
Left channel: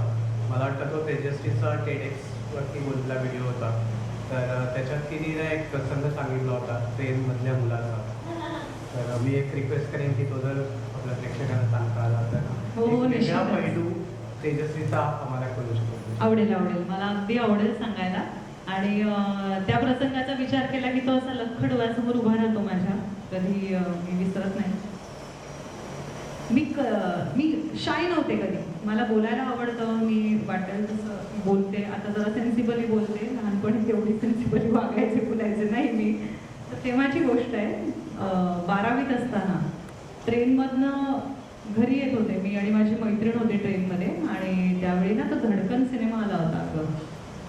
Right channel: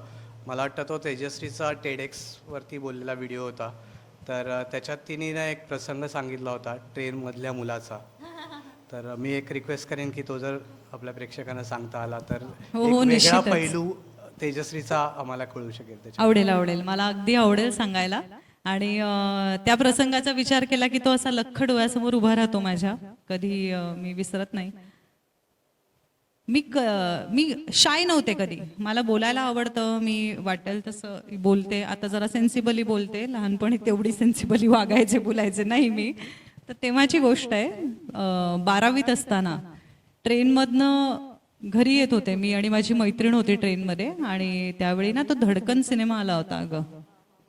मला वाटतं तो तेजश्रीचा TEDxवरती बोललेला व्हिडिओ होता. तर त्याच्यात तिने एक प्रसंग सांगितला होता ट्रेनमधल्या मुलाचा. तर मी एक रिक्वेस्ट करेन की तो जर आपल्या प्रेक्षकांना सांगता आला तर हो, वेगळा निश्चितच. पैलू तेजश्रीचा आम्हाला कळू शकतो. आवडेल. मला अगदी आवडेल सांगायला. आणि त्या प्रसंगाचा विचार केला की तो असा लख्ख डोळ्यासमोर उभा राहतो माझ्या, कधी मी विसरत नाही. मी शाय नव्हते कधी, मला बोलायला आवडतं, मी वाटेल तसं बोलते. आता जरा सेन्सिबली बोलते, लहानपणी तेवढी सेन्सिबली वागायचे बोलायचे नाही मी. तर तेव्हाची गोष्ट आहे. 12वीत असताना ट्रेनमधनं घरी येत होते मी आणि माझी मैत्रीण होती ट्रेनमध्ये. आणि त्यावेळी ना तो धडकन सिनेमा आला होता अगं.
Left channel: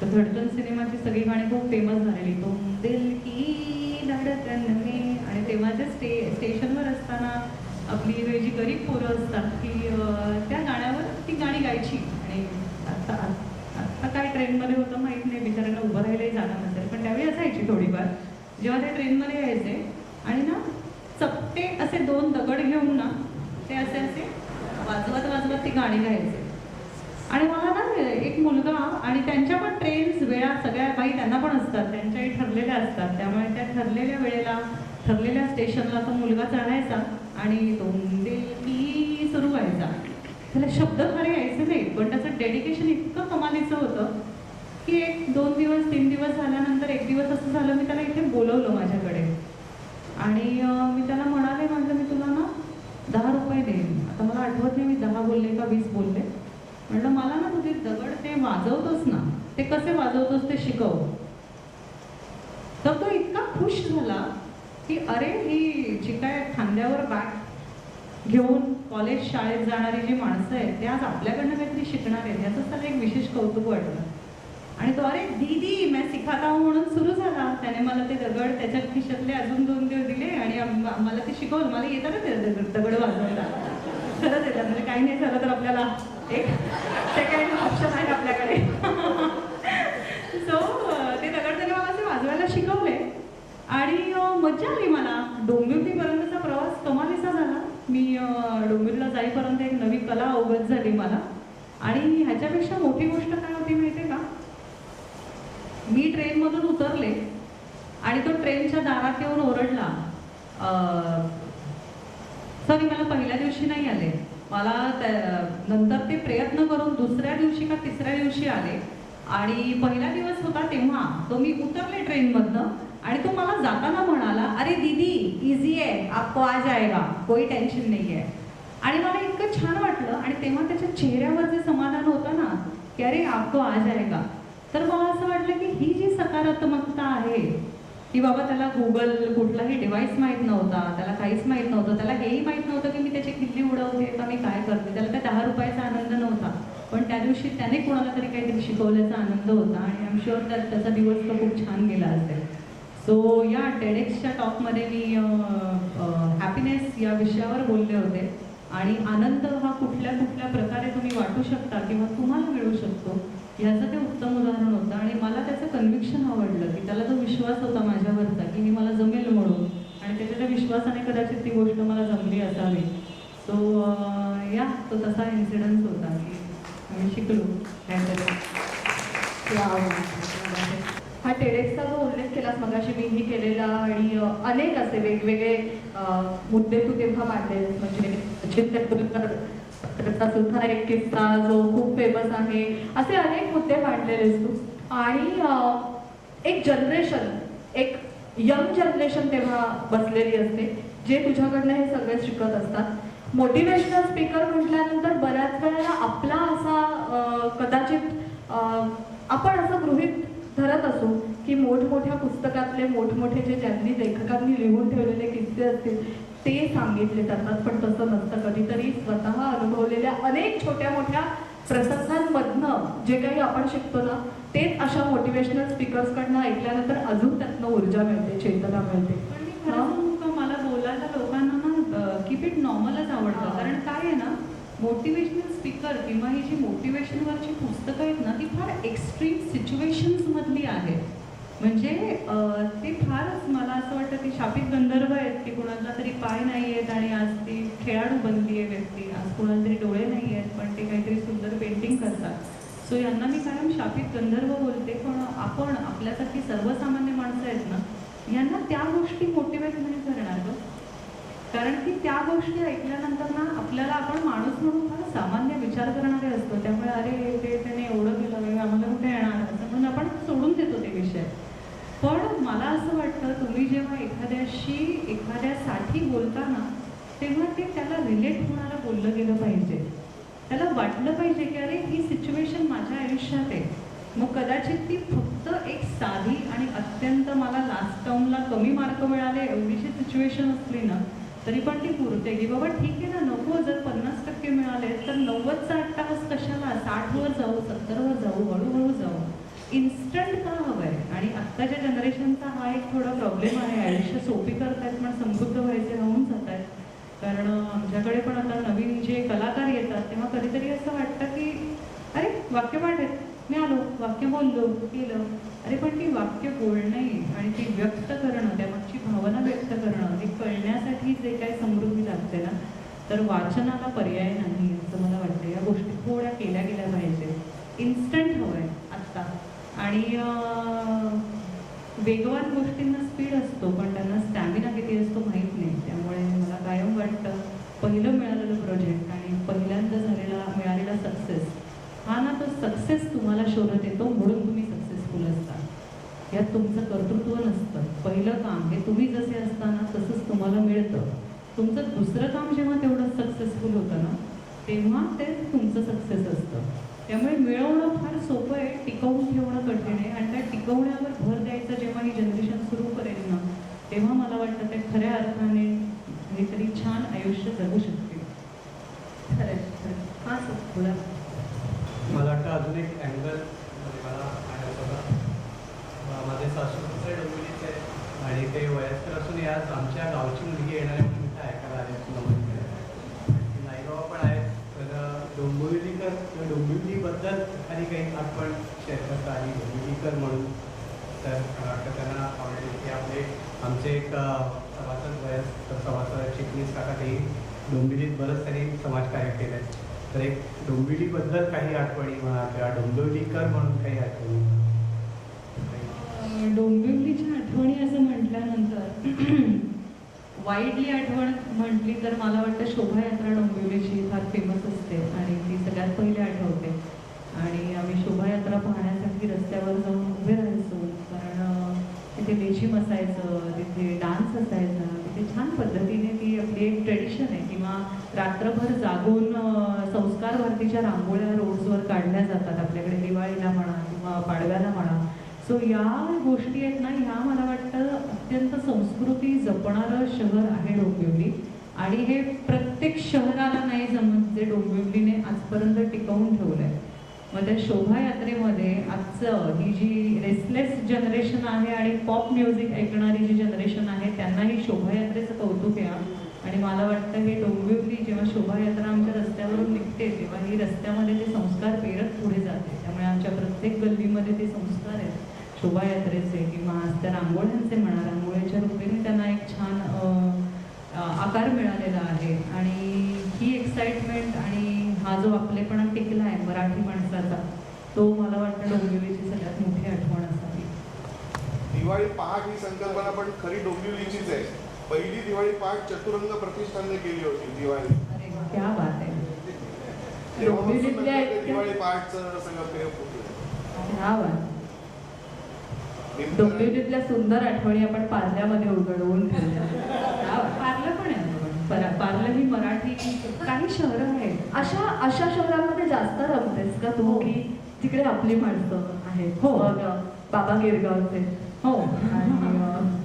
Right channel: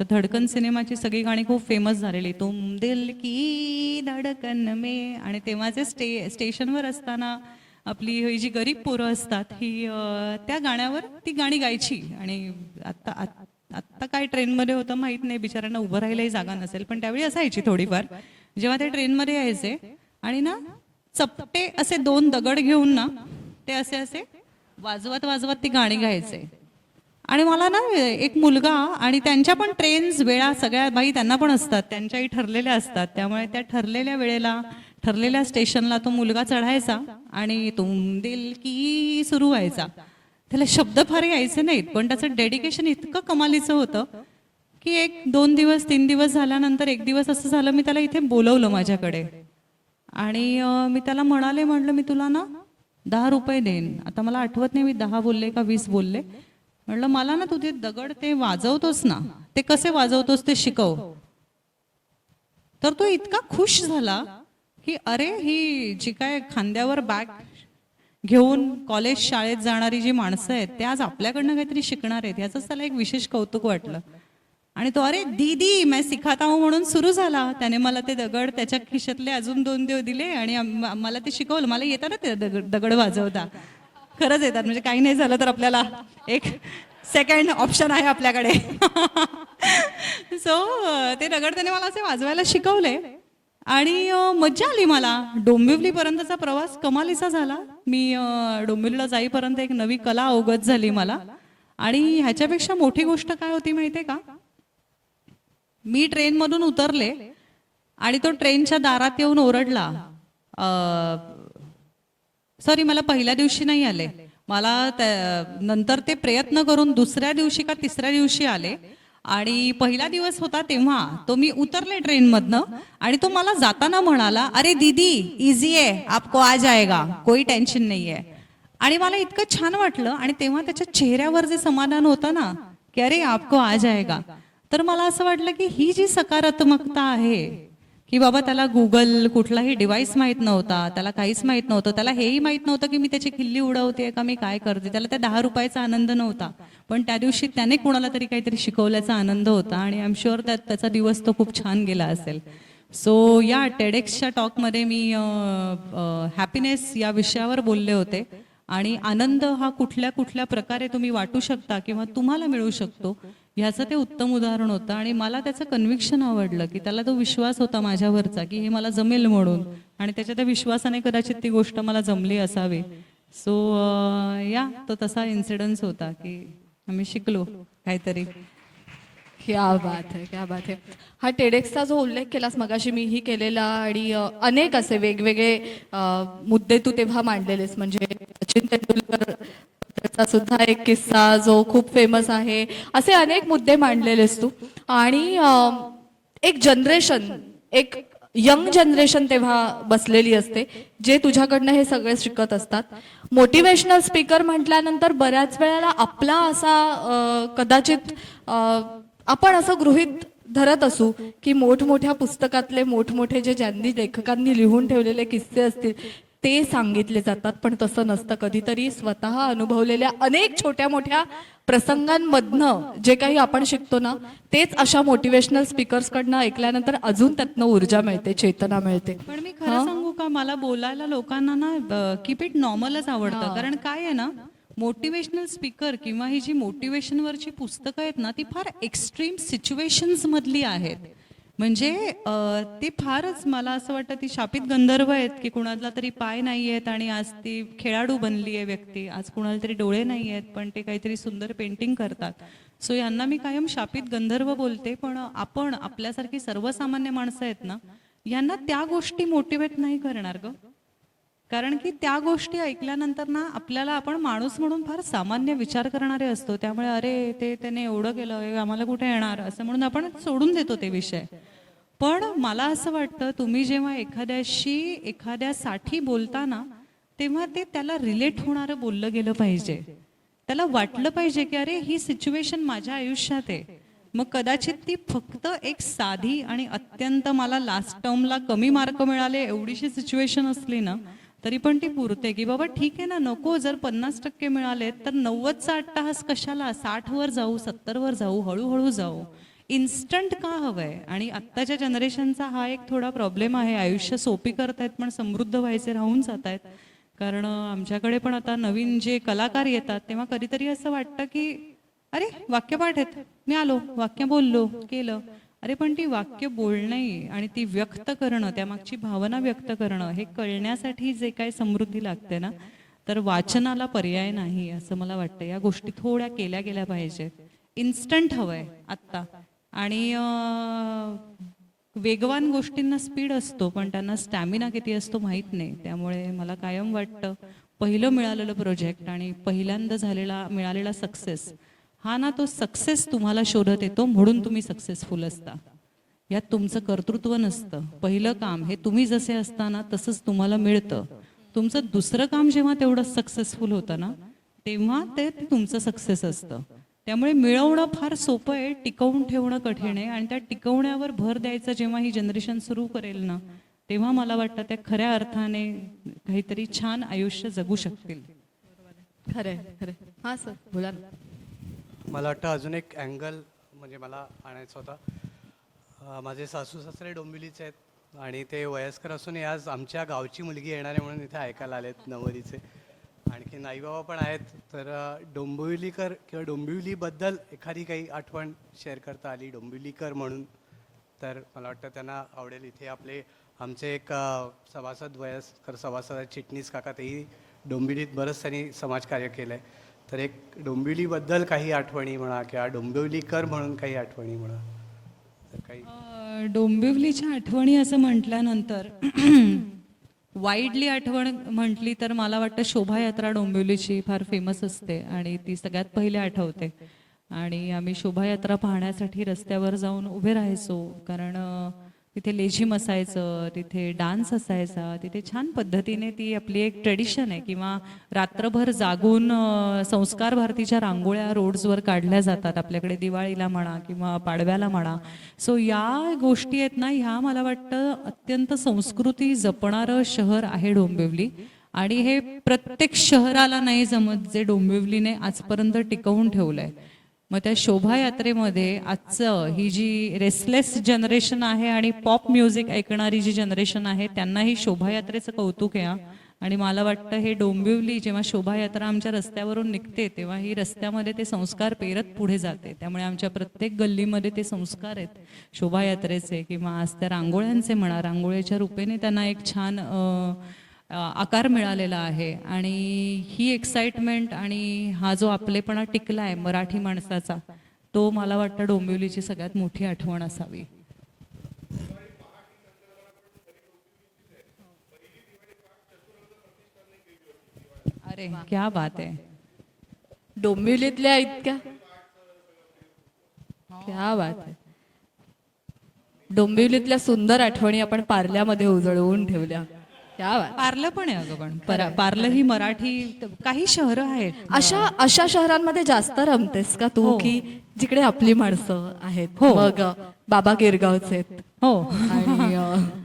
तर धडकन सिनेमाची सगळी गाणी खूप फेमस झालेली, तुम दिल की धडकन में. आणि तेव्हाचे स्टेशनवर असताना आपली ही जी गरीब पोरं असतात ही त्या गाण्यावर ती गाणी गायची. आणि आत्ता काय ट्रेनमध्ये होतं माहीत नाही, बिचाऱ्यांना उभं राहायलाही जागा नसेल, पण त्यावेळी असायची थोडीफार. जेव्हा ते ट्रेनमध्ये यायचे आणि ना चपटे असे 2 दगड घेऊन ना ते असे वाजवत ती गाणी गायचे. आणि मला ना एक मुलगा, आणि त्यांच्या पण ट्रेन्स वेळा सगळ्या बाई त्यांना पण असतात, त्यांच्याही ठरलेल्या असतात, त्यामुळे त्या ठरलेल्या वेळेला ठरलेल्या स्टेशनला तो मुलगा चढायचा आणि तुम दिल की सुरू व्हायचा. त्याला शब्द फार यायचे नाहीत, पण त्याचं डेडिकेशन इतकं कमालीचं होतं की 1-2 दिवस 3 दिवस झाल्यानंतर एक दिवस असं झालं, मी त्याला इथे बोलवलं माझ्याकडे आणि मी त्याला म्हटलं मी तुला ना 10 रुपये देईन. आता मला आठवत नाही मी 10 बोलले का 20 बोलले. म्हटलं मला ना तू ते दगड ते वाजवतोस ना, ते कसे वाजवतोस ते शिकव. तर तो इतका खुश झाला की अरे ही जी काय खांद्यावर बॅग घेऊन कॉलेज शाळेत जाणारी जी माणसं आहेत ते आज आपल्याकडनं काहीतरी शिकणार आहेत, याचंच त्याला एक विशेष कौतुक वाटलं. आणि तो अरे दीदी मैं सिखाता हूँ म्हणून सुरू झाला. त्याने मला ते दगड त्याच्या खिशातले अजून 2 दिले आणि मला ते शिकवलं. मला येतात ना ते दगड वाजवता, खरंच येतात, म्हणजे काही नाही झालं तर आपल्याला एक सेकंड ऑप्शन आहे आपल्याकडे. सो ते दगड त्याने मला असे वाजवायला शिकवले आणि मज्जा आली मला. डोंबिवलीपर्यंतचा प्रवास कमालीचा झाला. मी डोंबिवलीला जाईपर्यंत एक नवी कला अवगत झाली मला. आणि ह्याच्यापेक्षा मोठी गोष्ट काय होती माहिती आहे का, मी ट्रेनमधून उतरले आणि तो ट्रेनच्या दारात येऊन ओरडला. सॉरी, मला पहिल्या दिवशी नाही आले, मला नंतर ते प्रयत्न करून दुसऱ्या दिवशी का तिसऱ्या दिवशी आले. आणि पहिला दिवस होता तेव्हा तो मी उतरले ट्रेनमधनं आणि तो मला जाताना म्हणाला, अरे दीदी इझी आहे, आपको आ जाएगा, कोई टेन्शन नाही आहे. आणि मला इतकं छान वाटलं. आणि तेव्हा त्याच्या चेहऱ्यावर जे समाधान होतं ना की अरे आपको आ जाएगा, तर मला असं वाटलं की ही जी सकारात्मकता आहे की बाबा त्याला गुगल कुठलाही डिव्हाइस माहीत नव्हता, त्याला काहीच माहीत नव्हतं, त्याला हेही माहीत नव्हतं की मी त्याची किल्ली उडवते का मी काय करते, त्याला त्या 10 रुपयाचा आनंद नव्हता, पण त्या दिवशी त्याने कोणाला तरी काहीतरी शिकवल्याचा आनंद होता. आणि आय एम शुअर त्याचा दिवस तो खूप छान गेला असेल. सो या टेडेक्सच्या टॉकमध्ये मी हॅपीनेस या विषयावर बोलले होते. आणि आनंद हा कुठल्या कुठल्या प्रकारे तुम्ही वाटू शकता किंवा तुम्हाला मिळू शकतो ह्याचं ते उत्तम उदाहरण होतं. आणि मला त्याचं कन्व्हिक्शन आवडलं की त्याला तो विश्वास होता माझ्यावरचा की हे मला जमेल म्हणून, आणि त्याच्या त्या विश्वासाने कदाचित ती गोष्ट मला जमली असावी. सो या तो तसा इन्सिडन्स होता की आम्ही शिकलो काहीतरी. क्या बात आहे, क्या बात आहे. हा टेडेक्सचा जो उल्लेख केलास मगाशी मीही केलेला, आणि अनेक असे वेगवेगळे मुद्दे तू तेव्हा मांडलेलेस. म्हणजे सचिन तेंडुलकरचा सुद्धा एक किस्सा जो खूप फेमस आहे, असे अनेक मुद्दे मांडलेलेस तू. आणि एक जनरेशन, एक यंग जनरेशन तेव्हा बसलेली असते जे तुझ्याकडनं हे सगळे शिकत असतात. मोटिवेशनल स्पीकर म्हटल्यानंतर बऱ्याच वेळेला आपला असा कदाचित आपण असं गृहीत धरत असू की मोठमोठ्या पुस्तकातले मोठमोठे जे ज्यांनी लेखकांनी लिहून ठेवलेले किस्से असतील ते सांगितले जातात, पण तसं नसतं. कधीतरी स्वतः अनुभवलेल्या अनेक छोट्या मोठ्या प्रसंगांमधनं जे काही आपण शिकतो ना, तेच अशा मोटिवेशनल स्पीकर्सकडनं ऐकल्यानंतर अजून त्यातनं ऊर्जा मिळते, चेतना मिळते. पण मी खरं सांगू का, मला बोलायला लोकांना ना कीप इट नॉर्मलच आवडतं. कारण काय आहे ना, मोटिवेशनल स्पीकर किंवा ही जी मोटिवेशनवरची पुस्तकं आहेत ना, ती फार एक्स्ट्रीम सिच्युएशन्समधली आहेत. म्हणजे ते फारच मला असं वाटतं ती शापित गंधर्व आहेत की कुणाला तरी पाय नाही आहेत आणि आज ती खेळाडू बनली आहे व्यक्ती, आज कुणाला तरी डोळे नाही आहेत पण ते काहीतरी सुंदर पेंटिंग करतात. सो यांना मी कायम शापित गंधर्व बोलते. पण आपण आपल्यासारखी सर्वसामान्य माणसं आहेत ना, यांना त्या गोष्टी मोटिवेट नाही करणार गं. कारण की त्या गोष्टी ऐकल्यानंतर ना आपल्याला, आपण माणूस म्हणून फार सामान्य विचार करणारे असतो, त्यामुळे अरे त्याने एवढं केलं, हे आम्हाला कुठे येणार असं म्हणून आपण सोडून देतो ते विषय. पण मला असं वाटतं तुम्ही जेव्हा एखाद्यासाठी बोलता ना, तेव्हा ते त्याला रिलेट होणारं बोललं गेलं पाहिजे. त्याला वाटलं पाहिजे की अरे ही सिच्युएशन माझ्या आयुष्यात आहे. मग कदाचित ती फक्त एक साधी आणि अत्यंत मला लास्ट टर्मला कमी मार्क मिळाले एवढीशी सिच्युएशन असली ना तरी पण ती पुरते की बाबा ठीक आहे ना, नको जर 50% मिळाले तर 90चा अट्टाहास कशाला, 60वर जाऊ, 70वर जाऊ, हळूहळू जाऊ. इन्स्टंट का हवं आहे? आणि आत्ताच्या जनरेशनचा हा एक थोडा प्रॉब्लेम आहे. आयुष्य सोपी करतायत पण समृद्ध व्हायचे राहून जात आहेत. कारण आमच्याकडे पण आता नवीन जे कलाकार येतात तेव्हा कधीतरी असं वाटतं की अरे वाक्यपाठ आहेत, मी आलो, वाक्य बोललो, केलं. अरे पण ती वाक्य बोलणे आणि ती व्यक्त करणं, त्यामागची भावना व्यक्त करणं, हे कळण्यासाठी जे काही समृद्धी लागते ना, तर वाचनाला पर्याय नाही असं मला वाटतं. या गोष्टी थोड्या केल्या गेल्या पाहिजेत. इन्स्टंट हवं आहे आत्ता. आणि वेगवान गोष्टींना स्पीड असतो, पण त्यांना स्टॅमिना किती असतो माहीत नाही. त्यामुळे मला कायम वाटतं पहिलं मिळालेलं प्रोजेक्ट आणि पहिल्यांदा मिळालेला सक्सेस हा ना, तो सक्सेस तुम्हाला शोधत येतो म्हणून तुम्ही सक्सेसफुल असता. यात तुमचं कर्तृत्व नसतं. पहिलं काम हे तुम्ही जसे असताना तसंच तुम्हाला मिळतं. तुमचं दुसरं काम जेव्हा तेवढं सक्सेसफुल होतं ना, तेव्हा ते तुमचं सक्सेस असतं. त्यामुळे मिळवणं फार सोपं आहे, टिकवून ठेवणं कठीण आहे. आणि त्या टिकवण्यावर भर द्यायचं जेव्हा ही जनरेशन सुरू करेल ना, तेव्हा मला वाटतं त्या खऱ्या अर्थाने काहीतरी छान आयुष्य जगू शकतील. खरं आहे, खरं आहे. हां सर बोला. मला वाटतं अजून एक अँगल मला माहिती होता. माझे सासू सासरे डोंबिवलीचे आहेत आणि ते वयस्कर असून आज आमच्या गावची मुलगी येणार आहे म्हणून तिथे ऐकायला आले डोंबिवलीचे. आणि ती नाईगाव पण आहेत. तर डोंबिवलीबद्दल एखादी काही आठवण शेअर करता आली डोंबिवलीकर म्हणून, तर मला वाटतं त्यांना आवडेल की आपले आमचे एक सभासद चिटणीस काका तेही डोंबिवलीत बरंच त्यांनी समाजकार्य केलं आहे. तर एक डोंबिवलीबद्दल काही आठवणी म्हणा किंवा डोंबिवलीकर म्हणून काही आठवणी म्हणा. डोंबिवलीच्या आठवणी असं म्हटल्यानंतर वाईडली आठवण म्हटली तर मला वाटतं शोभायात्रा डोंबिवलीची फार फेमस असते आणि ती सगळ्यात पहिले आठवते. आणि आम्ही शोभायात्रा पाहण्यासाठी रस्त्यावर जाऊन उभे राहायचो, कारण तिथे लेझिम असायचं, तिथे डान्स असायचा, तिथे छान पद्धतीने ती आपली एक ट्रेडिशन आहे. किंवा रात्रभर जागून संस्कार भारतीच्या रांगोळ्या रोड्सवर काढल्या जातात आपल्याकडे दिवाळीला म्हणा किंवा पाडव्याला म्हणा. सो या गोष्टी आहेत ना, ह्या मला वाटतं अत्यंत संस्कृती जपणारं शहर आहे डोंबिवली. आणि हे प्रत्येक शहराला नाही जमत जे डोंबिवलीने आजपर्यंत टिकवून ठेवलं आहे. मग त्या शोभायात्रेमध्ये आजचं ही जी रेसलेस जनरेशन आहे आणि पॉप म्युझिक ऐकणारी जी जनरेशन आहे त्यांनाही शोभायात्रेचं कौतुक आहे. आणि मला वाटतं हे डोंबिवली जेव्हा शोभायात्रा आमच्या रस्त्यावरून निघते तेव्हा ही रस्त्यामध्ये ते संस्कार पेरत पुढे जाते. त्यामुळे आमच्या प्रत्येक गल्लीमध्ये ते संस्कार आहेत शोभायात्रेचे किंवा आज त्या रांगोळ्यांचे म्हणा, रांगोळीच्या रूपेने त्यांना एक छान आकार मिळालेला आहे. आणि ही एक्साइटमेंट आणि हा जो आपलेपणा टिकला आहे मराठी माणसाचा, तो मला वाटतं डोंबिवलीची सगळ्यात मोठी आठवण असावी. दिवाळी पहाट ही संकल्पना पण खरी डोंबिवलीचीच आहे. पहिली दिवाळी पहाट चतुरंग प्रतिष्ठानने केली होती दिवाळी. अरे क्या बात आहे. डोंबिवलीतल्या इतक्या दिवाळी पहाटचं सगळं पेय फुटलं. ह्या बात. डोंबिवलीतल्या सुंदर आठवणी आपण पार्ल्यामध्ये उजळवून ठेवल्या. क्या बात. पार्लं पण आहे अजून. पार्लं ही मराठी काही शहरं आहेत. अशा शहरांमध्ये जास्त रमतेस का तू, हो. की जिकडे आपली माणसं आहेत? हो. मग बाबा गिरगावचे आहेत. हो. आणि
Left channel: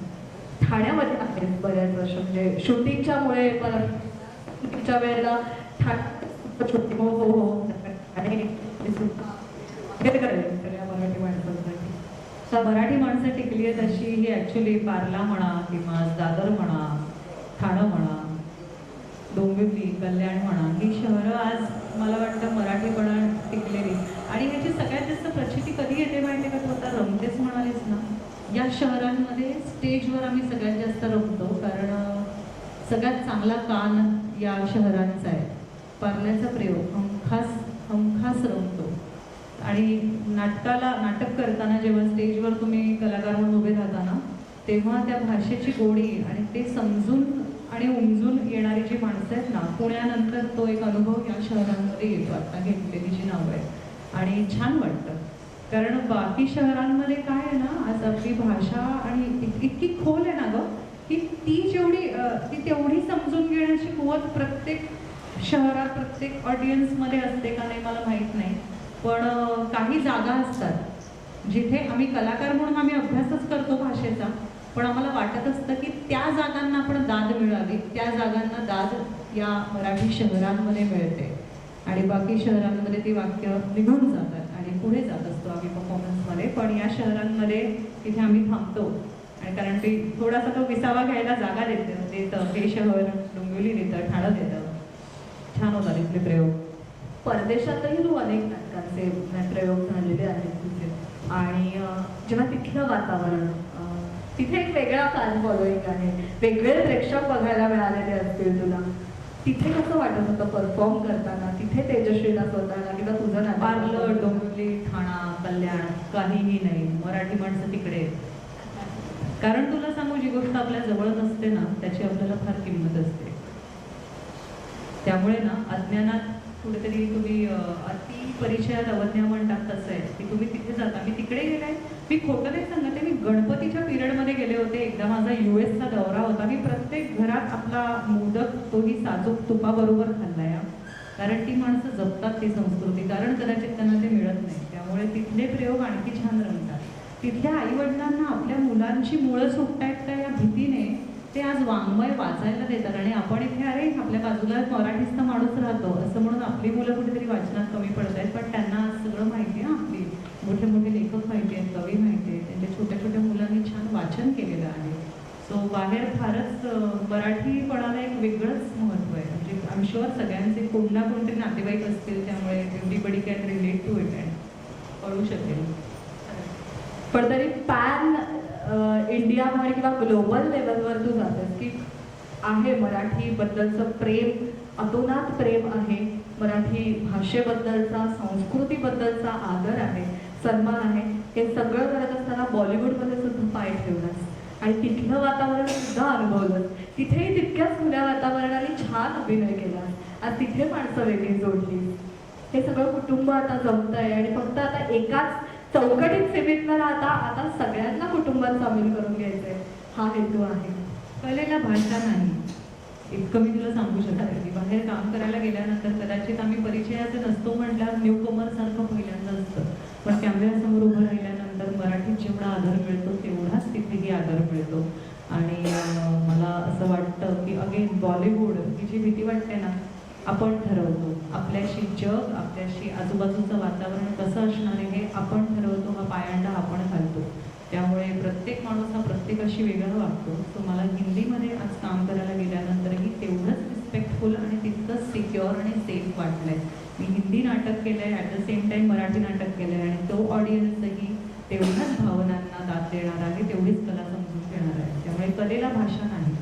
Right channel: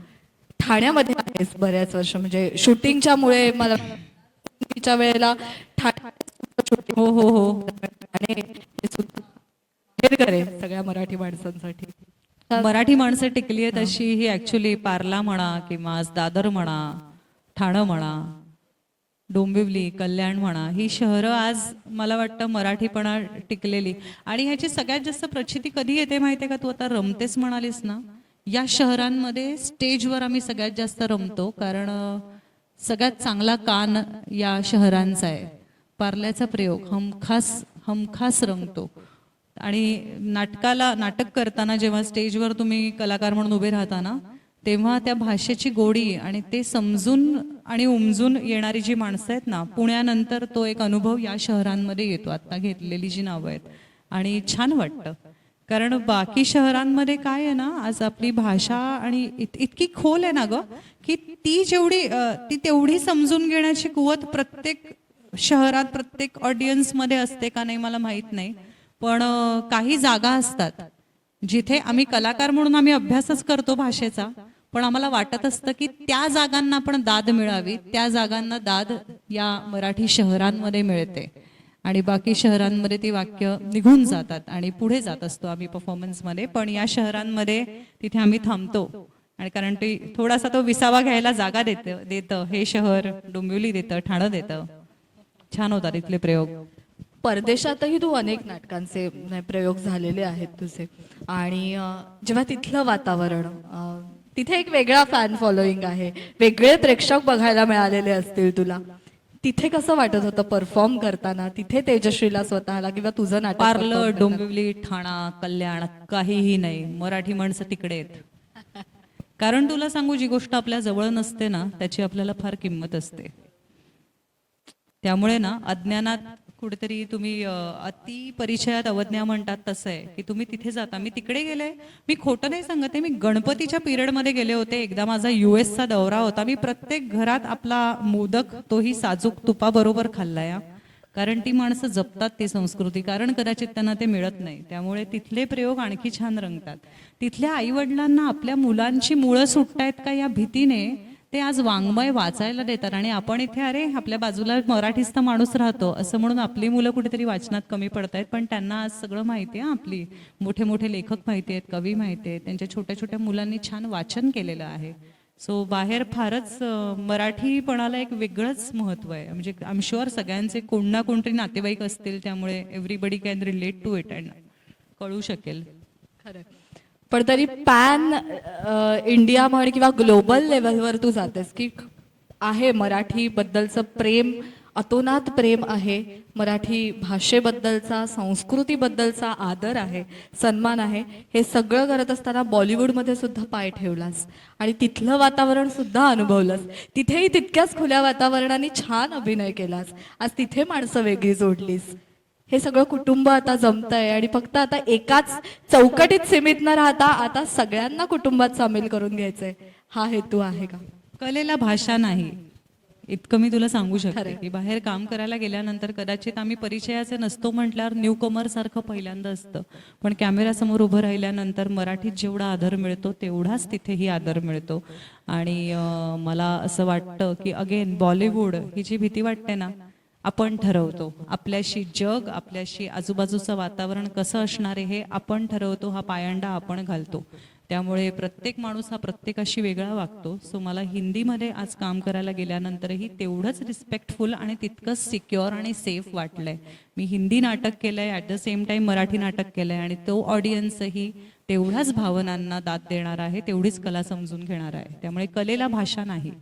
ठाण्यामध्ये आहेस बऱ्याच वर्ष, म्हणजे शूटिंगच्या मुळे मला शूटिंगच्या वेळेला शूटिंग हो हो हो आणि हे करे सगळ्या मराठी माणसांसाठी. मराठी माणसं टिकली आहेत अशी ही ॲक्च्युली पार्ला म्हणा किंवा दादर म्हणा, ठाणं म्हणा, डोंबिवली, कल्याण म्हणा, ही शहरं आज मला वाटतं मराठीपणा टिकलेली. आणि ह्याची सगळ्यात जास्त प्रचिती कधी येते माहिती आहे का? तू आता रमतेच म्हणालीस ना, या शहरांमध्ये स्टेजवर आम्ही सगळ्यात जास्त रमतो, कारण सगळ्यात चांगला कान या शहरांचा आहे. पार्ल्याचा प्रयोग हमखास रमतो. आणि नाटक करताना जेव्हा स्टेजवर तुम्ही कलाकार म्हणून उभे राहता ना, तेव्हा त्या भाषेची गोडी आणि ते समजून आणि उमजून येणारी जी माणसं आहेत ना, पुण्यानंतर तो एक अनुभव या शहरांमध्ये येतो. आत्ता घेतलेली जी नावं आहेत आणि छान वाटतं. कारण बाकी शहरांमध्ये काय आहे ना, आज आपली भाषा आणि इतकी खोल आहे ना गं, की ती तेवढी समजून घेण्याची कुवत प्रत्येक शहरात प्रत्येक ऑडियन्समध्ये असते का नाही मला माहीत नाही. पण काही जागा असतात जिथे आम्ही कलाकार म्हणून आम्ही अभ्यासच करतो भाषेचा, पण आम्हाला वाटत असतं की त्या जागांना पण दाद मिळावी. त्या जागांना दाद या मराठी शहरांमध्ये मिळते आणि बाकी शहरांमध्ये ती वाक्य निघून जातात आणि पुढे जात असतो आम्ही परफॉर्मन्समध्ये. पण या शहरांमध्ये तिथे आम्ही थांबतो. आणि कारण ती थोडासा तो विसावा घ्यायला जागा देतं हे शहर. डोंबिवली देतं, ठाणं देतं. छान होता तिथले प्रयोग. परदेशातही तू अनेक नाटकांचे प्रयोग झालेले आहेत तुझे. आणि जेव्हा तिथलं वातावरण, तिथे एक वेगळा फॅन फॉलोईंग आहे, वेगळे प्रेक्षक बघायला मिळालेले असतील तुला. तिथे कसं वाटत होतं परफॉर्म करताना, तिथे तेजश्रीला स्वतःला किंवा तुझं नाटक perform पार्लर, करताना? डोंबिवली, ठाणा, कल्याण काहीही नाही. मराठी माणसं तिकडे आहेत. कारण तुला सांगू, जी गोष्ट आपल्या जवळ नसते ना त्याची आपल्याला फार किंमत असते. त्यामुळे ना अज्ञानात कुठेतरी तुम्ही अति परिचयात अवज्ञा म्हणतात तसं आहे की तुम्ही तिथे जाता. मी तिकडे गेले, मी खोटं नाही सांगत आहे, मी गणपतीच्या पिरियडमध्ये गेले होते. एकदा माझा US चा दौरा होता. मी प्रत्येक घरात आपला मोदक तोही साजूक तुपाबरोबर खाल्ला या. कारण ती माणसं जपतात ती संस्कृती, कारण कदाचित त्यांना ते मिळत नाही. त्यामुळे तिथले प्रयोग आणखी छान रंगतात. तिथल्या आईवडिलांना आपल्या मुलांची मुळं सुटतायत का या भीतीने ते आज वाङ्मय वाचायला देतात. आणि आपण इथे अरे आपल्या बाजूला मराठीचा माणूस राहतो असं म्हणून आपली मुलं कुठेतरी वाचनात कमी पडत आहेत. पण त्यांना आज सगळं माहिती आहे. आपली मोठे मोठे लेखक माहिती आहेत, कवी माहिती आहेत, त्यांच्या छोट्या छोट्या मुलांनी छान वाचन केलेलं आहे. सो बाहेर फारच मराठीपणाला एक वेगळंच महत्त्व आहे. म्हणजे आय एम शुअर सगळ्यांचे कोण ना कोणतरी नातेवाईक असतील, त्यामुळे everybody can relate to it आणि कळू शकेल. पण तरी पॅन इंडिया म्हण किंवा ग्लोबल लेवलवर तू जातेस की आहे मराठीबद्दलचं प्रेम, अतोनात प्रेम आहे, मराठी भाषेबद्दलचा, संस्कृतीबद्दलचा आदर आहे, सन्मान आहे. हे सगळं करत असताना बॉलिवूडमध्ये सुद्धा पाय ठेवलास आणि तिथलं वातावरण सुद्धा अनुभवलंस. तिथेही तितक्याच खुल्या वातावरणाने छान अभिनय केलास. आज तिथे माणसं वेगळी जोडलीस. हे सगळं कुटुंब आता जमतंय आणि फक्त आता एकाच चौकटीत सीमित न राहता आता सगळ्यांना कुटुंबात सामील करून घ्यायचंय, हा हेतू आहे का? कलेला भाषा नाही, इतकं मी तुला सांगू शकते. खरंय. की बाहेर काम करायला गेल्यानंतर कदाचित आम्ही परिचयाचे नसतो म्हटल्यावर न्यू कमर सारखं पहिल्यांदा असतं. पण कॅमेऱ्यासमोर उभं राहिल्यानंतर मराठीत जेवढा आदर मिळतो तेवढाच तिथेही आदर मिळतो. आणि मला असं वाटतं की अगेन बॉलिवूड ही जी भीती वाटते ना, आपण ठरवतो. आपल्याशी जग, आपल्याशी आजूबाजूचं वातावरण कसं असणार आहे हे आपण ठरवतो. हा पायंडा आपण घालतो. त्यामुळे प्रत्येक माणूस हा प्रत्येकाशी वेगळा वागतो. सो मला हिंदीमध्ये आज काम करायला गेल्यानंतरही तेवढंच रिस्पेक्टफुल आणि तितकंच सिक्युअर आणि सेफ वाटलं आहे. मी हिंदी नाटक केलं आहे, at the same time Marathi नाटक केलं आहे आणि तो ऑडियन्सही तेवढ्याच भावनांना दाद देणार आहे, तेवढीच कला समजून घेणार आहे. त्यामुळे कलेला भाषा नाही.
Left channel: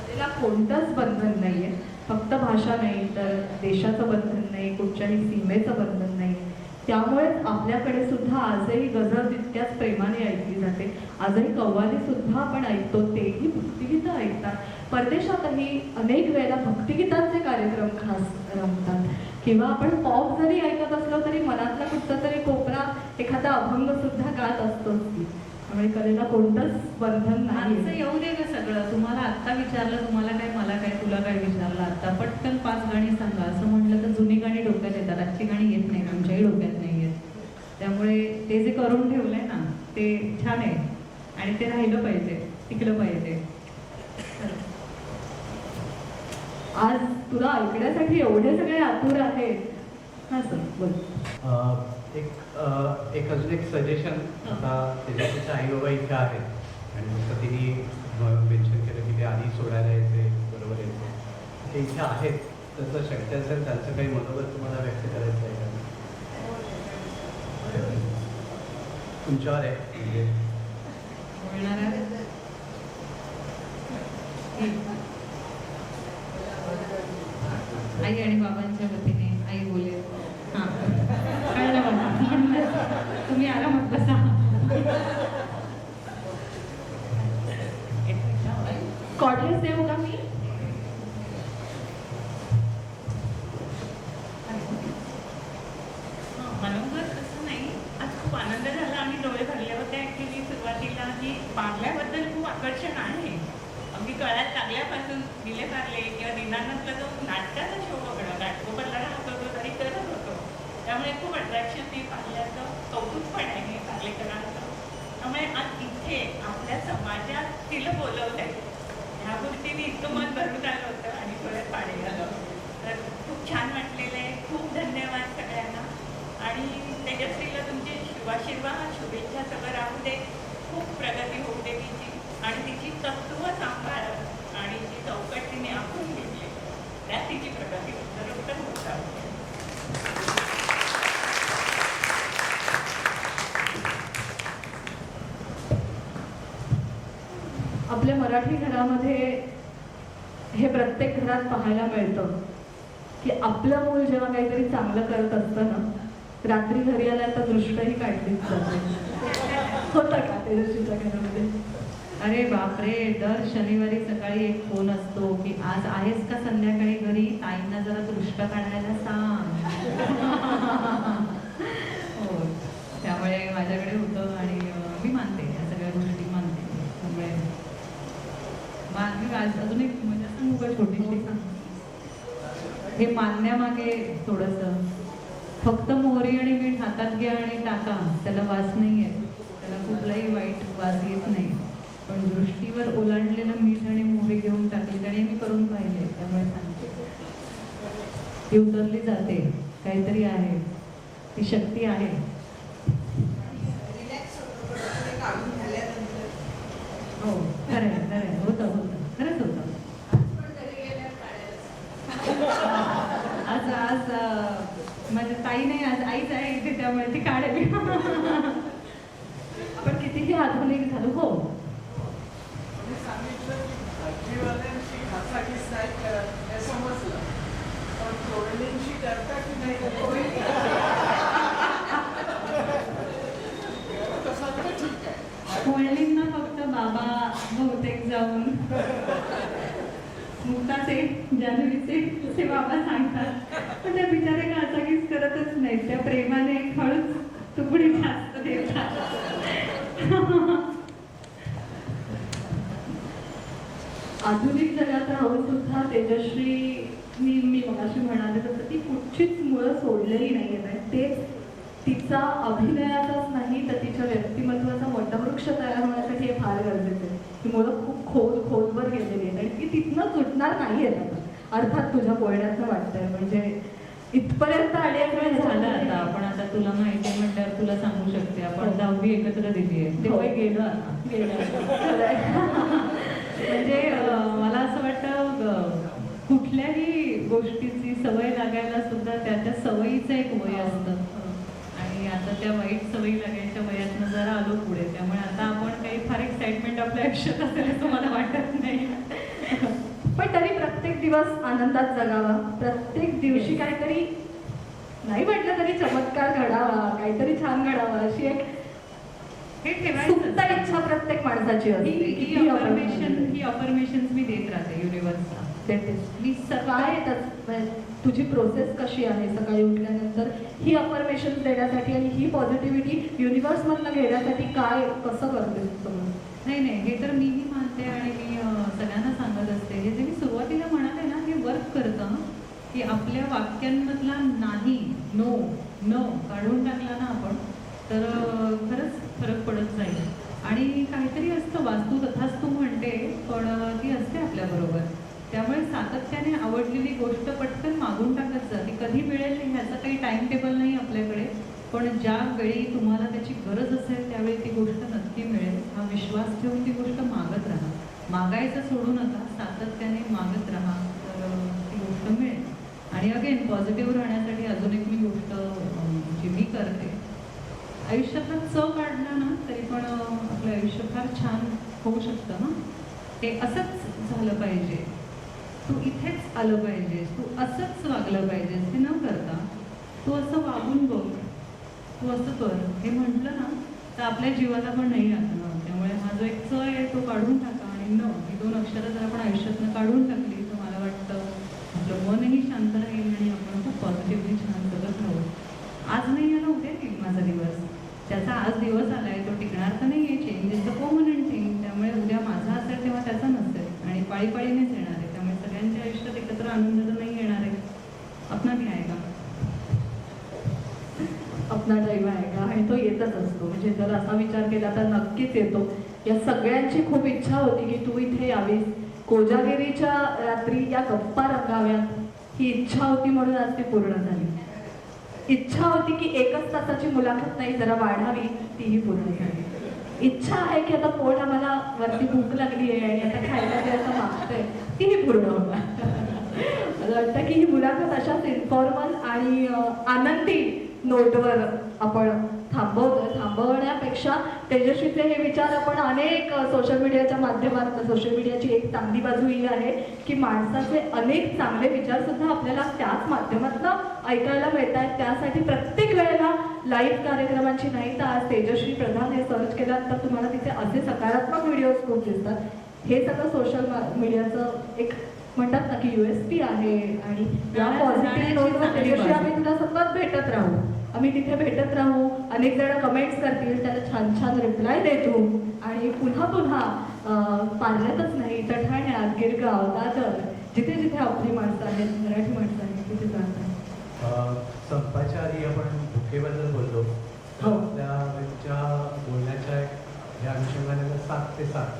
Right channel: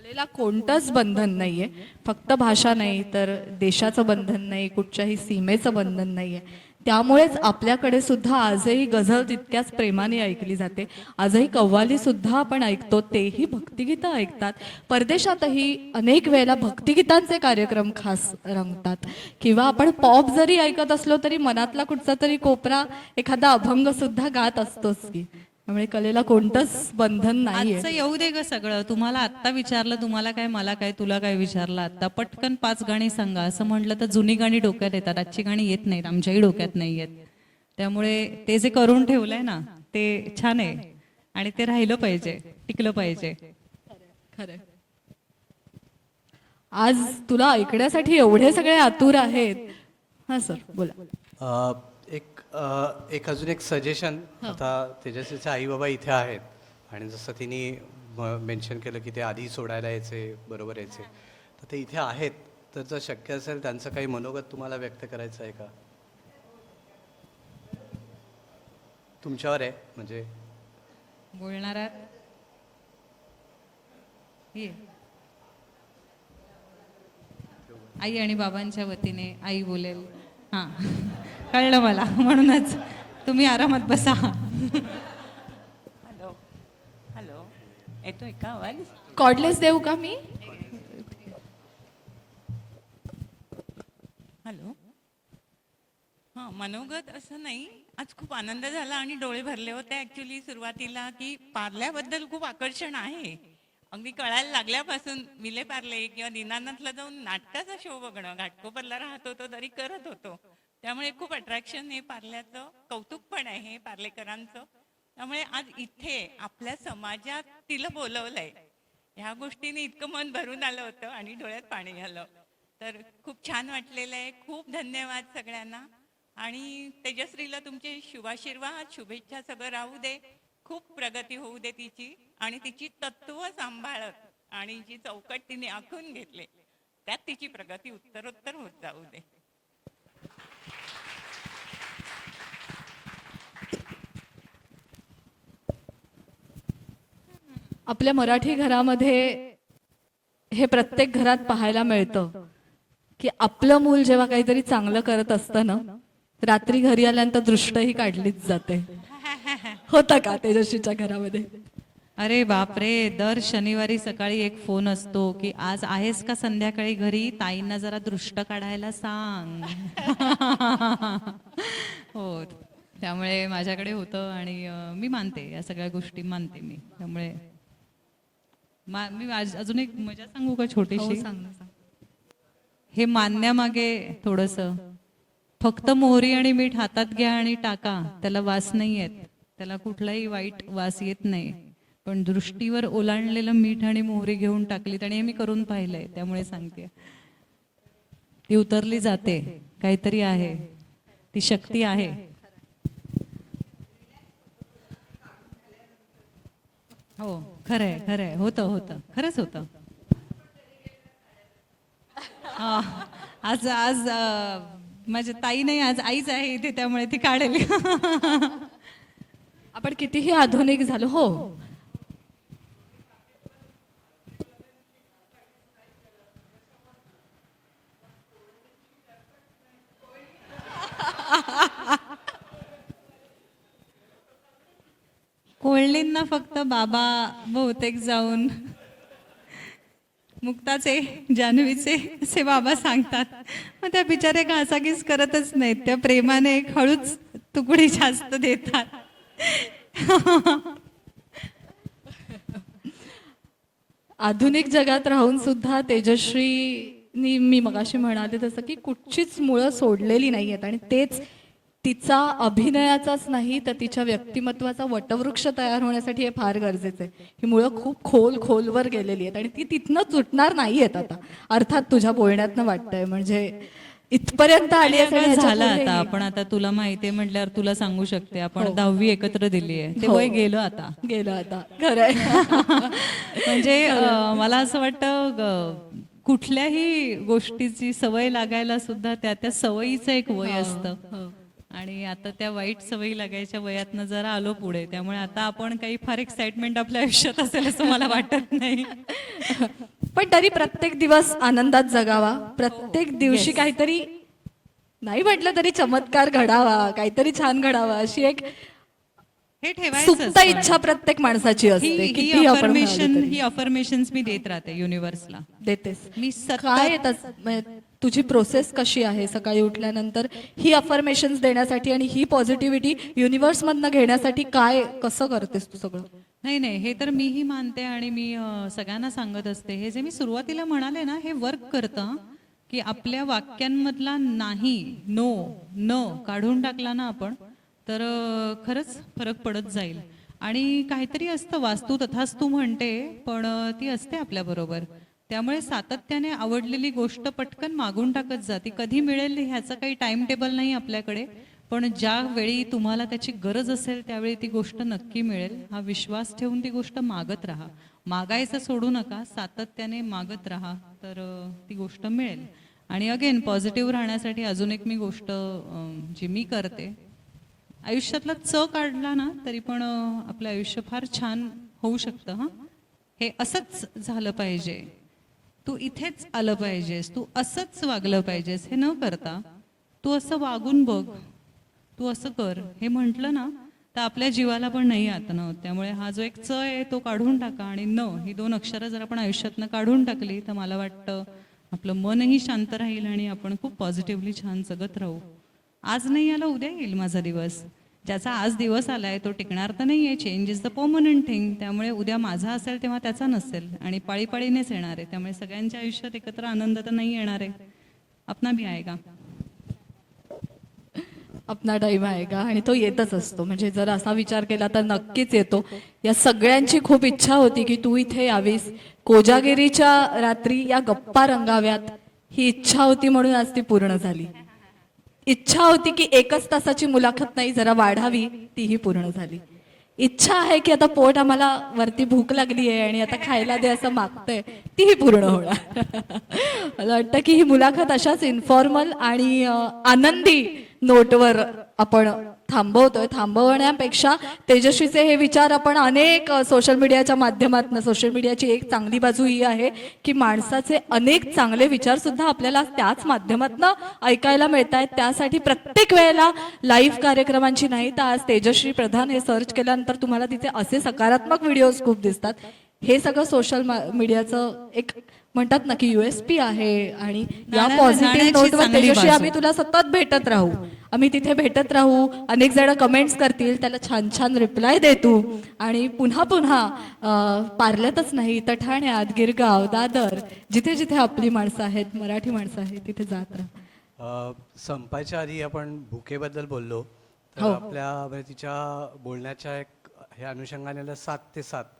कलेला कोणतंच बंधन नाही आहे. फक्त भाषा नाही तर देशाचं बंधन नाही, कुठच्याही सीमेचं बंधन नाही आहे. त्यामुळेच आपल्याकडे सुद्धा आजही गझल तितक्याच प्रेमाने ऐकली जाते. आजही कव्वालीसुद्धा आपण ऐकतो, तेही भक्तिगीतं ऐकतात. परदेशातही अनेक वेळेला भक्तिगीतांचे कार्यक्रम खास रंगतात. किंवा आपण पॉप जरी ऐकत असलो तरी मनातला कुठचा तरी कोपरा एखादा अभंगसुद्धा गात असतोच की. त्यामुळे कलेला कोणतंच बंधन नाही आजचं येऊ दे ग सगळं. तुम्हाला आत्ता विचारलं, तुम्हाला काय, मला काय, तुला काय विचारलं आत्ता, पटकन 5 गाणी सांगा असं म्हटलं तर जुनी गाणी डोक्यात येतात. आजची गाणी येत नाहीत, आमच्याही डोक्यात नाही येत. त्यामुळे ते जे करून ठेवलंय ना ते छान आहे आणि ते राहिलं पाहिजे, टिकलं पाहिजे. आज तुला ऐकण्यासाठी एवढे सगळे आतुर आहेत. हां सर बोल. एक अजून एक सजेशन. आता तेजस्वीच्या आई बाबा इथे आहेत आणि जसं तिने मेन्शन केलं की ते आधी सोडायला यायचे, बरोबर यायचे, ते इथे आहेत. तर जर शक्य असेल त्यांचं काही मनोगत तुम्हाला व्यक्त करायचं आहे का? तुमच्यावर आहे म्हणजे बोलणार आहे? आई आणि बाबांच्या वतीने आई बोलेल. हां, कळलं मला, म्हणूनच तुम्ही आरामात बसा. कॉर्डलेस देऊ का मी? मनोगत असं नाही. आज खूप आनंद झाला आणि डोळे भरले होते. ॲक्च्युली सुरुवातीला की पार्ल्याबद्दल खूप आकर्षण आहे. अगदी कळायला लागल्यापासून मिले पार्ले किंवा दिनानंदला जो नाटकाचा शो बघणं, नाटकोपरला राहत होतो तरी करत होतो. त्यामुळे खूप अट्रॅक्शन नाही, पार्ल्याचं कौतुक पण आहे पार्लेकरांचं. त्यामुळे आज इथे आपल्या समाजात तिला बोलवलंय, ह्या गोष्टीने इतकं मन भरून आलं होतं आणि डोळ्यात पाणी आलं. तर खूप छान वाटलेलं आहे. खूप धन्यवाद सगळ्यांना. आणि तेजस्वीला तुमचे शुभाशीर्वाद, शुभेच्छा सगळं राहू दे. खूप प्रगती होऊ दे तिची आणि तिची तत्त्व सांभाळत आणि जी चौकट तिने आखून घेतली त्यात तिची प्रगती उत्तरोत्तर होत राहते. आपल्या मराठी घरामध्ये हे प्रत्येक घरात पाहायला मिळतं की आपलं मूल जेव्हा काहीतरी चांगलं करत असतं ना, रात्री घरी आल्यानंतर दृष्टही काढलीच जाते. होतं का तेजस्वीच्या घरामध्ये? अरे बापरे, दर शनिवारी सकाळी एक फोन असतो की आज आहेस का संध्याकाळी घरी, ताईंना जरा दृष्ट काढायला सांग. हो, त्यामुळे माझ्याकडे होतं आणि मी मानते, या सगळ्या गोष्टी मानते. त्यामुळे मी अजून एक मजा सांगू का छोटीशी? हो, सांग. हे मानण्यामागे थोडंसं, फक्त मोहरी आणि मीठ हातात घ्या आणि टाका, त्याला वास नाही येत, त्याला कुठलाही वाईट वास येत नाही. पण दृष्टीवर ओलांडलेलं मीठ आणि मोहरी घेऊन टाकलीत, आणि हे मी करून पाहिलंय, त्यामुळे सांगते. ती उतरली जाते, काहीतरी आहे, ती शक्ती आहे. हो, खरंय खरंय, होतं होतं, खरंच होतं. आज आज माझ्या ताई नाही, आज आईच आहे इथे, त्यामुळे ती काढेल. आपण कितीही आधुनिक झालो. हो, होळलींना फक्त बाबा बहुतेक जाऊन मुक्ताचे, जान्हवीचे असे बाबा सांगतात. मग त्या बिचारे घासाघीस करतच नाहीत, त्या प्रेमाने एक हळूच तुकडी जास्त देतात. आधुनिक जगात राहून सुद्धा तेजश्रीनी, मी मगाशी म्हणाले तसं, की कुठचीच मुळं सोडलेली नाही आहेत आणि तेच तिचा अभिनयाचाच नाही तर तिच्या व्यक्तिमत्वाचा वटवृक्ष तयार होण्यासाठी हे फार गरजेचं आहे. ही मुळं खूप खोलवर गेलेली आहेत आणि ती तिथनं सुटणार नाही आहेत आता. अर्थात तुझ्या बोलण्यातनं वाटतंय, म्हणजे इथपर्यंत आली आहे. काय झालं आता, आपण आता तुला माहिती आहे म्हटल्यावर तुला सांगू शकते, आपण 10वी एकत्र दिली आहे, ते हो. वय गेलं आता. गेलं आता, खरं आहे. म्हणजे मला असं वाटतं कुठल्याही गोष्टीची सवय लागायला सुद्धा त्या सवयीचं एक वय असतं. आणि आता त्या वाईट सवयी लागायच्या वयातनं जरा आलो पुढे, त्यामुळे आता आपण काही फार एक्साइटमेंट आपल्या आयुष्यात असेल असं मला वाटत नाही. पण तरी प्रत्येक दिवस आनंदात जगावा, प्रत्येक दिवशी Yes. काहीतरी नाही म्हटलं तरी चमत्कार घडावा, काहीतरी छान घडावा, अशी एक हे ठेवायचं सुप्त असतं. इच्छा प्रत्येक माणसाची असते. ही कितीही आपण अफर्मेशन म्हणालो तरी. ही अफर्मेशन्स मी देत राहते युनिव्हर्सला. देतेस. मी सतत काय म्हणजे तुझी प्रोसेस कशी आहे सकाळी उठल्यानंतर ही अफर्मेशन्स देण्यासाठी आणि ही पॉझिटिव्हिटी युनिव्हर्समधनं घेण्यासाठी काय कसं करतेस तू सगळं? नाही, हे तर मीही मानते आणि मी सगळ्यांना सांगत असते, हे जे मी सुरुवातीला म्हणाले ना, हे वर्क करतं, की आपल्या वाक्यांमधला नाही, नो, न काढून टाकला ना आपण, तर खरंच फरक पडत जाईल. आणि काहीतरी असतं, वास्तू तथास्तू म्हणते, पण ती असते आपल्याबरोबर. त्यामुळे सातत्याने आवडलेली गोष्ट पटकन मागून टाकत जा. ती कधी मिळेल ह्याचं काही टाइम टेबल नाही आपल्याकडे, पण ज्या वेळी तुम्हाला त्याची गरज असेल त्यावेळी ती गोष्ट नक्की मिळेल. हा विश्वास ठेवून ती गोष्ट मागत राहा. मागायचं सोडू नका, सातत्याने मागत राहा, तर ती गोष्ट मिळेल. आणि अगेन पॉझिटिव्ह राहण्यासाठी अजून एक मी गोष्ट जी मी करते, आयुष्यातला काढला ना तरी पण आपलं आयुष्य फार छान होऊ शकतं. हां, हे असंच झालं पाहिजे, तू इथेच आलं पाहिजेस, तू असंच वागलं पाहिजेस, हे न करता तू असं वागून बघ, तू असं कर, हे म्हटलं ना तर आपल्या जीवाला पण नाही आतनं. त्यामुळे हा जो एक आहे तो काढून टाका, आणि न ही 2 अक्षरं जर आपण आयुष्यातनं काढून टाकली तर मला वाटतं आपलं मनही शांत राहील आणि आपण खूप पॉझिटिव्हली छान जगत राहू. आज नाही आला उद्या येईल माझा दिवस, ज्याचा आज दिवस आला आहे तो टिकणार तर नाही आहे. Change is the permanent thing. त्यामुळे उद्या माझा असेल तेव्हा त्याचा नसेल, आणि पाळीपाळीनेच येणार आहे. त्यामुळे सगळ्यांच्या आयुष्यात एकत्र आनंद तर नाही येणार आहे. अपना भी आहे का? अपना टाईम आहे का? आणि तो येतच असतो. म्हणजे जर असा विचार केला तर नक्कीच येतो. या सगळ्यांची खूप इच्छा होती की तू इथे यावीस, कोजागिरीच्या रात्री या गप्पा रंगाव्यात. ही इच्छा होती म्हणून आज ती पूर्ण झाली. इच्छा होती की 1च तासाची मुलाखत नाही, जरा वाढावी, तीही पूर्ण झाली. इच्छा आहे की आता पोट आम्हाला वरती भूक लागली आहे आणि आता खायला दे असं मागतंय, तीही पूर्ण होणार. मला वाटतं की ही मुलाखत अशाच इन्फॉर्मल आणि आनंदी नोटवर आपण थांबवतोय. थांबवण्यापेक्षा तेजस्वीचे हे विचार आपण अनेक सोशल मीडियाच्या माध्यमातून, सोशल मीडियाची एक चांगली बाजू ही आहे की माणसाचे अनेक चांगले विचारसुद्धा आपल्याला त्याच माध्यमातून ऐकायला मिळत आहेत. त्यासाठी प्रत्येक वेळेला लाईव्ह कार्यक्रमांची नाही तर आज तेजश्री प्रधान हे सर्च केल्यानंतर तुम्हाला तिथे असे सकारात्मक व्हिडिओज खूप दिसतात. हे सगळं सोशल मीडियाचं एक म्हणतात ना की USP आहे. आणि या पॉझिटिव्ह नाण्याची नोटवर चांगली तेजस्वी बाजू. आम्ही तुला सतत भेटत राहू. आम्ही तिथे भेटत राहू. अनेक जण कमेंट्स करतील, त्याला छान छान रिप्लाय देतो आणि पुन्हा पुन्हा पार्ल्यातच नाही तर ठाण्यात, गिरगाव, दादर, जिथे जिथे आपली माणसं आहेत, मराठी माणसं आहेत, तिथे जातात. संपायच्या आधी आपण भुकेबद्दल बोललो. तर हो. आपल्या तिच्या बोलण्याच्या ह्या अनुषंगाने 7 ते 7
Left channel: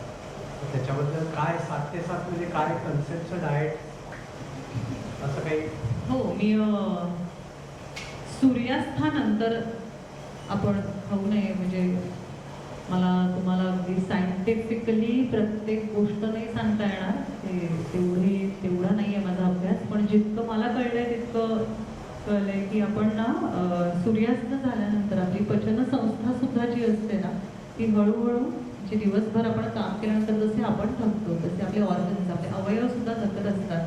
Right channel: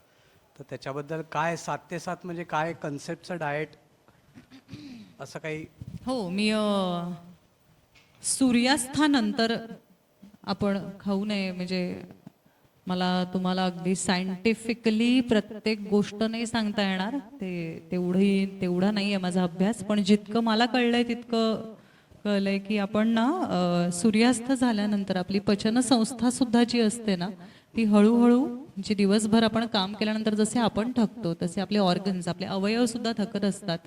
त्याच्याबद्दल काय 7 ते 7 म्हणजे काय कन्सेप्टचं डाएट असं काही? हो, मी सूर्यास्तानंतर आपण खाऊ नये म्हणजे मला तुम्हाला अगदी सायंटिफिकली प्रत्येक गोष्ट नाही सांगता येणार. तेवढा नाही आहे माझा अभ्यास, पण जितकं मला कळलंय तितकं कळलंय की आपण ना सूर्यास्त झाल्यानंतर आपली पचनसंस्था सुद्धा जी असते ना ती हळूहळू म्हणजे दिवसभर आपण काम केल्यानंतर जसे आपण थकतो तसे आपले ऑर्गन्स, आपले अवयव सुद्धा थकत असतात.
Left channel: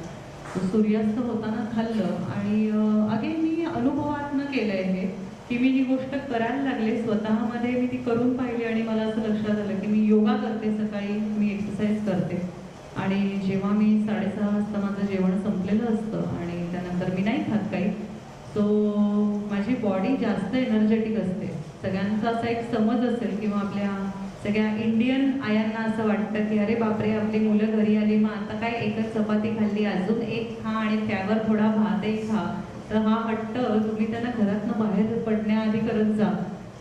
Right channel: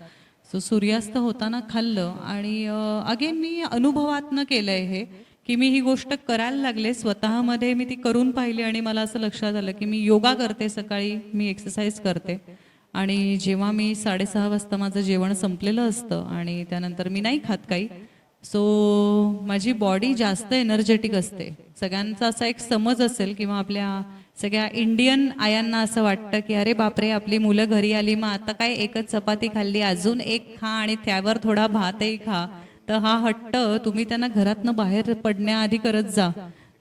सो सूर्यास्त होताना खाल्लं आणि अगेन मी अनुभवातनं केलं आहे हे की मी ही गोष्ट करायला लागले स्वतःमध्ये. मी ती करून पाहिली आणि मला असं लक्षात आलं की मी योगा करते सकाळी, मी एक्सरसाइज करते आणि जेव्हा मी 6:30 वाजता माझं जेवण संपलेलं असतं आणि त्यानंतर मी नाही खात काही, सो माझी बॉडी जास्त एनर्जेटिक असते. सगळ्यांचा असा एक समज असेल किंवा आपल्या सगळ्या इंडियन आयांना असं वाटतं की अरे बापरे आपली मुलं घरी आली मग आता काय एकच चपाती खाल्ली अजून एक खा आणि त्यावर थोडा भातही खा. तर हा हट्ट तुम्ही त्यांना घरातनं बाहेर पडण्याआधी करत जा.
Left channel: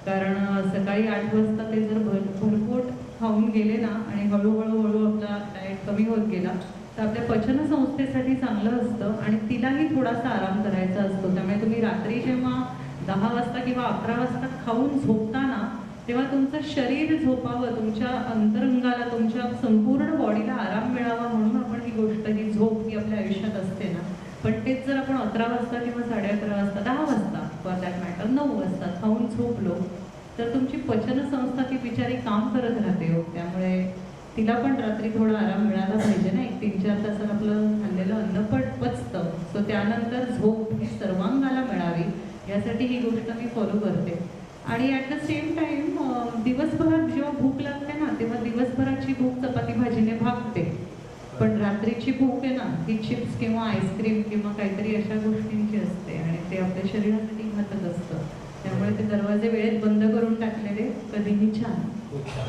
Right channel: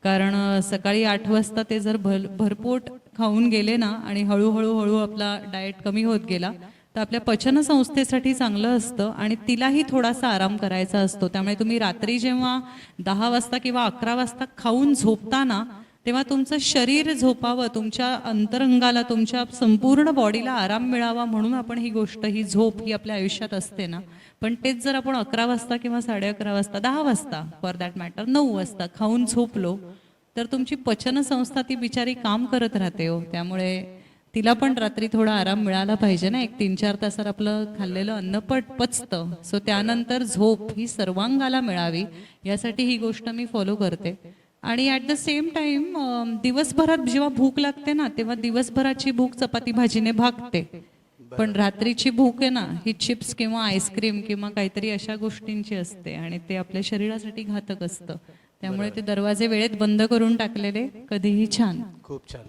कारण सकाळी 8 वाजता ते जर भरपोट खाऊन गेले ना आणि हळूहळू आपला डाएट कमी होत गेला तर आपल्या पचनसंस्थेसाठी चांगलं असतं आणि तिलाही थोडासा आराम करायचा असतो. त्यामुळे तुम्ही रात्री जेव्हा 10 वाजता किंवा 11 वाजता खाऊन झोपताना तेव्हा तुमचं शरीर झोपावं, तुमच्या अंतरंगाला, तुमच्या संपूर्ण बॉडीला आराम मिळावा म्हणून आपण ही गोष्ट, ही झोप ही आपल्या आयुष्यात असते ना. पण तेच जर आपण 11 वाजता किंवा 11:30 वाजता, 10 वाजता फॉर दॅट मॅटर 9 वाजता खाऊन झोपलो तर तुमची पचनसंस्था ती बिचारी काम करत राहते हो. त्यामुळे तिला पण रात्री थोडा आराम मिळाला पाहिजे ना. एक 3-4 तासात आपलं खाल्लेलं अन्न पचतं. सो त्यानंतर झोप ही सर्वांगाला मिळावी यासाठी ही गोष्ट मी फॉलो करते. आणि ॲट द सेम टाईम दिवसभरात जेव्हा भूक लागते ना तेव्हा दिवसभराची भूक चपाती भाजीने भागते, पण रात्रीची भूक आहे ना ही चिप्स किंवा आईस्क्रीम किंवा काहीतरी अशा गोष्टींची असते आणि ते आपल्या शरीरासाठी घातक असतं. त्यामुळे ते दरवाजे वेळेत बंद करून टाकलेले कधीही छान. खूप छान.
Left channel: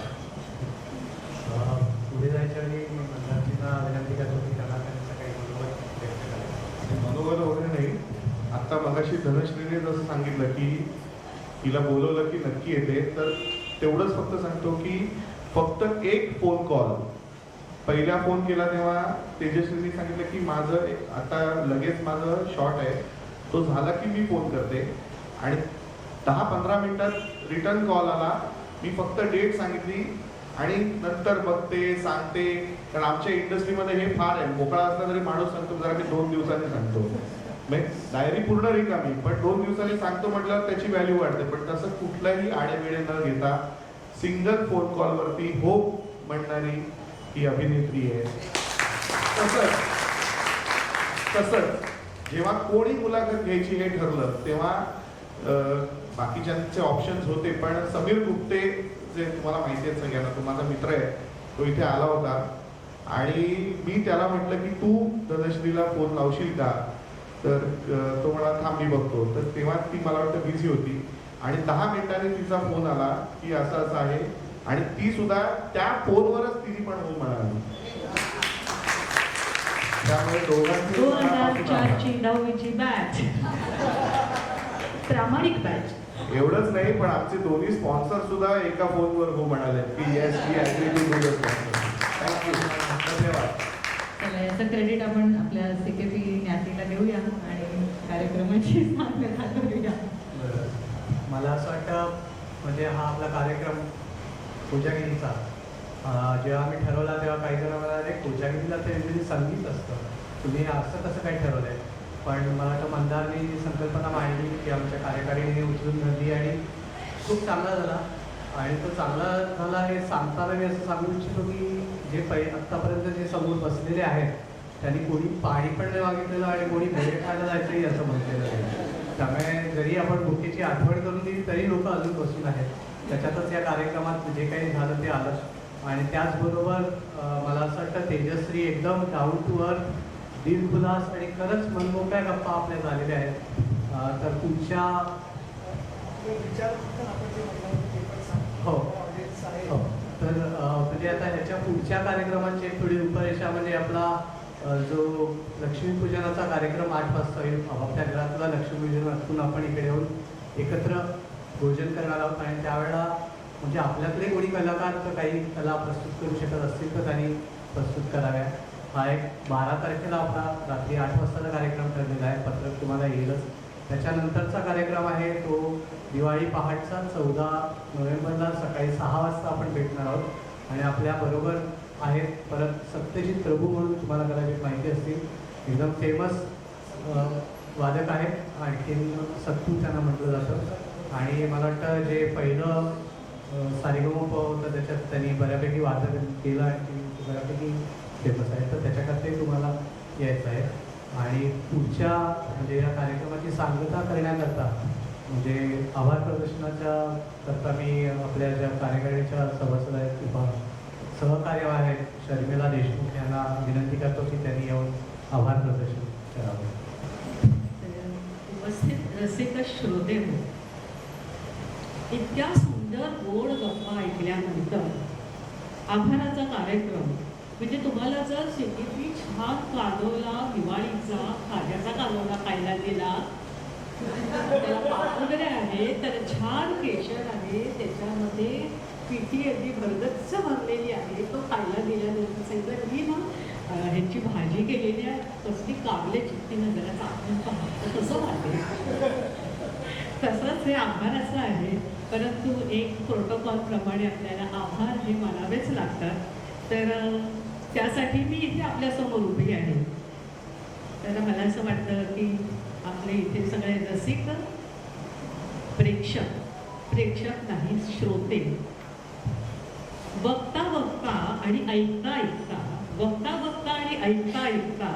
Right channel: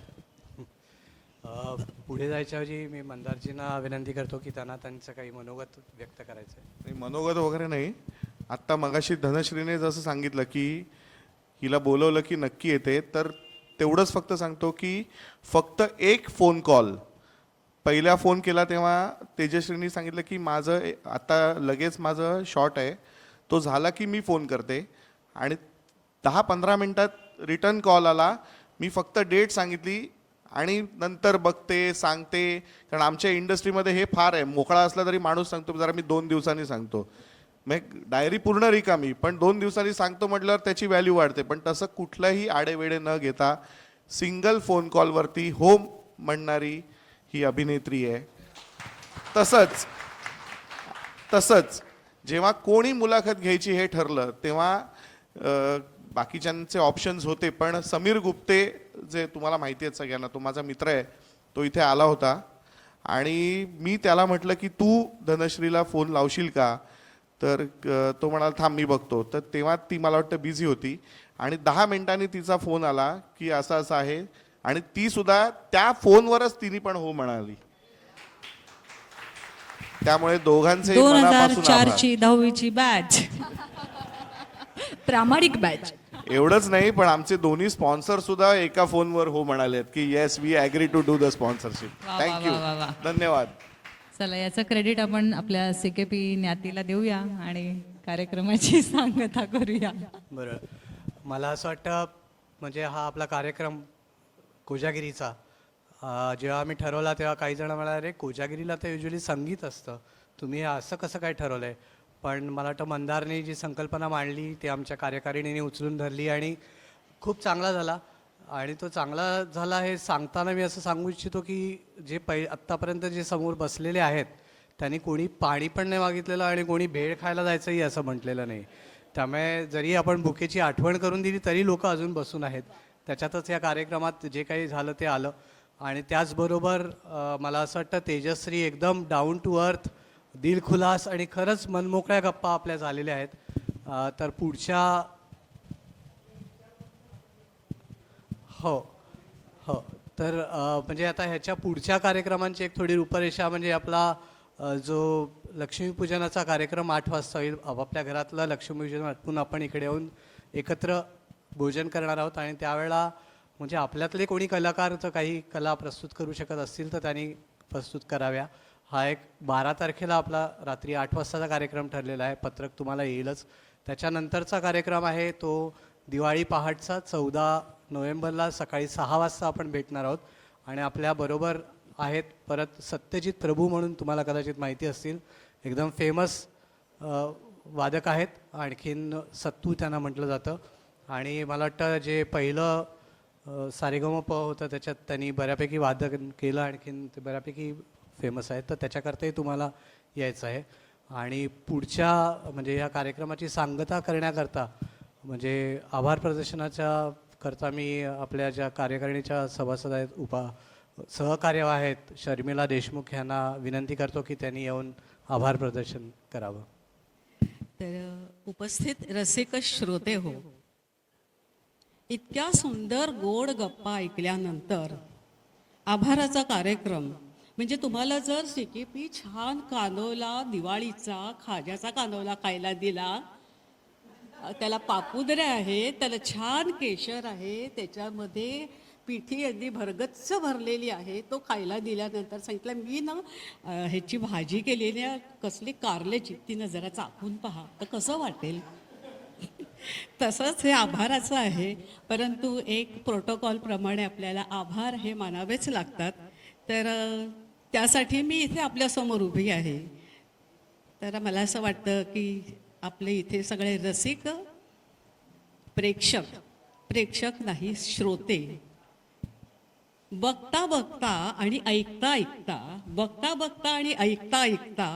पुढे जायच्या वेळी मी मंदारजींना विनंती करतो की त्यांना त्यांचं काही मनोगत व्यक्त करायचं. मनोगत वगैरे नाही. आत्ता मगाशी धनश्रीने जसं सांगितलं की हिला बोलवलं की नक्की येते, तर तेवढंच फक्त सांगतो की फक्त एक फोन कॉल. पहिला फोन केला तेव्हा तेजश्रीनी सांगितलं की माझं आता लगेच माझं शॉट आहे, तो झाला की मी फोन करते. आणि 10-15 मिनटात रिटर्न कॉल आला. मी फक्त डेट सांगितली आणि नंतर बघते, सांगते. कारण आमच्या इंडस्ट्रीमध्ये हे फार आहे, मोकळा असला तरी माणूस सांगतो जरा मी 2 दिवसांनी सांगतो. डायरी पूर्ण रिकामी, पण 2 दिवसांनी सांगतो म्हटल्यावर त्याची व्हॅल्यू वाढते. पण तसं कुठलाही आडेवेडे न घेता सिंगल फोन कॉलवरती हो म्हणणारी ही अभिनेत्री आहे. तसंच जेव्हा कोणी मुलाखत घ्यायची हे ठरलं तेव्हा बाकीच्यांचे ऑप्शन्स होते, पण समीर गुप्ते जे तुम्हाला माहिती आहे सगळ्यांना, तो माझा मित्र आहे, तो इथे आला होता आणि मी त्याला म्हटलं की तू धनश्रीला फोन लावशील का, तर तो म्हणाला थांब मी बघतो. तर तेव्हा ती मला वाटतं बिझी होती आणि 10 मिनिटांनी तिचा फोन आला की असं असं आहे आणि ती सुद्धा त्या फोनवरच तिने पण हो म्हणाली. त्यामुळे दोघांचे 2004ची 10वीची बॅच, प्रामाणिक बॅच. एवढंच नाही पण आमचे दोन्ही स्पॉन्सर सुद्धा एका फोनवर हो म्हणाले की yes we agree to do the sponsorship. Thank you, धन्यवाद. चला याचं क्रेडिट आपण आपल्या CKP न्यातीला देऊया आणि कार्यक्रमाची सांगता करूया. मला असं वाटतं म्हणजे हा आपला कार्यक्रम कोजागिरीचा जेव्हा आम्ही ठरवला तेव्हा काही जण म्हणाले कोजागिरीला तर युजली संगीत असतं, तुम्ही असं कसं काय ठरवलं आहे. पण मला वाटतं मंदारने जी संकल्पना मांडली ती आमच्या कार्यकारिणीने उचलून धरली आणि खूप चांगला झाला आणि तो चांगला झाला हे सांगताना मी असं सांगू इच्छितो की जे आत्तापर्यंत जे समोर बसलेले आहेत त्यांनी कोणी पाणी पण नाही मागितलेलं आणि कोणी भेळ खायला जायचंही असं म्हटलेलं नाही. त्यामुळे जरी आपण बुकेची आठवण करून दिली तरी लोक अजून बसून आहेत. त्याच्यातच या कार्यक्रमात जे काही झालं ते आलं. आणि त्याचबरोबर मला असं वाटतं तेजश्री एकदम डाऊन टू अर्थ, दिलखुलास आणि खरंच मनमोकळ्या गप्पा आपल्या झालेल्या आहेत. तर पुढच्या हो हो तर म्हणजे आता ह्याच्या पुढच्या कार्यक्रमांची एक थोडी रूपरेषा म्हणजे आपला जो लक्ष्मीपूजनाचा कार्यक्रम 8 वाजता होईल. आपापल्या घरातला लक्ष्मीपूजनातून आपण इकडे येऊन एकत्र भोजन करणार आहोत आणि त्यावेळेला म्हणजे आपल्यातले कोणी कलाकार जर काही कला प्रस्तुत करू शकत असतील तर त्यांनी प्रस्तुत कराव्या. हा एक 12 तारखेला आपला रात्री 8 वाजताचा कार्यक्रम ठरलेला आहे. पत्रक तुम्हाला येईलच. त्याच्यानंतरचा कार्यक्रम आहे तो दिवाळी पहाटचा 14 नोव्हेंबरला सकाळी 6 वाजता आपण भेटणार आहोत. आणि आपल्याबरोबर आहेत परत सत्यजित प्रभू म्हणून तुम्हाला कदाचित माहिती असतील, एकदम फेमस वादक आहेत. आणखीन सत्तू त्यांना म्हटलं जातं. आणि मला वाटतं जे पहिलं सारेगमप होतं त्याच्यात त्यांनी बऱ्यापैकी वादक केलं आणि बऱ्यापैकी फेमस आहे. तर त्याच्याकरताही तुम्हाला यायचं आहे. आणि पुढच्या म्हणजे या कार्यक्रमाची सांगता करण्याकरता म्हणजे आभार प्रदर्शनाच्या करता मी आपल्या ज्या कार्यकारिणीच्या सभासद आहेत सहकार्य आहेत शर्मिला देशमुख यांना विनंती करतो की त्यांनी येऊन आभार प्रदर्शन करावं. तर उपस्थित रसिक श्रोते हो, इतक्या सुंदर गोड गप्पा ऐकल्यानंतर आभाराचा कार्यक्रम म्हणजे तुम्हाला जर सिटीपी छान कानोला दिवाळीचा खाण्याचा कानोला खायला दिला, त्याला पापुद्रे आहे, त्याला छान केशर आहे, त्याच्यामध्ये पिठी अगदी भरगच्च भरलेली आहे, तो खायला दिल्यानंतर सांगितलं मी ना ह्याची भाजी केलेली आहे, कसली कारल्याची, तिनं जरा चाकून पहा, तर कसं वाटेल. तसंच हे आभाराचं आहे. परंतु एक प्रोटोकॉलप्रमाणे आपल्याला आभार हे मानावेच लागतात. तर त्यासाठी मी इथे आपल्यासमोर उभी आहे. तर मला असं वाटतं की आपले इथे सगळे रसिक प्रेक्षक नाही श्रोते, बघता बघता आणि ऐकता ऐकता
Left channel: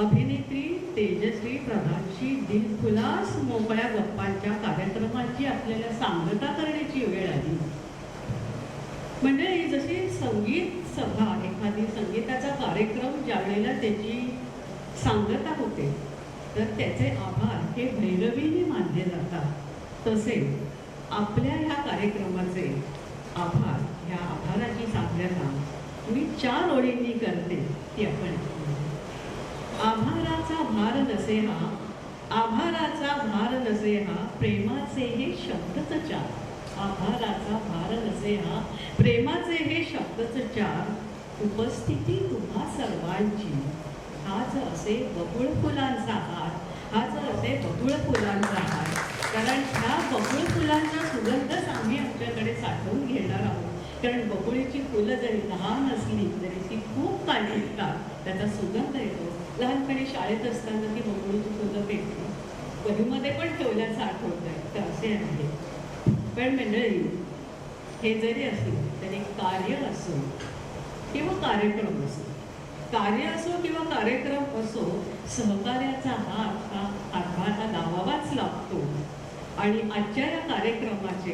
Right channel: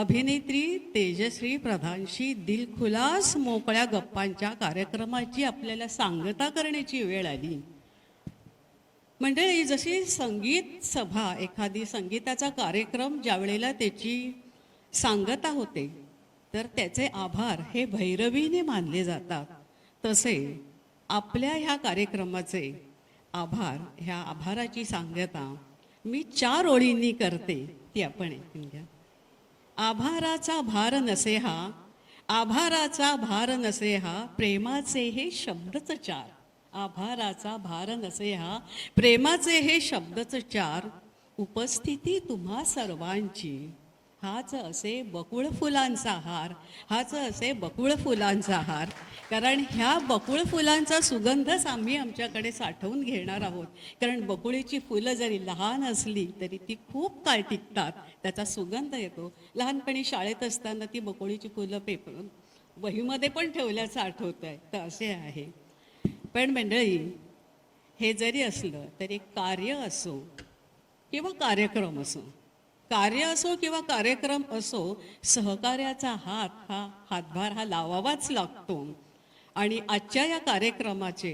अभिनेत्री तेजश्री प्रधानशी दिलखुलास मोकळ्या गप्पांच्या कार्यक्रमाची आपल्याला सांगता करण्याची वेळ आली. म्हणजे जशी संगीत सभा, एखादी संगीताचा कार्यक्रम ज्या वेळेला त्याची सांगता होते तर त्याचे आभार हे भैरवीने मानले जातात, तसे आपल्या ह्या कार्यक्रमाचे आभार, ह्या आभाराची सांगता मी 4 ओळींनी करते ती आपण. आभाराचा भार नसे हा प्रेमाचे हे शब्दच 4. आभाराचा भार नसे हा प्रेमाचे हे शब्दच 4. उपस्थिती तुम्हा सर्वांची हाच असे बकुळ फुलांचा हार, कारण ह्या बकुळ फुलांचा सुगंधच आम्ही आमच्याकडे साठवून घेणार आहोत. कारण बकुळीची फुलं जरी लहान असली तरी ती खूप काळ टिकतात, त्याचा सुगंध येतो. लहानपणी शाळेत असताना ती बकुळीची फुलं पेटली, वहीमध्ये पण ठेवल्याचं आठवतं आहे. तर असे आहे. पण मंडळी, हे जरी असलं तरी कार्य असो किंवा कार्यक्रम असो, सहकार्याचा हातभार हा लावावाच लागतो. आणि आजच्या या कार्यक्रमाचे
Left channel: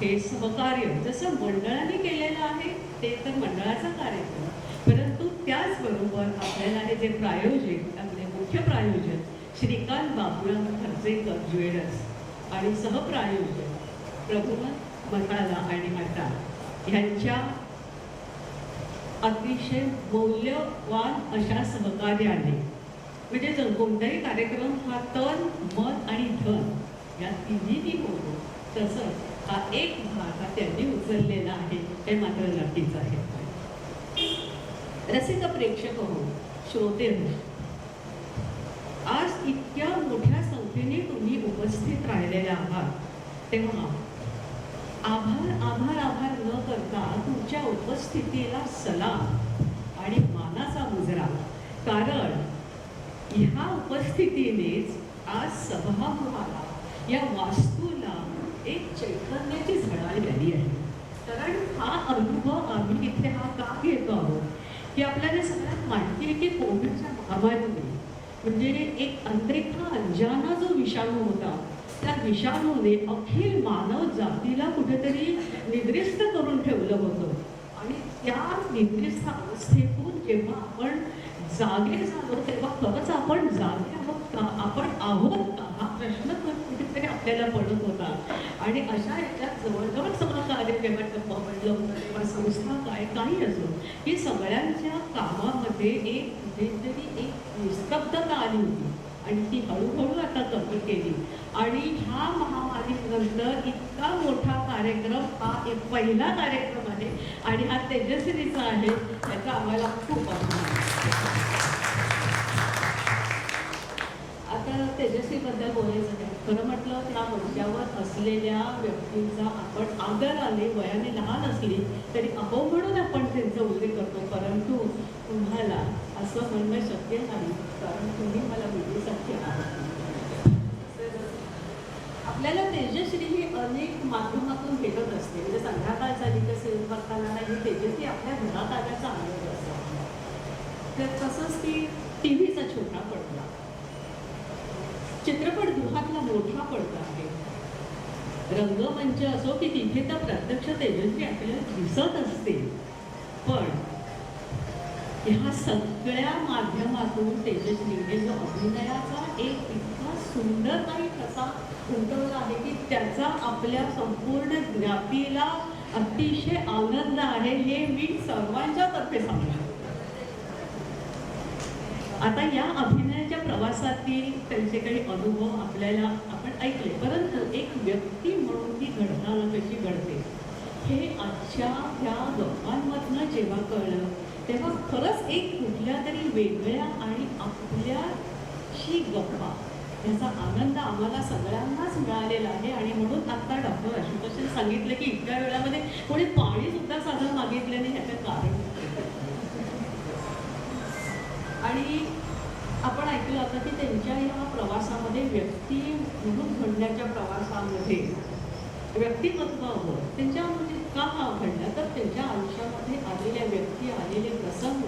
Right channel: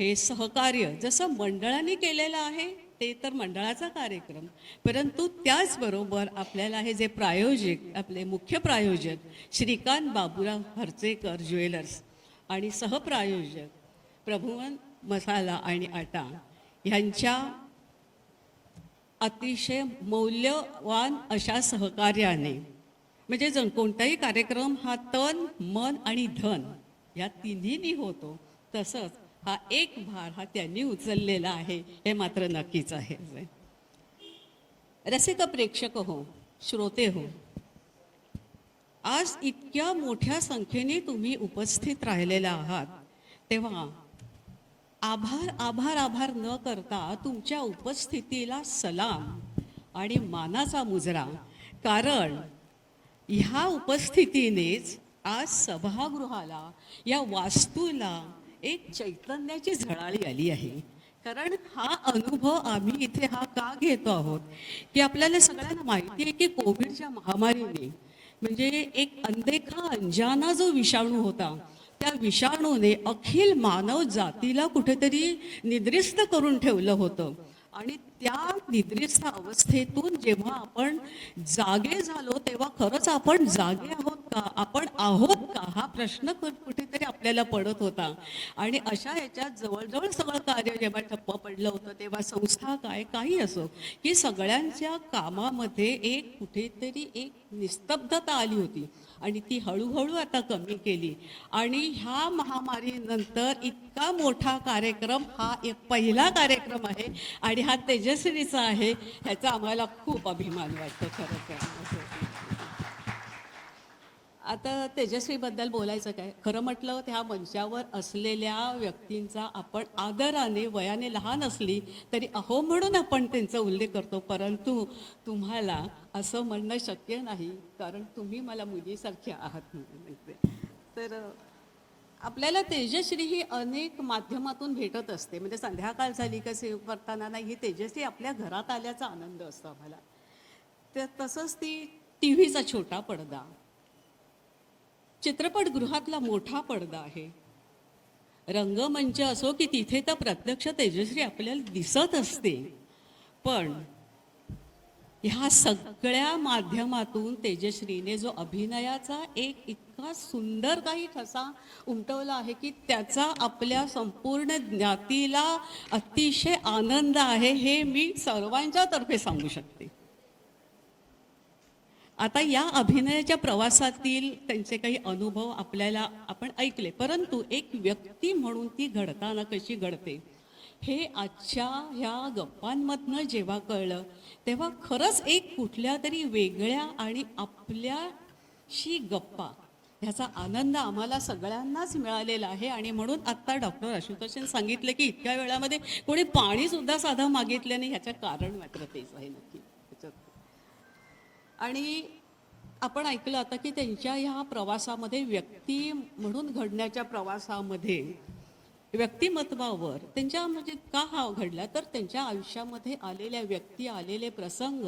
हे सहकार्य जसं मंडळाने केलेलं आहे ते तर मंडळाचा कार्यक्रम, परंतु त्याचबरोबर आपल्याला हे जे प्रायोजक, आपले मुख्य प्रायोजक श्रीकांत बाबूराव हर्जेकर ज्वेलर्स आणि सहप्रायोजक प्रभुवन मसाला आणि आटा ह्यांच्या अतिशय मौल्यवान अशा सहकार्याने म्हणजे जर कोणताही कार्यक्रम हा तन, मन आणि धन या तिन्हीनी होतो, तसंच हा एक भाग हा त्यांनी उचललेला आहे हे मात्र नक्कीच आहे. रसिक प्रेक्षक हो, श्रोते हो, आज इतक्या मोठ्या संख्येने तुम्ही उपस्थित राहिलेला आहात, तेव्हा आभार न करता तुमच्या उपस्थितीला सलाम आणि मानाचा मुजरा. कारण ह्या उपस्थितीनेच आज सभागृहाला, या वास्तूला एक चैतन्याची झळाळी आली आहे. कारण हा अनुभव आम्ही इथे हा का घेतो आहोत की आपल्याला सगळ्यांना माहिती आहे की कोविडच्या महामारीने म्हणजे एक अनदेखा अंजाना जो विषाणू होता त्या विषाणूने अखिल मानव जातीला कुठेतरी निद्रिस्त करून ठेवलं होतं. आणि त्या निद्रिस्त अवस्थेतून जेव्हा आपण जागे झालो तेव्हा खरंच आपण जागे आहोत का, आपण आहोत का, हा प्रश्न पण कुठेतरी आपल्याला पडत होता. आणि अशा ह्याच्यात जवळजवळ सगळं कार्य जेव्हा ठप्प पडलं होतं तेव्हा संस्था काय काही असो की सगळ्यांच्या कामामध्ये एक कुठेतरी एक निस्तब्धता आली होती आणि ती हळूहळू आता कमी केली. आणि ह्या महामारीनंतर इतका मोठा कार्यक्रम हा एक पहिला कार्यक्रम आहे आणि हा तेजस्विनीचा आहे, याचा आम्हाला खूप अभिमान आहे. आता तेजस्वीबद्दल बोलायचं काय, खरं म्हटलं त्या मंचावर असलेल्या व्यक्तींचा आपण आदराने वयाने लहान असली तरी अहो म्हणून आपण त्यांचा उल्लेख करतो, परंतु तुम्हाला असं म्हणणं शक्य नाही कारण तुम्ही मला मुलीसारखी आहात. तर आपल्याला तेजश्री ही अनेक माध्यमातून भेटत असते, म्हणजे संध्याकाळ झाली का सेव करताना नाही तेजश्री आपल्या घरात आल्याचा आनंद असतो. तर तसंच ती टी व्हीचा छोटा पडदा, चित्रपटगृहातला मोठा पडदा आहे, रंगमंच असो की तिथे तर प्रत्यक्ष तेजश्री आपल्याला दिसत असते. पण ह्या सगळ्या माध्यमातून तेजश्रीने जो अभिनयाचा एक इतका सुंदर काही ठसा उमटवला आहे की त्याचा आपल्या संपूर्ण ज्ञातीला अतिशय आनंद आहे, हे मी सर्वांच्या तर्फे सांगू शकते. आता या अभिनयाच्या प्रवासातील त्यांचे काही अनुभव आपल्याला आपण ऐकले, परंतु एक व्यक्ती म्हणून ती घडताना कशी घडते हे आजच्या ह्या गप्पांमधनं जेव्हा कळलं तेव्हा खरंच एक कुठल्या तरी वेगळ्या आणि आपल्याशी गप्पा ह्याचा आनंद आम्हाला सगळ्यांनाच मिळालेला आहे. आणि म्हणून आत्ता डॉक्टर आशुतोषांनी सांगितलं की इतक्या वेळामध्ये कोणी पाणीसुद्धा साधं मागितलं नाही, ह्याचं कारण आणि आपण ऐकलं आता की त्यांच्या ह्या प्रवासामध्ये व्यक्ती म्हणून घडण्याच्या प्रवासामध्ये व्यक्तिमत्वावर त्यांच्या म्हणजे का हा घडला तर त्यांच्या आयुष्यामध्ये आलेल्या व्यक्ती आलेले प्रसंग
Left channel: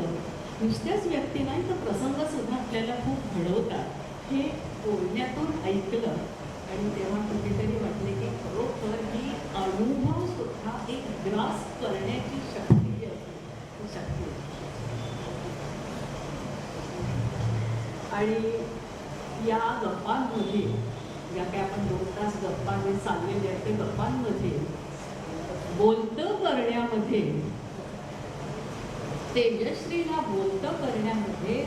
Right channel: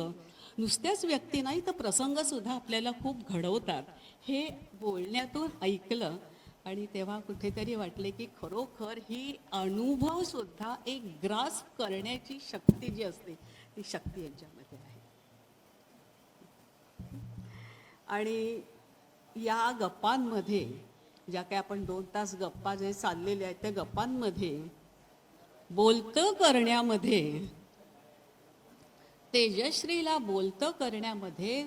नुसत्याच व्यक्ती नाही तर प्रसंगसुद्धा आपल्याला खूप घडवतात हे बोलण्यातून ऐकलं. आणि तेव्हा कुठेतरी वाटले की खरोखर ही अनुभवसुद्धा एक ग्रास करण्याची शक्ती जी असते ती शक्ती आहे. आणि या गप्पांमध्ये ज्या काही आपण 2 तास गप्पा जे चाललेले आहेत त्या गप्पांमध्ये बोलतं करण्यामध्ये तेजश्रीला बोलतं करण्यामध्ये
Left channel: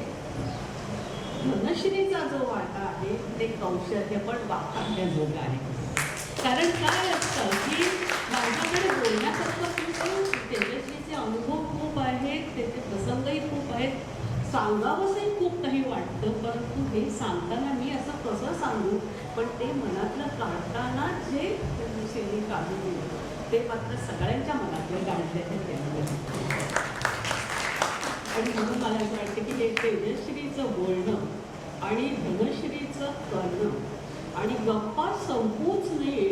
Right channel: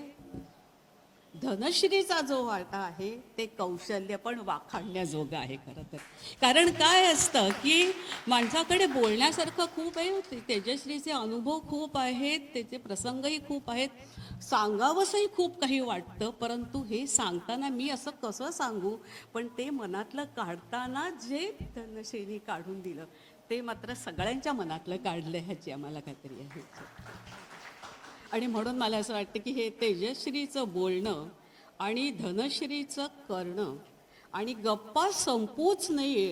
धनश्रीचा जो वाटा आहे ते कौशल्य पण वाखाणण्याजोगं आहे. कारण काय असतं की माझ्याकडे बोलण्यासारखं खूप आहे, तेजश्रीचे अनुभव खूप आहेत, त्याचे प्रसंगही खूप आहेत, सांगावंसंही खूप काही वाटतं, परंतु हे सांगताना मी असं कसं सांगू पण ते मनातलं काढताना जे शैली काढून दिलं ते मात्र सगळ्यांच्या मनातलं काढलं त्याच्यामध्ये. आणि म्हणून मला असं वाटतं की हे तेजश्रीचं बोलणं आणि धनश्रीचं करणं आणि गप्पा संपूच नये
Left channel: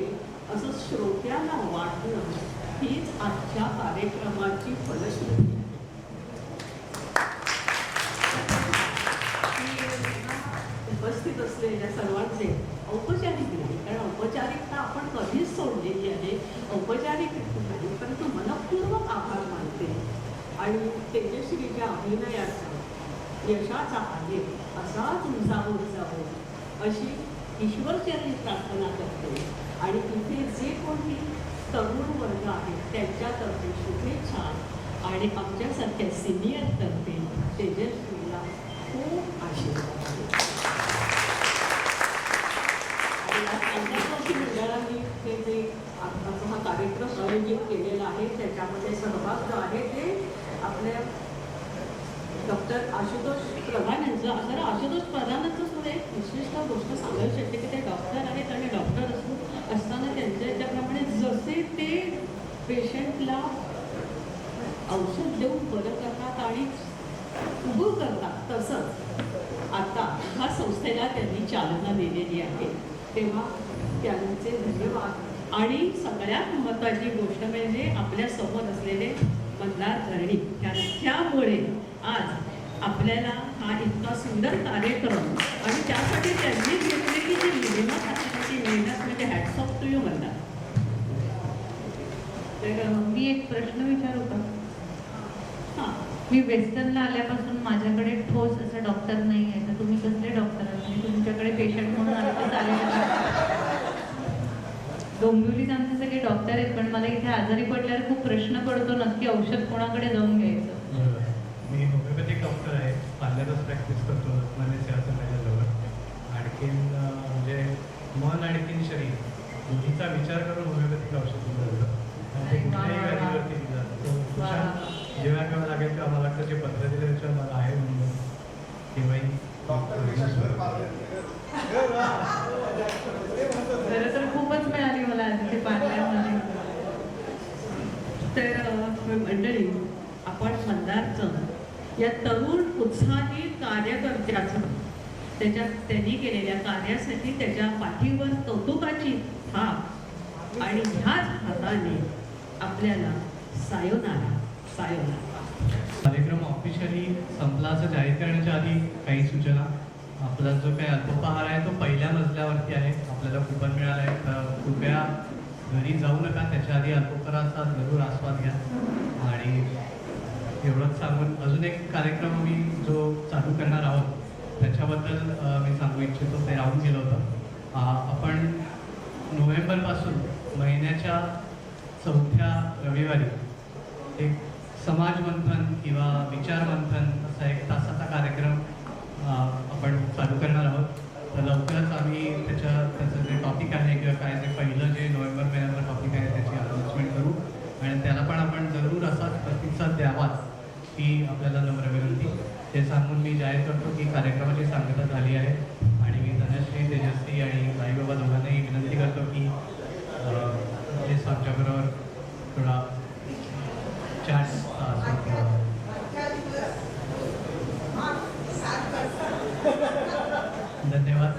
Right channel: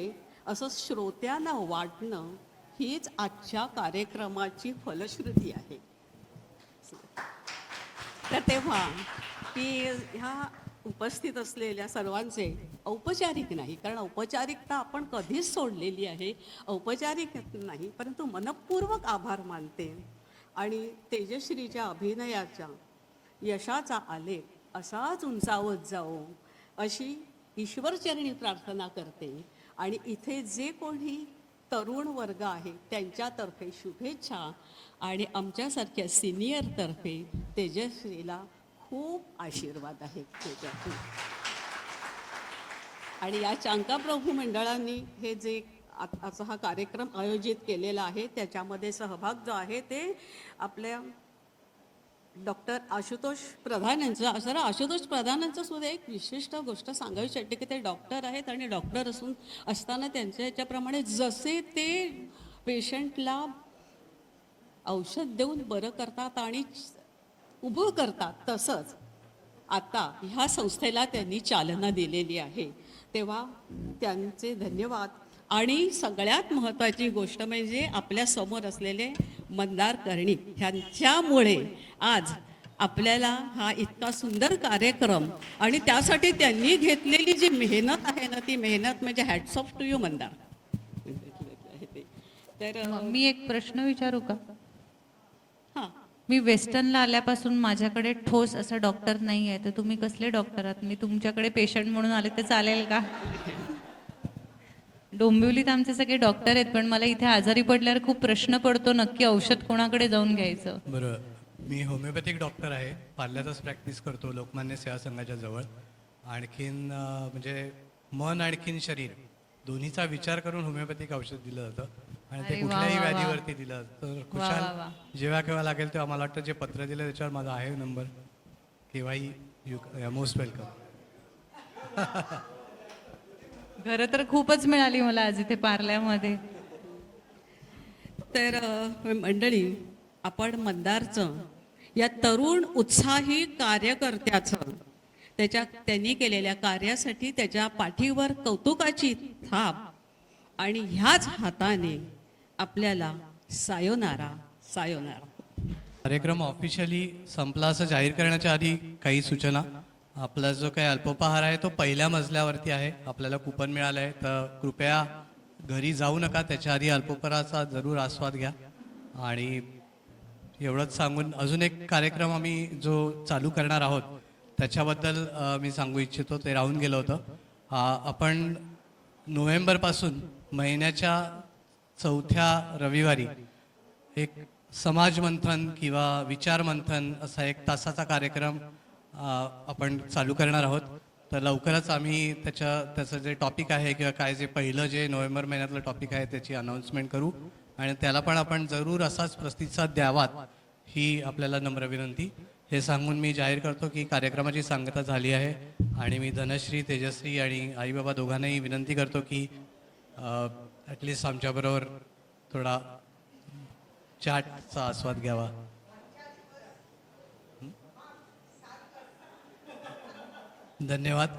असं श्रोत्यांना वाटणं हीच आजच्या कार्यक्रमाची फलश्रुती आहे. तेव्हा की ह्या उपस्थित असलेल्या सर्वांचे औपचारिक नाही कारण औपचारिकता आपण कधीच सोडलेली आहे, औपचारिक नाही परंतु मनपूर्वक आभार मानते. आणि तेजश्रीच्या अभिनयाच्या यशाचा आहे असाच उंचावत जावो अशी ईश्वरचरणी प्रार्थना करते. आणि इथे जे कोणी तरुण वर्ग आहेत त्यांच्यातर्फे शुभेच्छा आणि आमच्यासारख्या सिनियरतर्फे तेजश्रीला खूप आशीर्वाद आहे. आणि या चांगल्या चौकी मंडळांनी हे जे आत्ताचा हा कार्यक्रम आयोजित केलेला आहे त्याच्यामध्ये सहभाग जो आहे ते आपल्या डॉक्टर आशुतोष प्रधान यांचं असं आशुतोष प्रधानांचं सुद्धा एक विशिष्ट गोष्ट सांगायची शकते की ते डॉक्टर आहेत आणि डॉक्टर असताना त्यांच्या याच्याप्रमाणे जसे ते पेशंटला औषध देऊन बरं करतात आणि उभं करतात तसंच आता ह्या संस्थेला त्यांनी चालना दिलेली आहे. तेव्हा त्यांचे धन्यवाद आणि सगळ्यात महत्त्वाची गोष्ट म्हणजे आपल्या समोर असलेले मंदार कर्णिक ह्याच्यामुळे आज आपल्याला हा इतका सुंदर कार्यक्रम आणि त्यासाठी त्यांनी घेतलेली जी मेहनत आहे ना ती मेहनत म्हणजे hats off to you Mandar. तर मी एक प्रश्न विचारू का? हां, मी वेस्टर्नला आल्यापासून माझ्याकडे ठोस असं डॉक्टर नाही आहे, तर तुम्ही कसले डॉक्टर आहात? मी तुमच्याकडे पेशंट म्हणून आले तर चालेल का? डोंबिवलीत आमचे सगळे डॉक्टर आहेत, पण मला इथे आजारी पडल्यावर खूप प्रश्न पडतो, नक्की औषध कोणाकडे जाऊन घ्यायचं. बरं, मी होमिओपॅथिक डॉक्टर आहे, पार्लरच प्रॅक्टिस करतो लोकमान्य सेवा संघाच्याजवळ. आणखीन म्हणजे मन आणखीन शरीर दोन्हीचा विचार करून होमिओपॅथिक औषध दिलं जातं. आणि अरे ते वा, कुठल्याही वा, वा. व्याधीवरती दिलं जातं. वा, विचार वा, वा. जेव्हा केव्हा लागेल तेव्हा मला वाटतं जे पत्र दिलं त्याच्यावर माझा आहे नंबर, तेव्हाही मोस्ट वेलकम. खरं तर खूपच मिळाली मला आज इथे पार्लरमध्ये. तर मंडळी, आपण मंदारचं या तरुण उत्साही कार्यकर्त्याचं त्यांनी केलेल्या कार्यासाठी त्याच्या पाठीवर कौतुकाची थाप आणि ह्याच हाताने आपल्याला सायोनारा कार्यक्रम ऑफिशियली संपला असं जाहीर करण्याच्या आधी काही सूचना. आपला जो काही अल्पोपहार आहे तो पहिल्या मजल्यावरती आहे, आपल्याला कुपन मिळालं आहे, तर कृपया घरी जाऊ नका, त्याच्या आधी अल्पोपहाराचा जरूर आस्वाद घ्या. आणि एवढंच सांगून अजून एक कार्यक्रम आम्ही जो चालू करणार आहोत त्याच्याबद्दल मी सांगू इच्छितो. ते राहून गेलं होतं. आपण नोव्हेंबरपासून महिन्याच्या 4थ्या रविवारी एक समाज मंथन किंवा विचार मंथन असा 1 तासाचा कार्यक्रम आपण चालू करणार आहोत. तर लवकरच आम्ही त्याचं जे टॉपिक आहे किंवा काय जे पहिलं जे नोव्हेंबर महिन्यातलं टॉपिक आहे त्याची अनाऊन्समेंट करू आणि त्याला पण आपण जरूर असाच प्रतिसाद द्यावात ही आपल्याला नम्र विनंती. हे सांगून मी जाहीर करतो की कार्यक्रमाची सांगता झाली आहे आणि मी धनश्री, तेजश्री आणि आईबाबा दोघांनाही विनंती करतो की प्लीज आमच्याबरोबर थोडा चॅटचा आस्वाद घ्यावा. धन्यवाद.